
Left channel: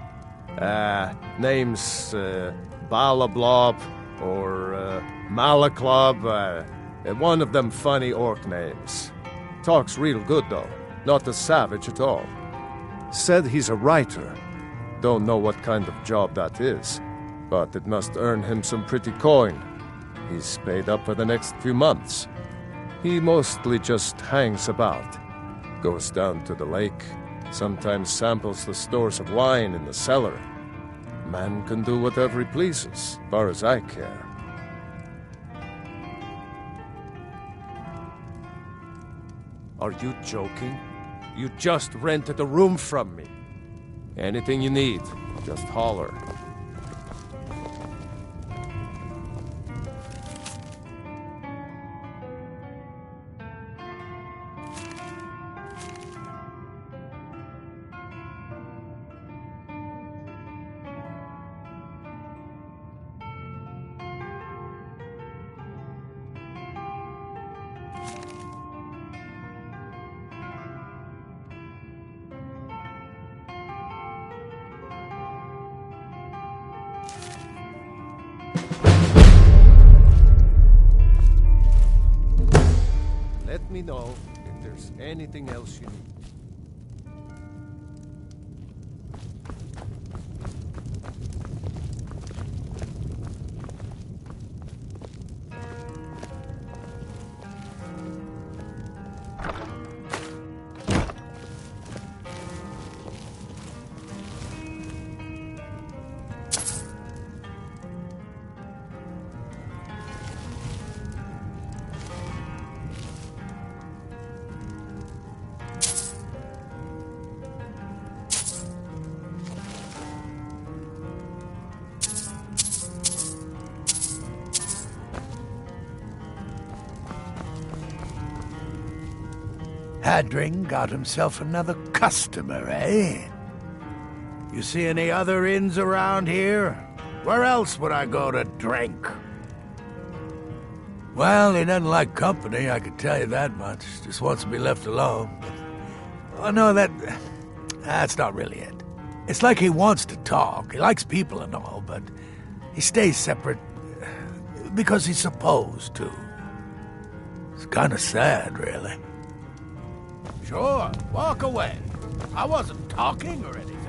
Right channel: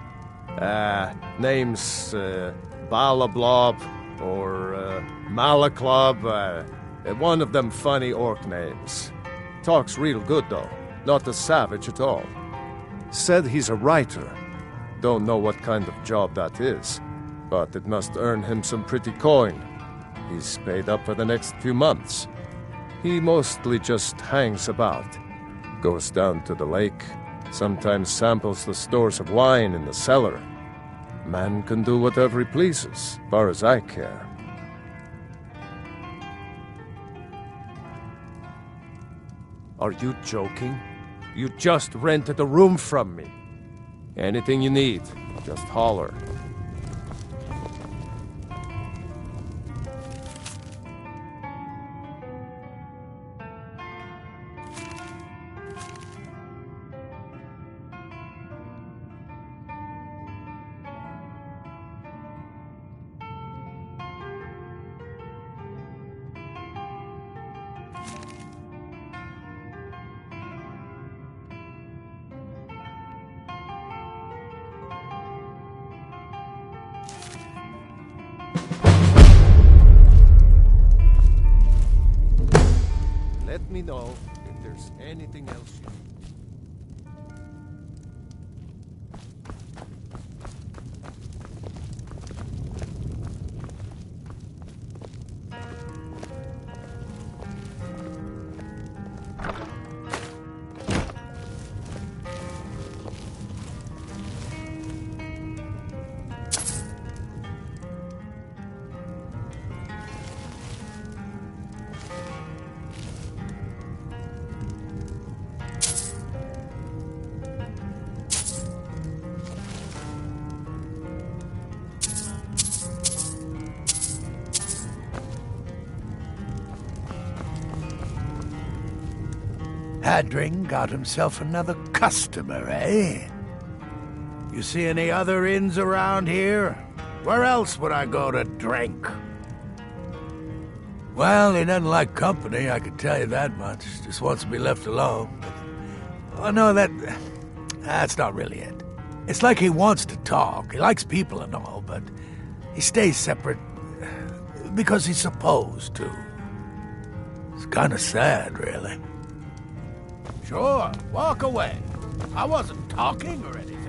name's, Balablob, or, Malaclob, one of them funny orc names. Talks real good, though. Not a savage at all. Said he's a writer. Don't know what kind of job that is, but it must earn him some pretty coin. He's paid up for the next few months. He mostly just hangs about. Goes down to the lake, sometimes samples the stores of wine in the cellar. Man can do whatever he pleases, far as I care. Are you joking? You just rented a room from me. Anything you need, just holler. Let me know if there's anything else you need. Hadring got himself another customer, eh? You see any other inns around here? Where else would I go to drink? Well, he doesn't like company, I can tell you that much. Just wants to be left alone. But, oh, no, that's not really it. It's like he wants to talk. He likes people and all, but he stays separate because he's supposed to. It's kind of sad, really. Sure, walk away. I wasn't talking or anything.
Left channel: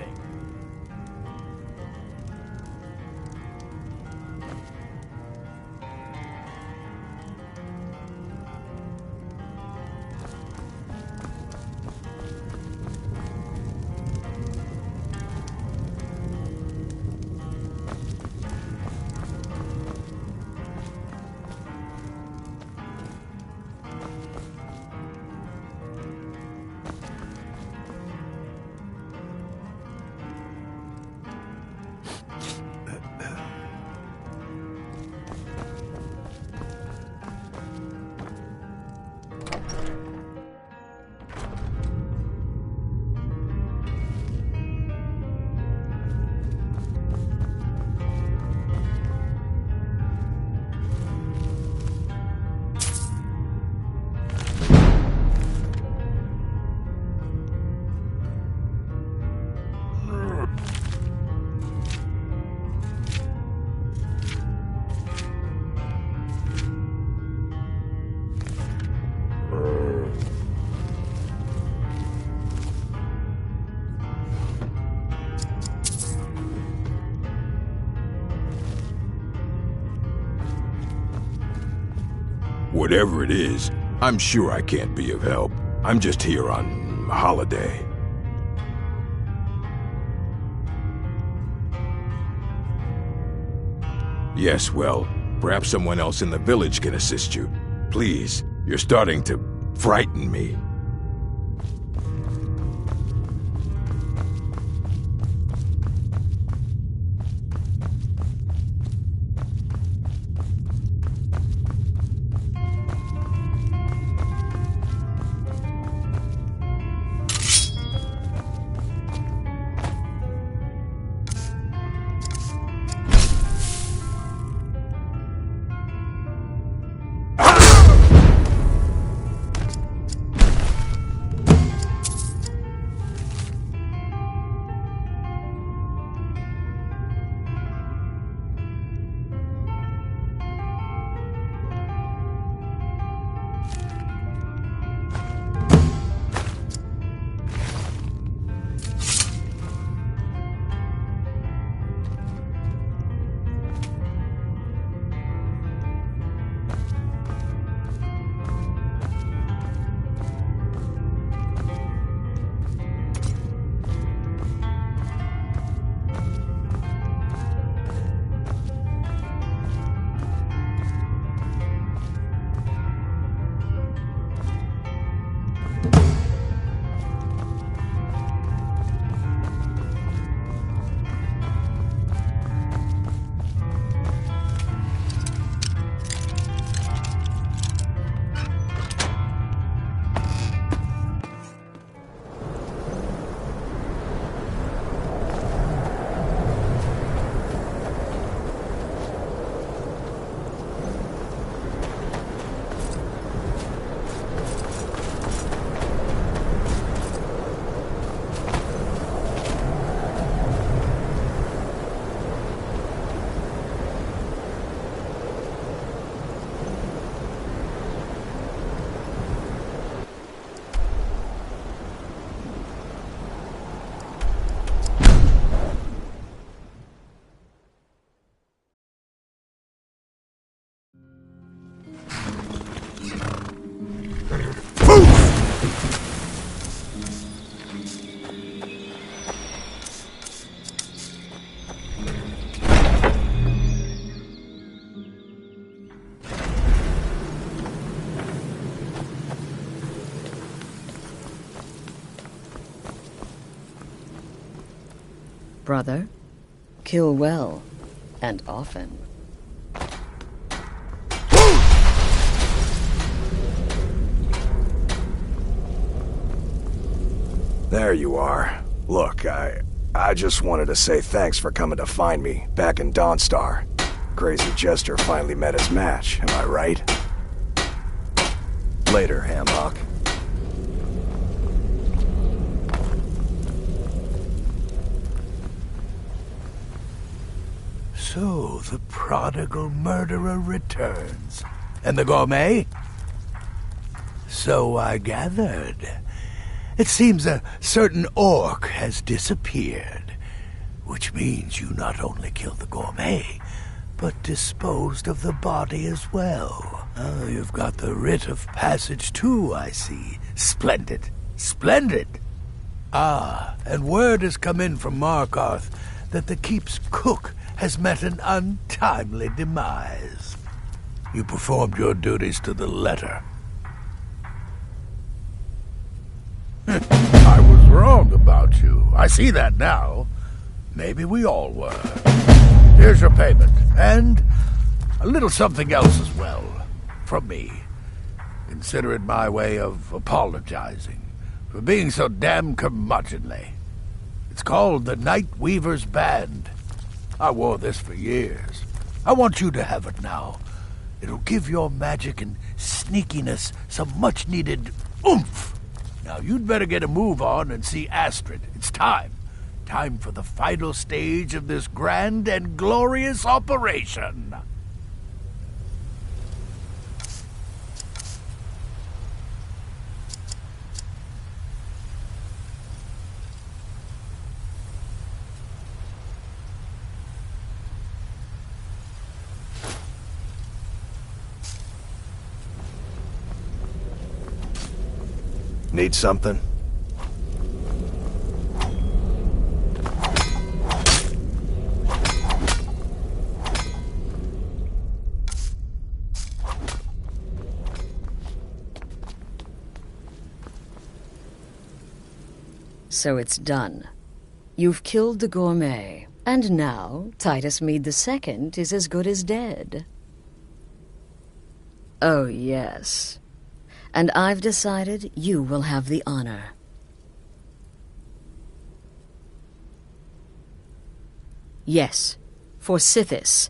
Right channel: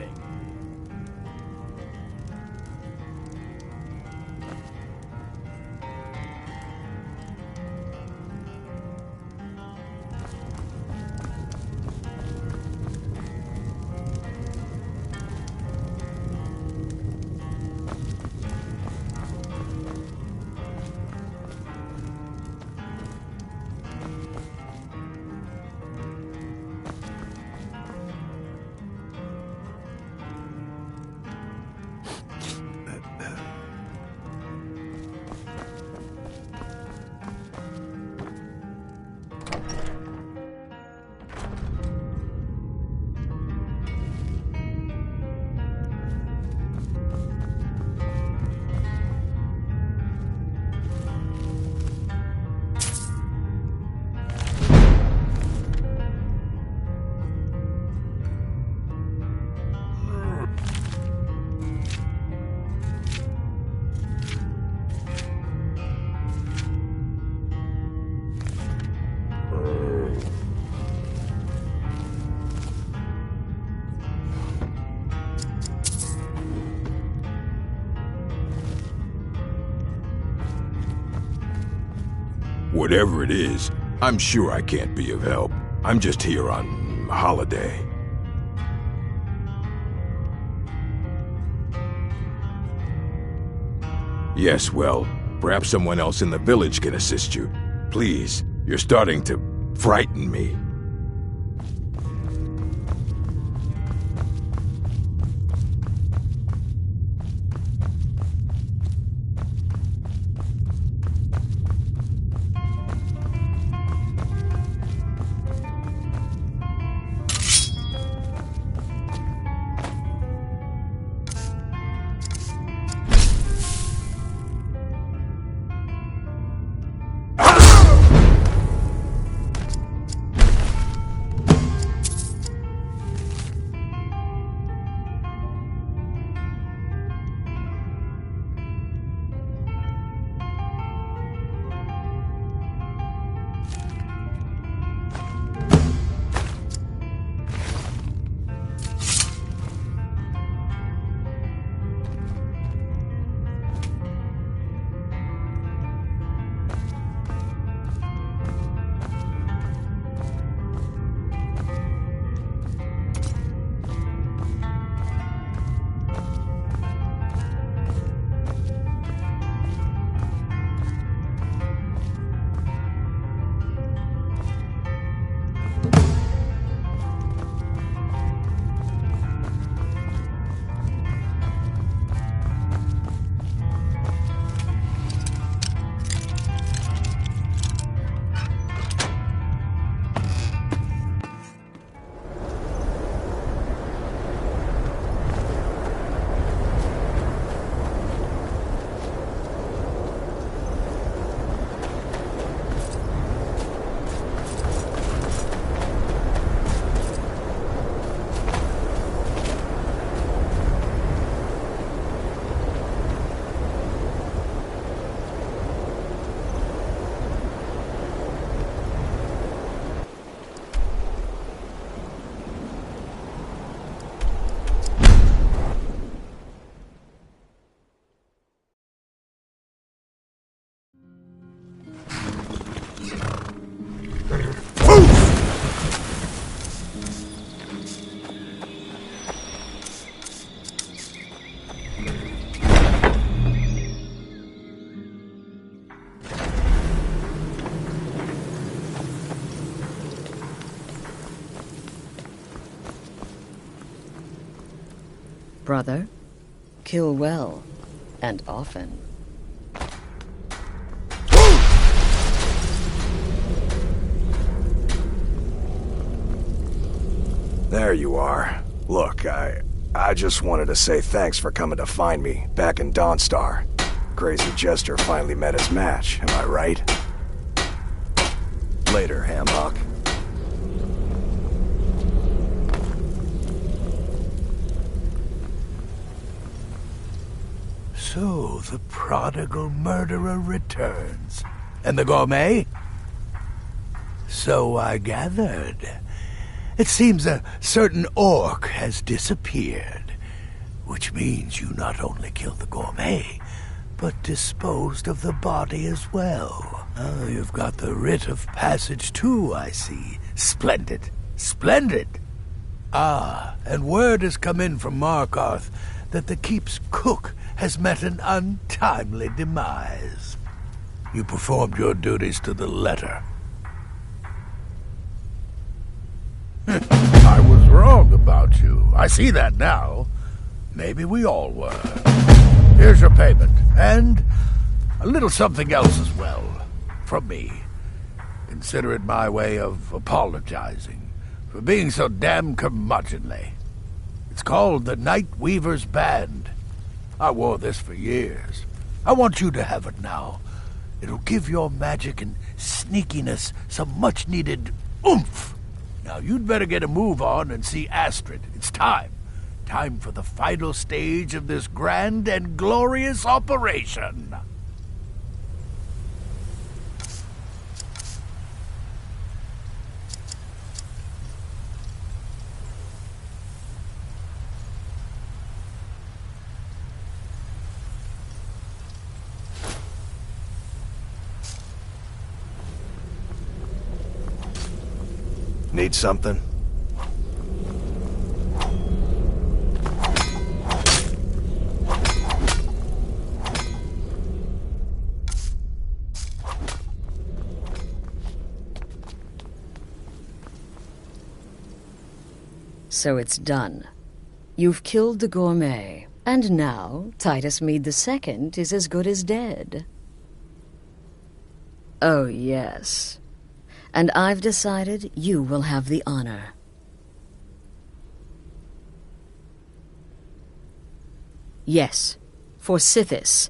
Whatever it is, I'm sure I can't be of help. I'm just here on holiday. Yes, well, perhaps someone else in the village can assist you. Please, you're starting to frighten me. Brother, kill well, and often. There you are. Look, I just wanted to say thanks for coming to find me back in Dawnstar. Crazy Jester finally met his match, am I right? Later, Hamhawk. So, the prodigal murderer returns. And the Gourmet? So I gathered. It seems a certain orc has disappeared, which means you not only killed the Gourmet, but disposed of the body as well. Oh, you've got the writ of passage too, I see. Splendid. Splendid! Ah, and word has come in from Markarth that the keep's cook has met an untimely demise. You performed your duties to the letter. I was wrong about you. I see that now. Maybe we all were. Here's your payment, and a little something else as well, from me. Consider it my way of apologizing for being so damn curmudgeonly. It's called the Night Weaver's Band. I wore this for years. I want you to have it now. It'll give your magic and sneakiness some much-needed oomph. Now, you'd better get a move on and see Astrid. It's time. Time for the final stage of this grand and glorious operation. Need something? So it's done. You've killed the Gourmet, and now Titus Mede II is as good as dead. Oh, yes. And I've decided you will have the honor. Yes, for Sithis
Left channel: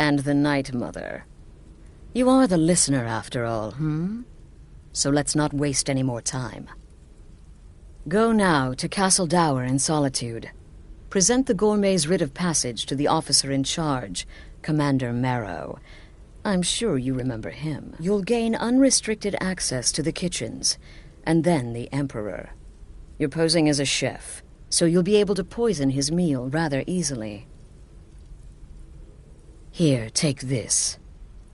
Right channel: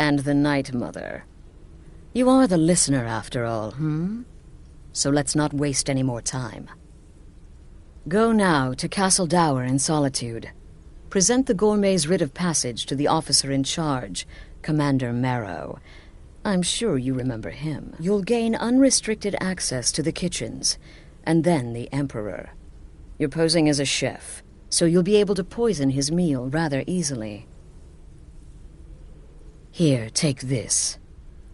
and the Night Mother. You are the listener, after all, So let's not waste any more time. Go now to Castle Dower in Solitude. Present the Gourmet's writ of passage to the officer in charge, Commander Maro. I'm sure you remember him. You'll gain unrestricted access to the kitchens, and then the Emperor. You're posing as a chef, so you'll be able to poison his meal rather easily. Here, take this.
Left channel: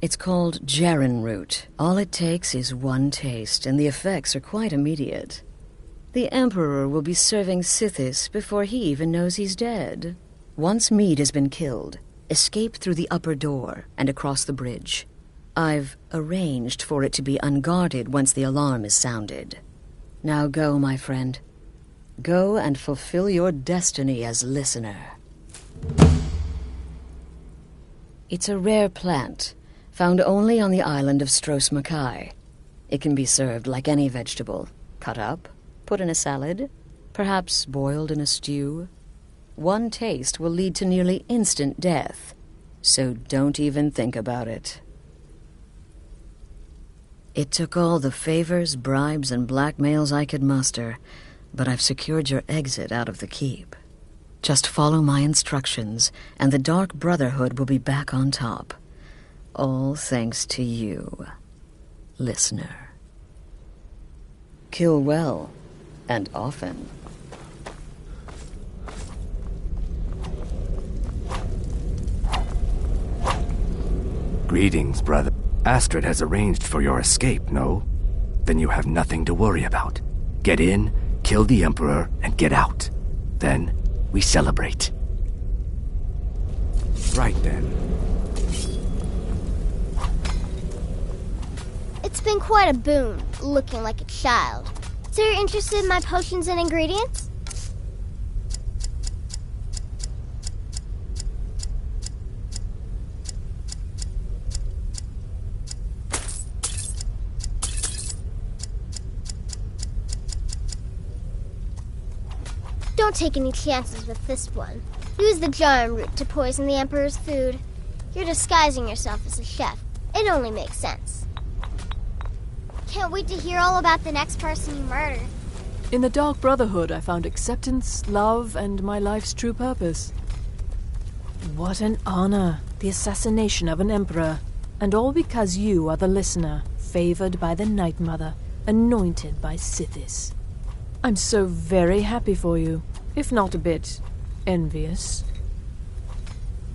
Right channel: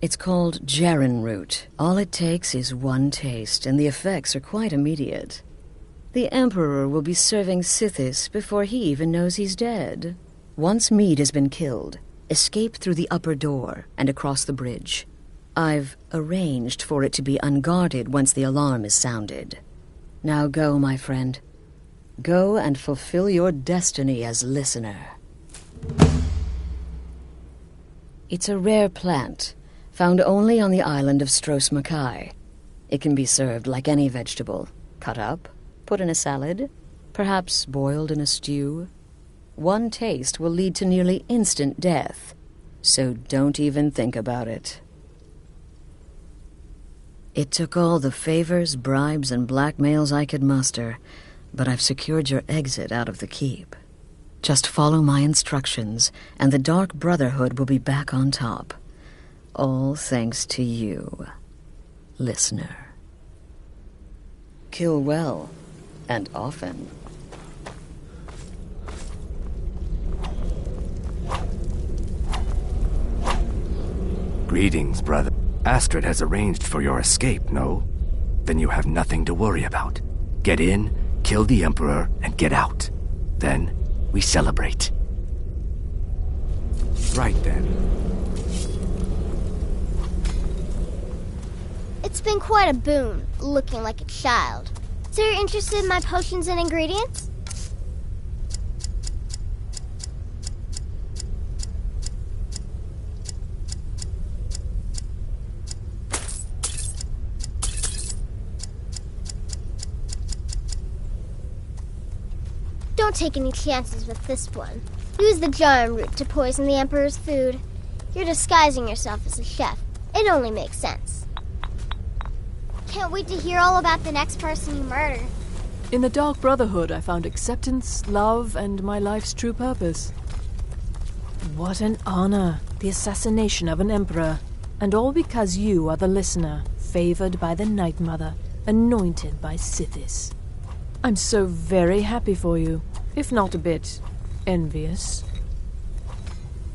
It's called Jaren root. All it takes is one taste, and the effects are quite immediate. The Emperor will be serving Sithis before he even knows he's dead. Once Mede has been killed, escape through the upper door and across the bridge. I've arranged for it to be unguarded once the alarm is sounded. Now go, my friend. Go and fulfill your destiny as listener. It's a rare plant, found only on the island of Stros Makai. It can be served like any vegetable, cut up, put in a salad, perhaps boiled in a stew. One taste will lead to nearly instant death, so don't even think about it. It took all the favors, bribes, and blackmails I could muster, but I've secured your exit out of the keep. Just follow my instructions, and the Dark Brotherhood will be back on top. All thanks to you, listener. Kill well, and often. Greetings, brother. Astrid has arranged for your escape, no? Then you have nothing to worry about. Get in, kill the Emperor, and get out. Then, we celebrate. Right then. It's been quite a boon, looking like a child. So you're interested in my potions and ingredients? Don't take any chances with this one. Use the Jaren root to poison the Emperor's food. You're disguising yourself as a chef. It only makes sense. Can't wait to hear all about the next person you murder. In the Dark Brotherhood, I found acceptance, love, and my life's true purpose. What an honor, the assassination of an emperor. And all because you are the listener, favored by the Night Mother, anointed by Sithis. I'm so very happy for you, if not a bit envious.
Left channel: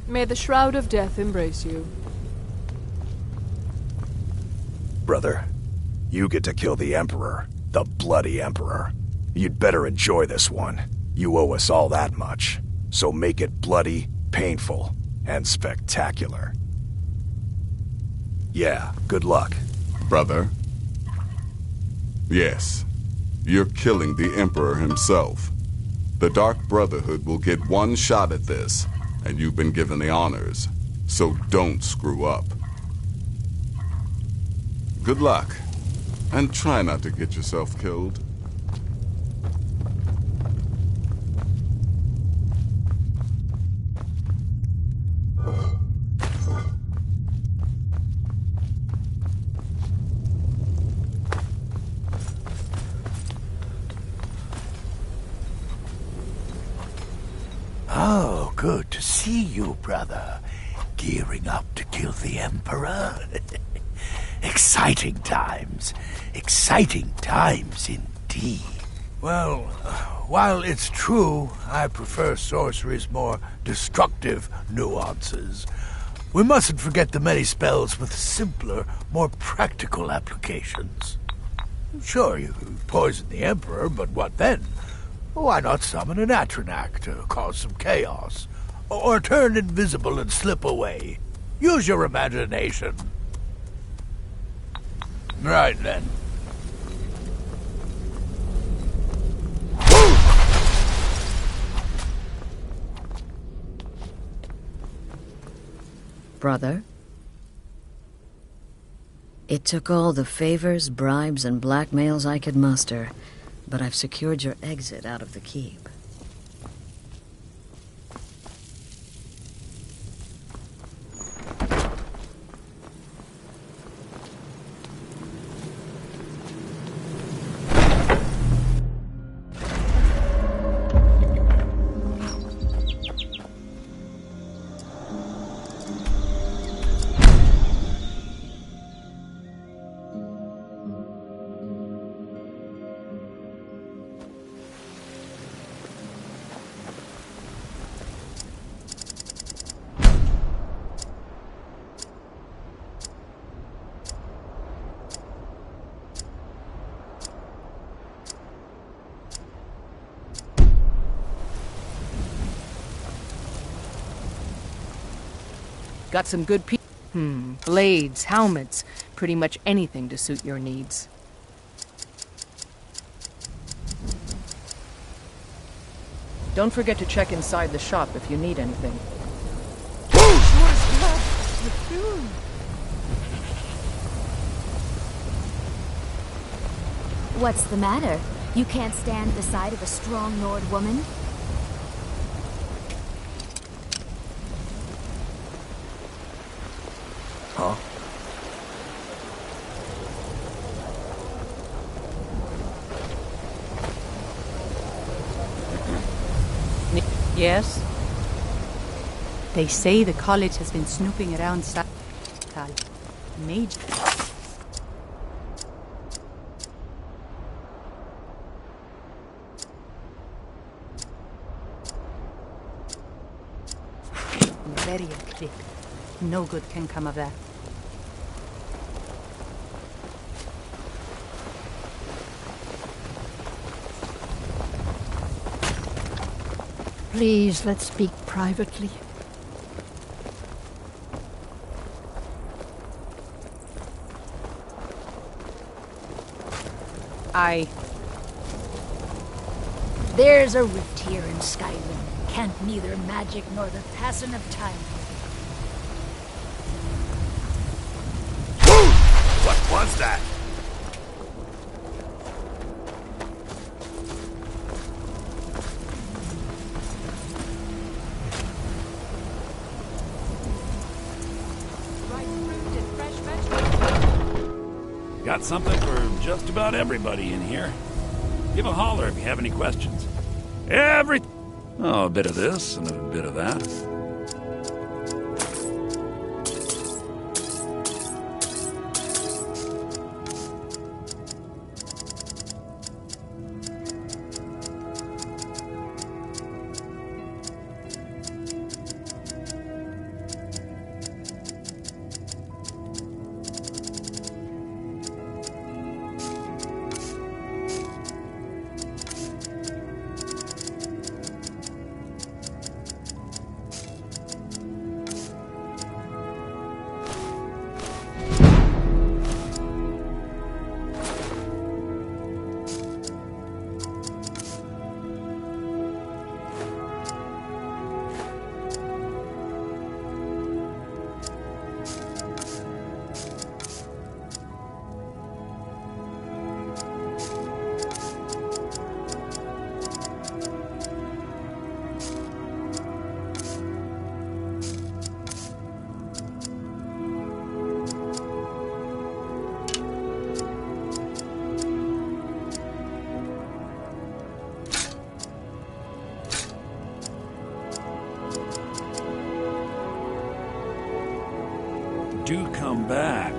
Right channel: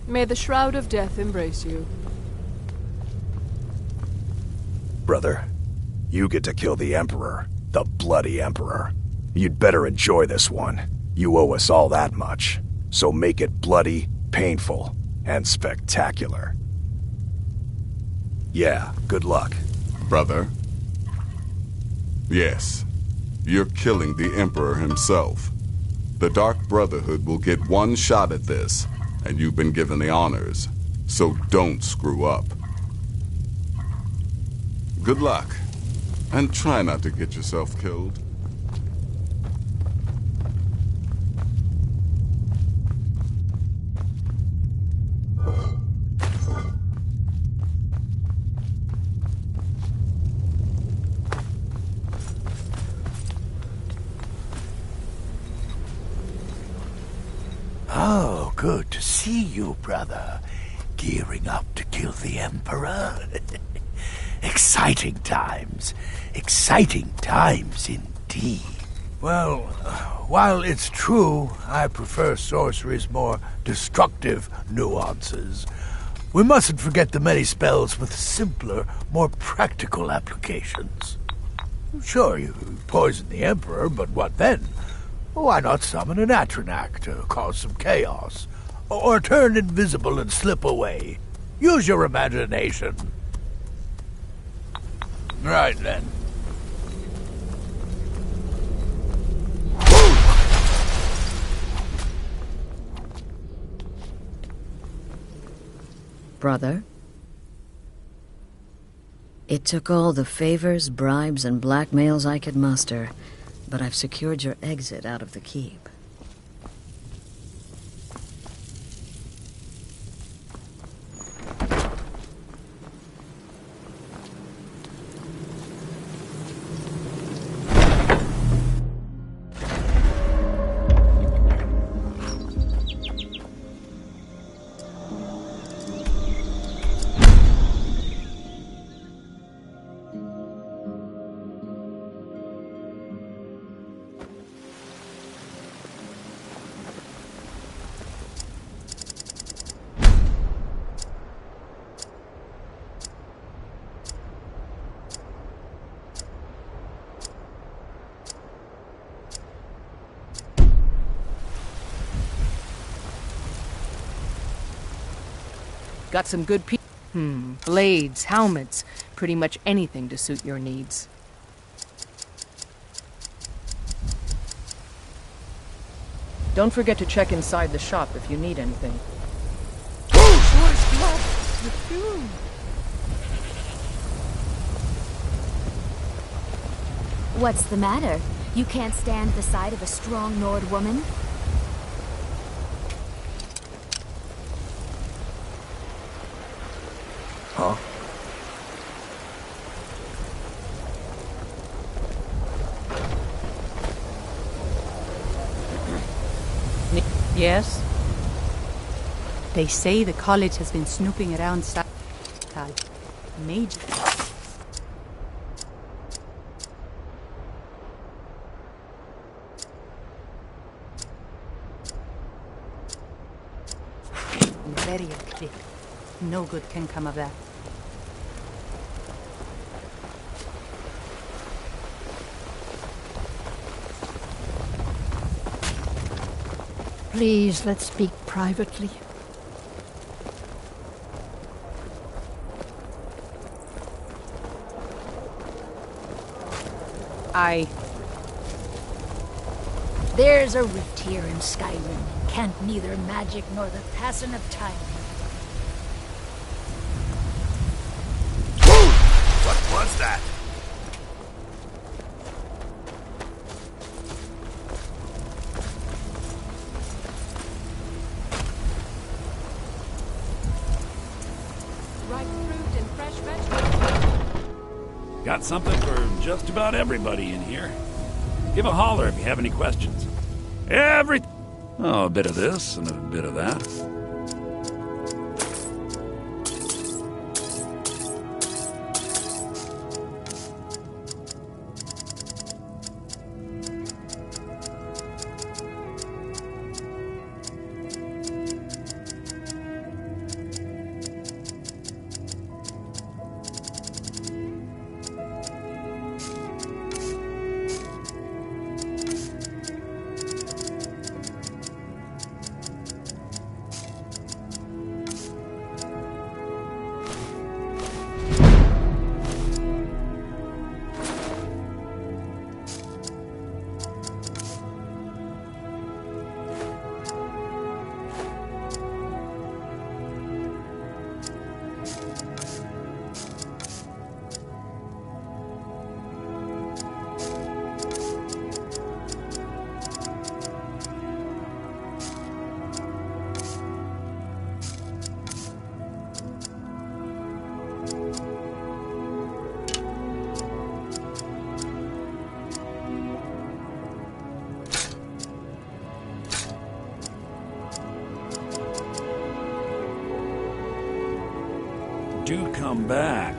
May the Shroud of Death embrace you. Brother, you get to kill the Emperor, the bloody Emperor. You'd better enjoy this one. You owe us all that much. So make it bloody, painful, and spectacular. Yeah, good luck. Brother? Yes. You're killing the Emperor himself. The Dark Brotherhood will get one shot at this, and you've been given the honors. So don't screw up. Good luck, and try not to get yourself killed. Oh, good to see you, brother. Gearing up to kill the Emperor? Exciting times. Exciting times indeed. Well, while it's true I prefer sorcery's more destructive nuances, we mustn't forget the many spells with simpler, more practical applications. Sure, you poisoned the Emperor, but what then? Why not summon an Atronak to cause some chaos? Or turn invisible and slip away? Use your imagination. Right then. Brother? It took all the favors, bribes, and blackmails I could muster, but I've secured your exit out of the keep. Got some good blades, helmets, pretty much anything to suit your needs. Don't forget to check inside the shop if you need anything. What's the matter? You can't stand the sight of a strong Nord woman? Huh? Yes? They say the college has been snooping around Major. Very quick. No good can come of that. Please, let's speak privately. There's a rift here in Skyrim. Can't neither magic nor the passing of time. What was that? Ripe fruit and fresh vegetables. Got something for just about everybody in here. Give a holler if you have any questions. Oh, a bit of this and a bit of that. Do come back.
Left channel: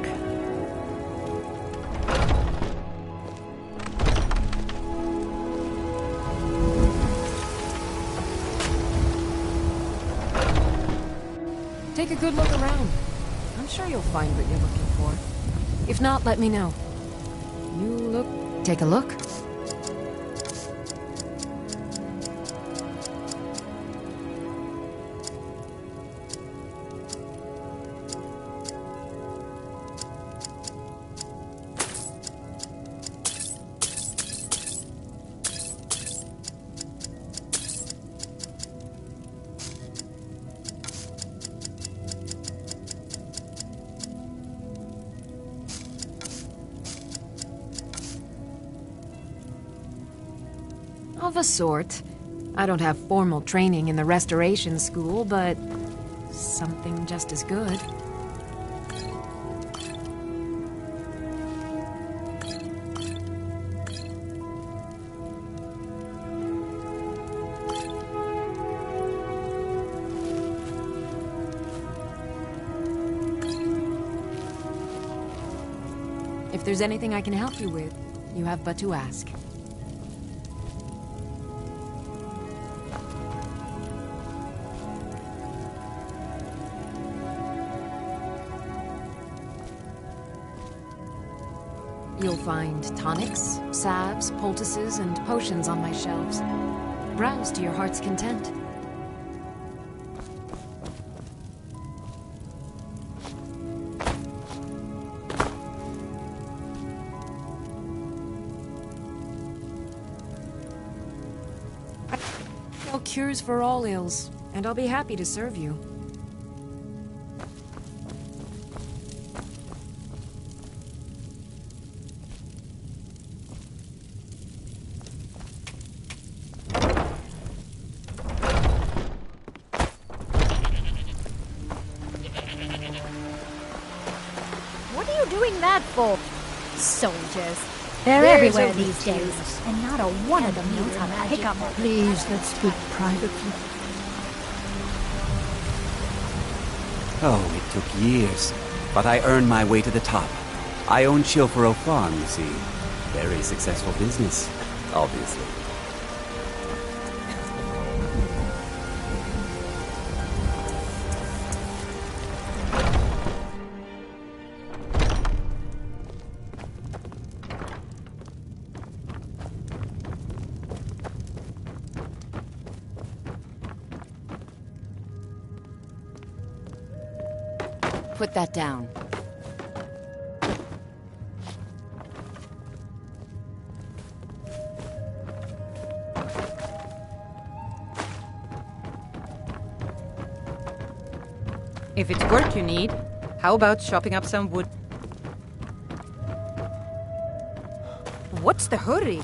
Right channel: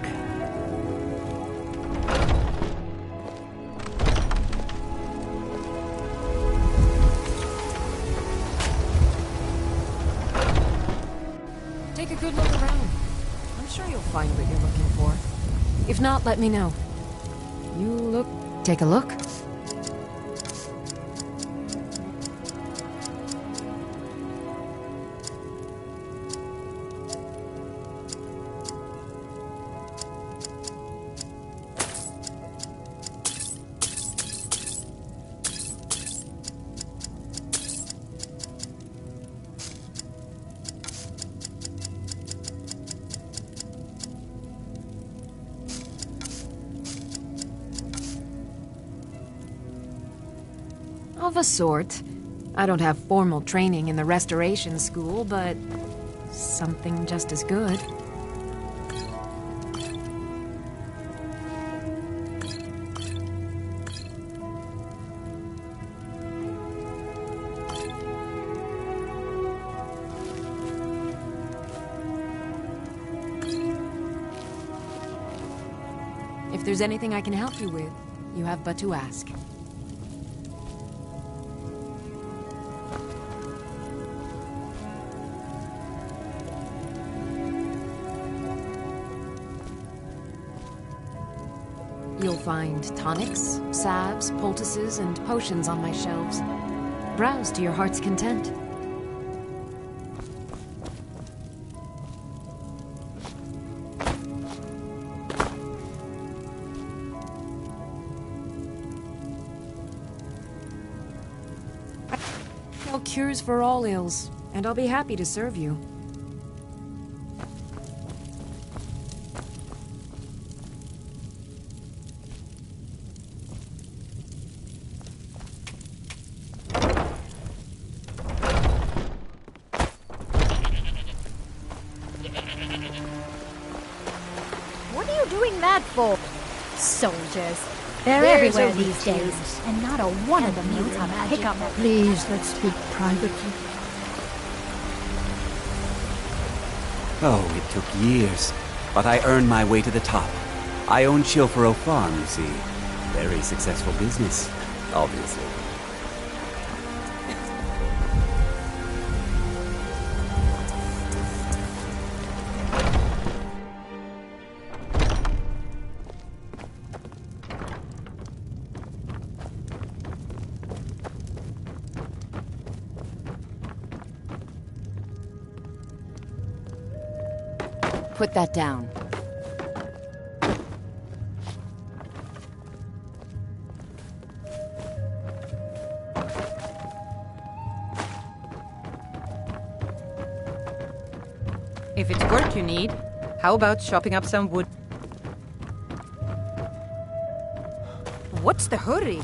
Take a good look around. I'm sure you'll find what you're looking for. If not, let me know. You look... Take a look. Of a sort. I don't have formal training in the restoration school, but something just as good. If there's anything I can help you with, you have but to ask. You'll find tonics, salves, poultices, and potions on my shelves. Browse to your heart's content. I sell cures for all ills, and I'll be happy to serve you. Soldiers. They're There's everywhere a these days, routine. and not a one of them knows how to pick up a... Please, let's speak privately. Oh, it took years, but I earned my way to the top. I own Chilfero Farm, you see. Very successful business, obviously. Put that down. If it's work you need, how about chopping up some wood? What's the hurry?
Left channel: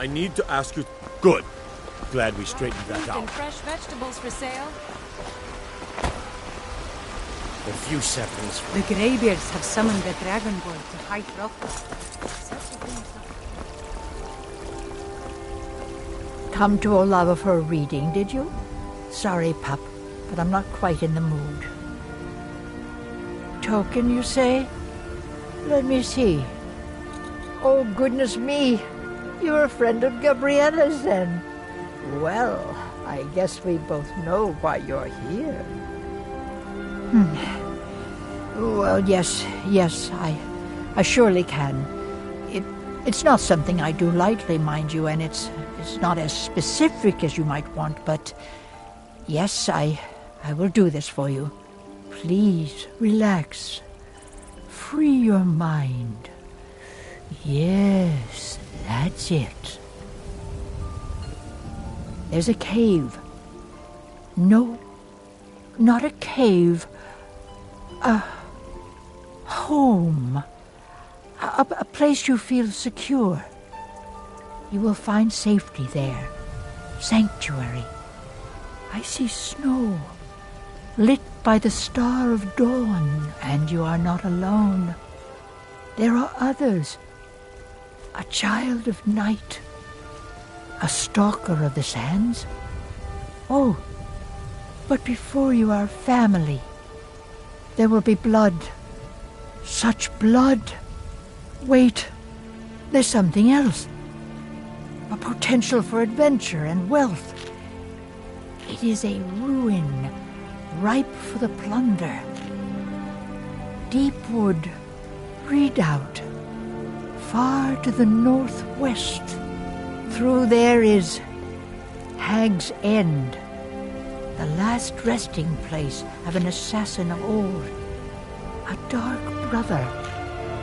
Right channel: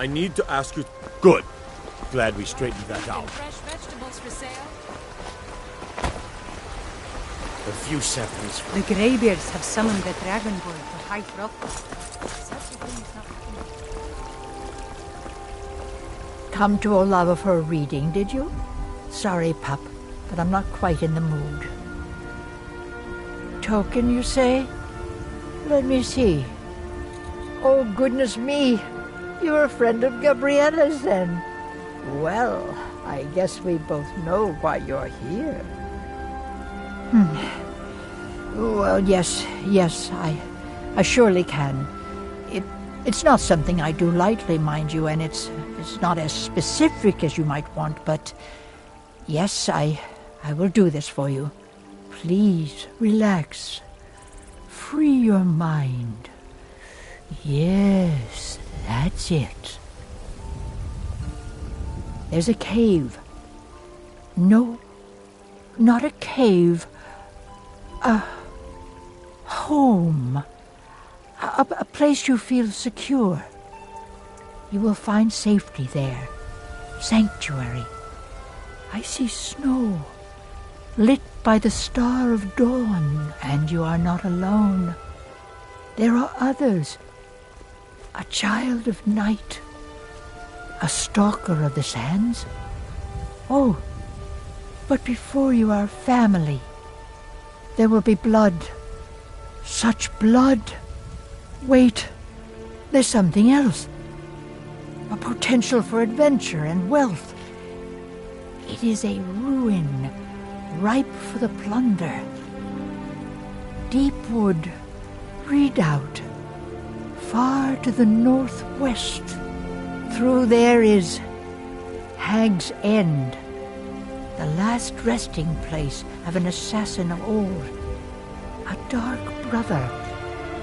I need to ask you... Good. Glad we straightened that out. Fresh vegetables for sale. A few seconds. The Greybeards have summoned the Dragonborn to High Hrothgar. come to Olava for a reading, did you? Sorry, pup, but I'm not quite in the mood. Token, you say? Let me see. Oh, goodness me. You're a friend of Gabriella's, then. Well, I guess we both know why you're here. Well, yes, I surely can. It's not something I do lightly, mind you, and it's not as specific as you might want, but yes, I will do this for you. Please, relax. Free your mind. Yes, that's it. There's a cave. No, not a cave. A home. A place you feel secure. You will find safety there. Sanctuary. I see snow, lit by the star of dawn, and you are not alone. There are others. A child of night. A stalker of the sands. Oh, but before you are family, there will be blood. Such blood. Wait, there's something else. A potential for adventure and wealth. It is a ruin, ripe for the plunder. Deepwood, Redoubt, far to the northwest. Through there is Hag's End, the last resting place of an assassin of old. A dark brother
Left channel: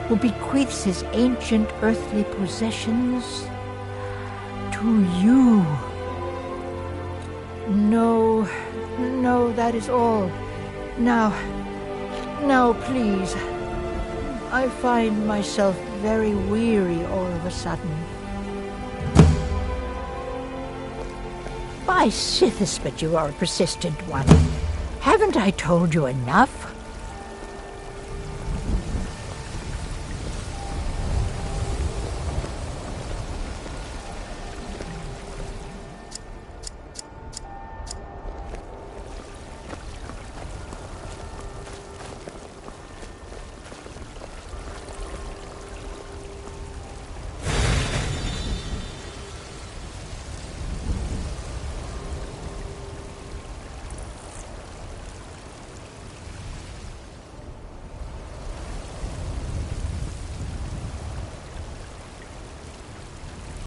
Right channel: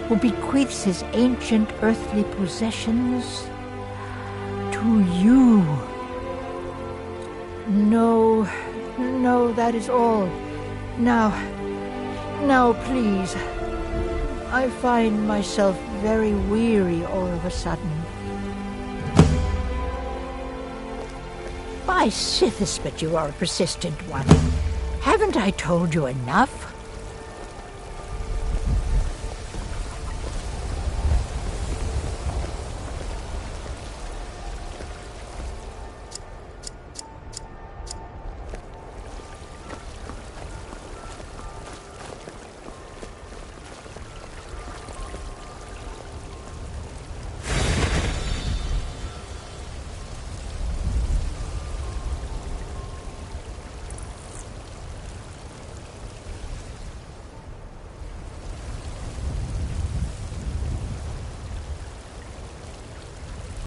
who bequeaths his ancient earthly possessions to you. No, that is all. Now, please. I find myself very weary all of a sudden. By Sithis, but you are a persistent one. Haven't I told you enough?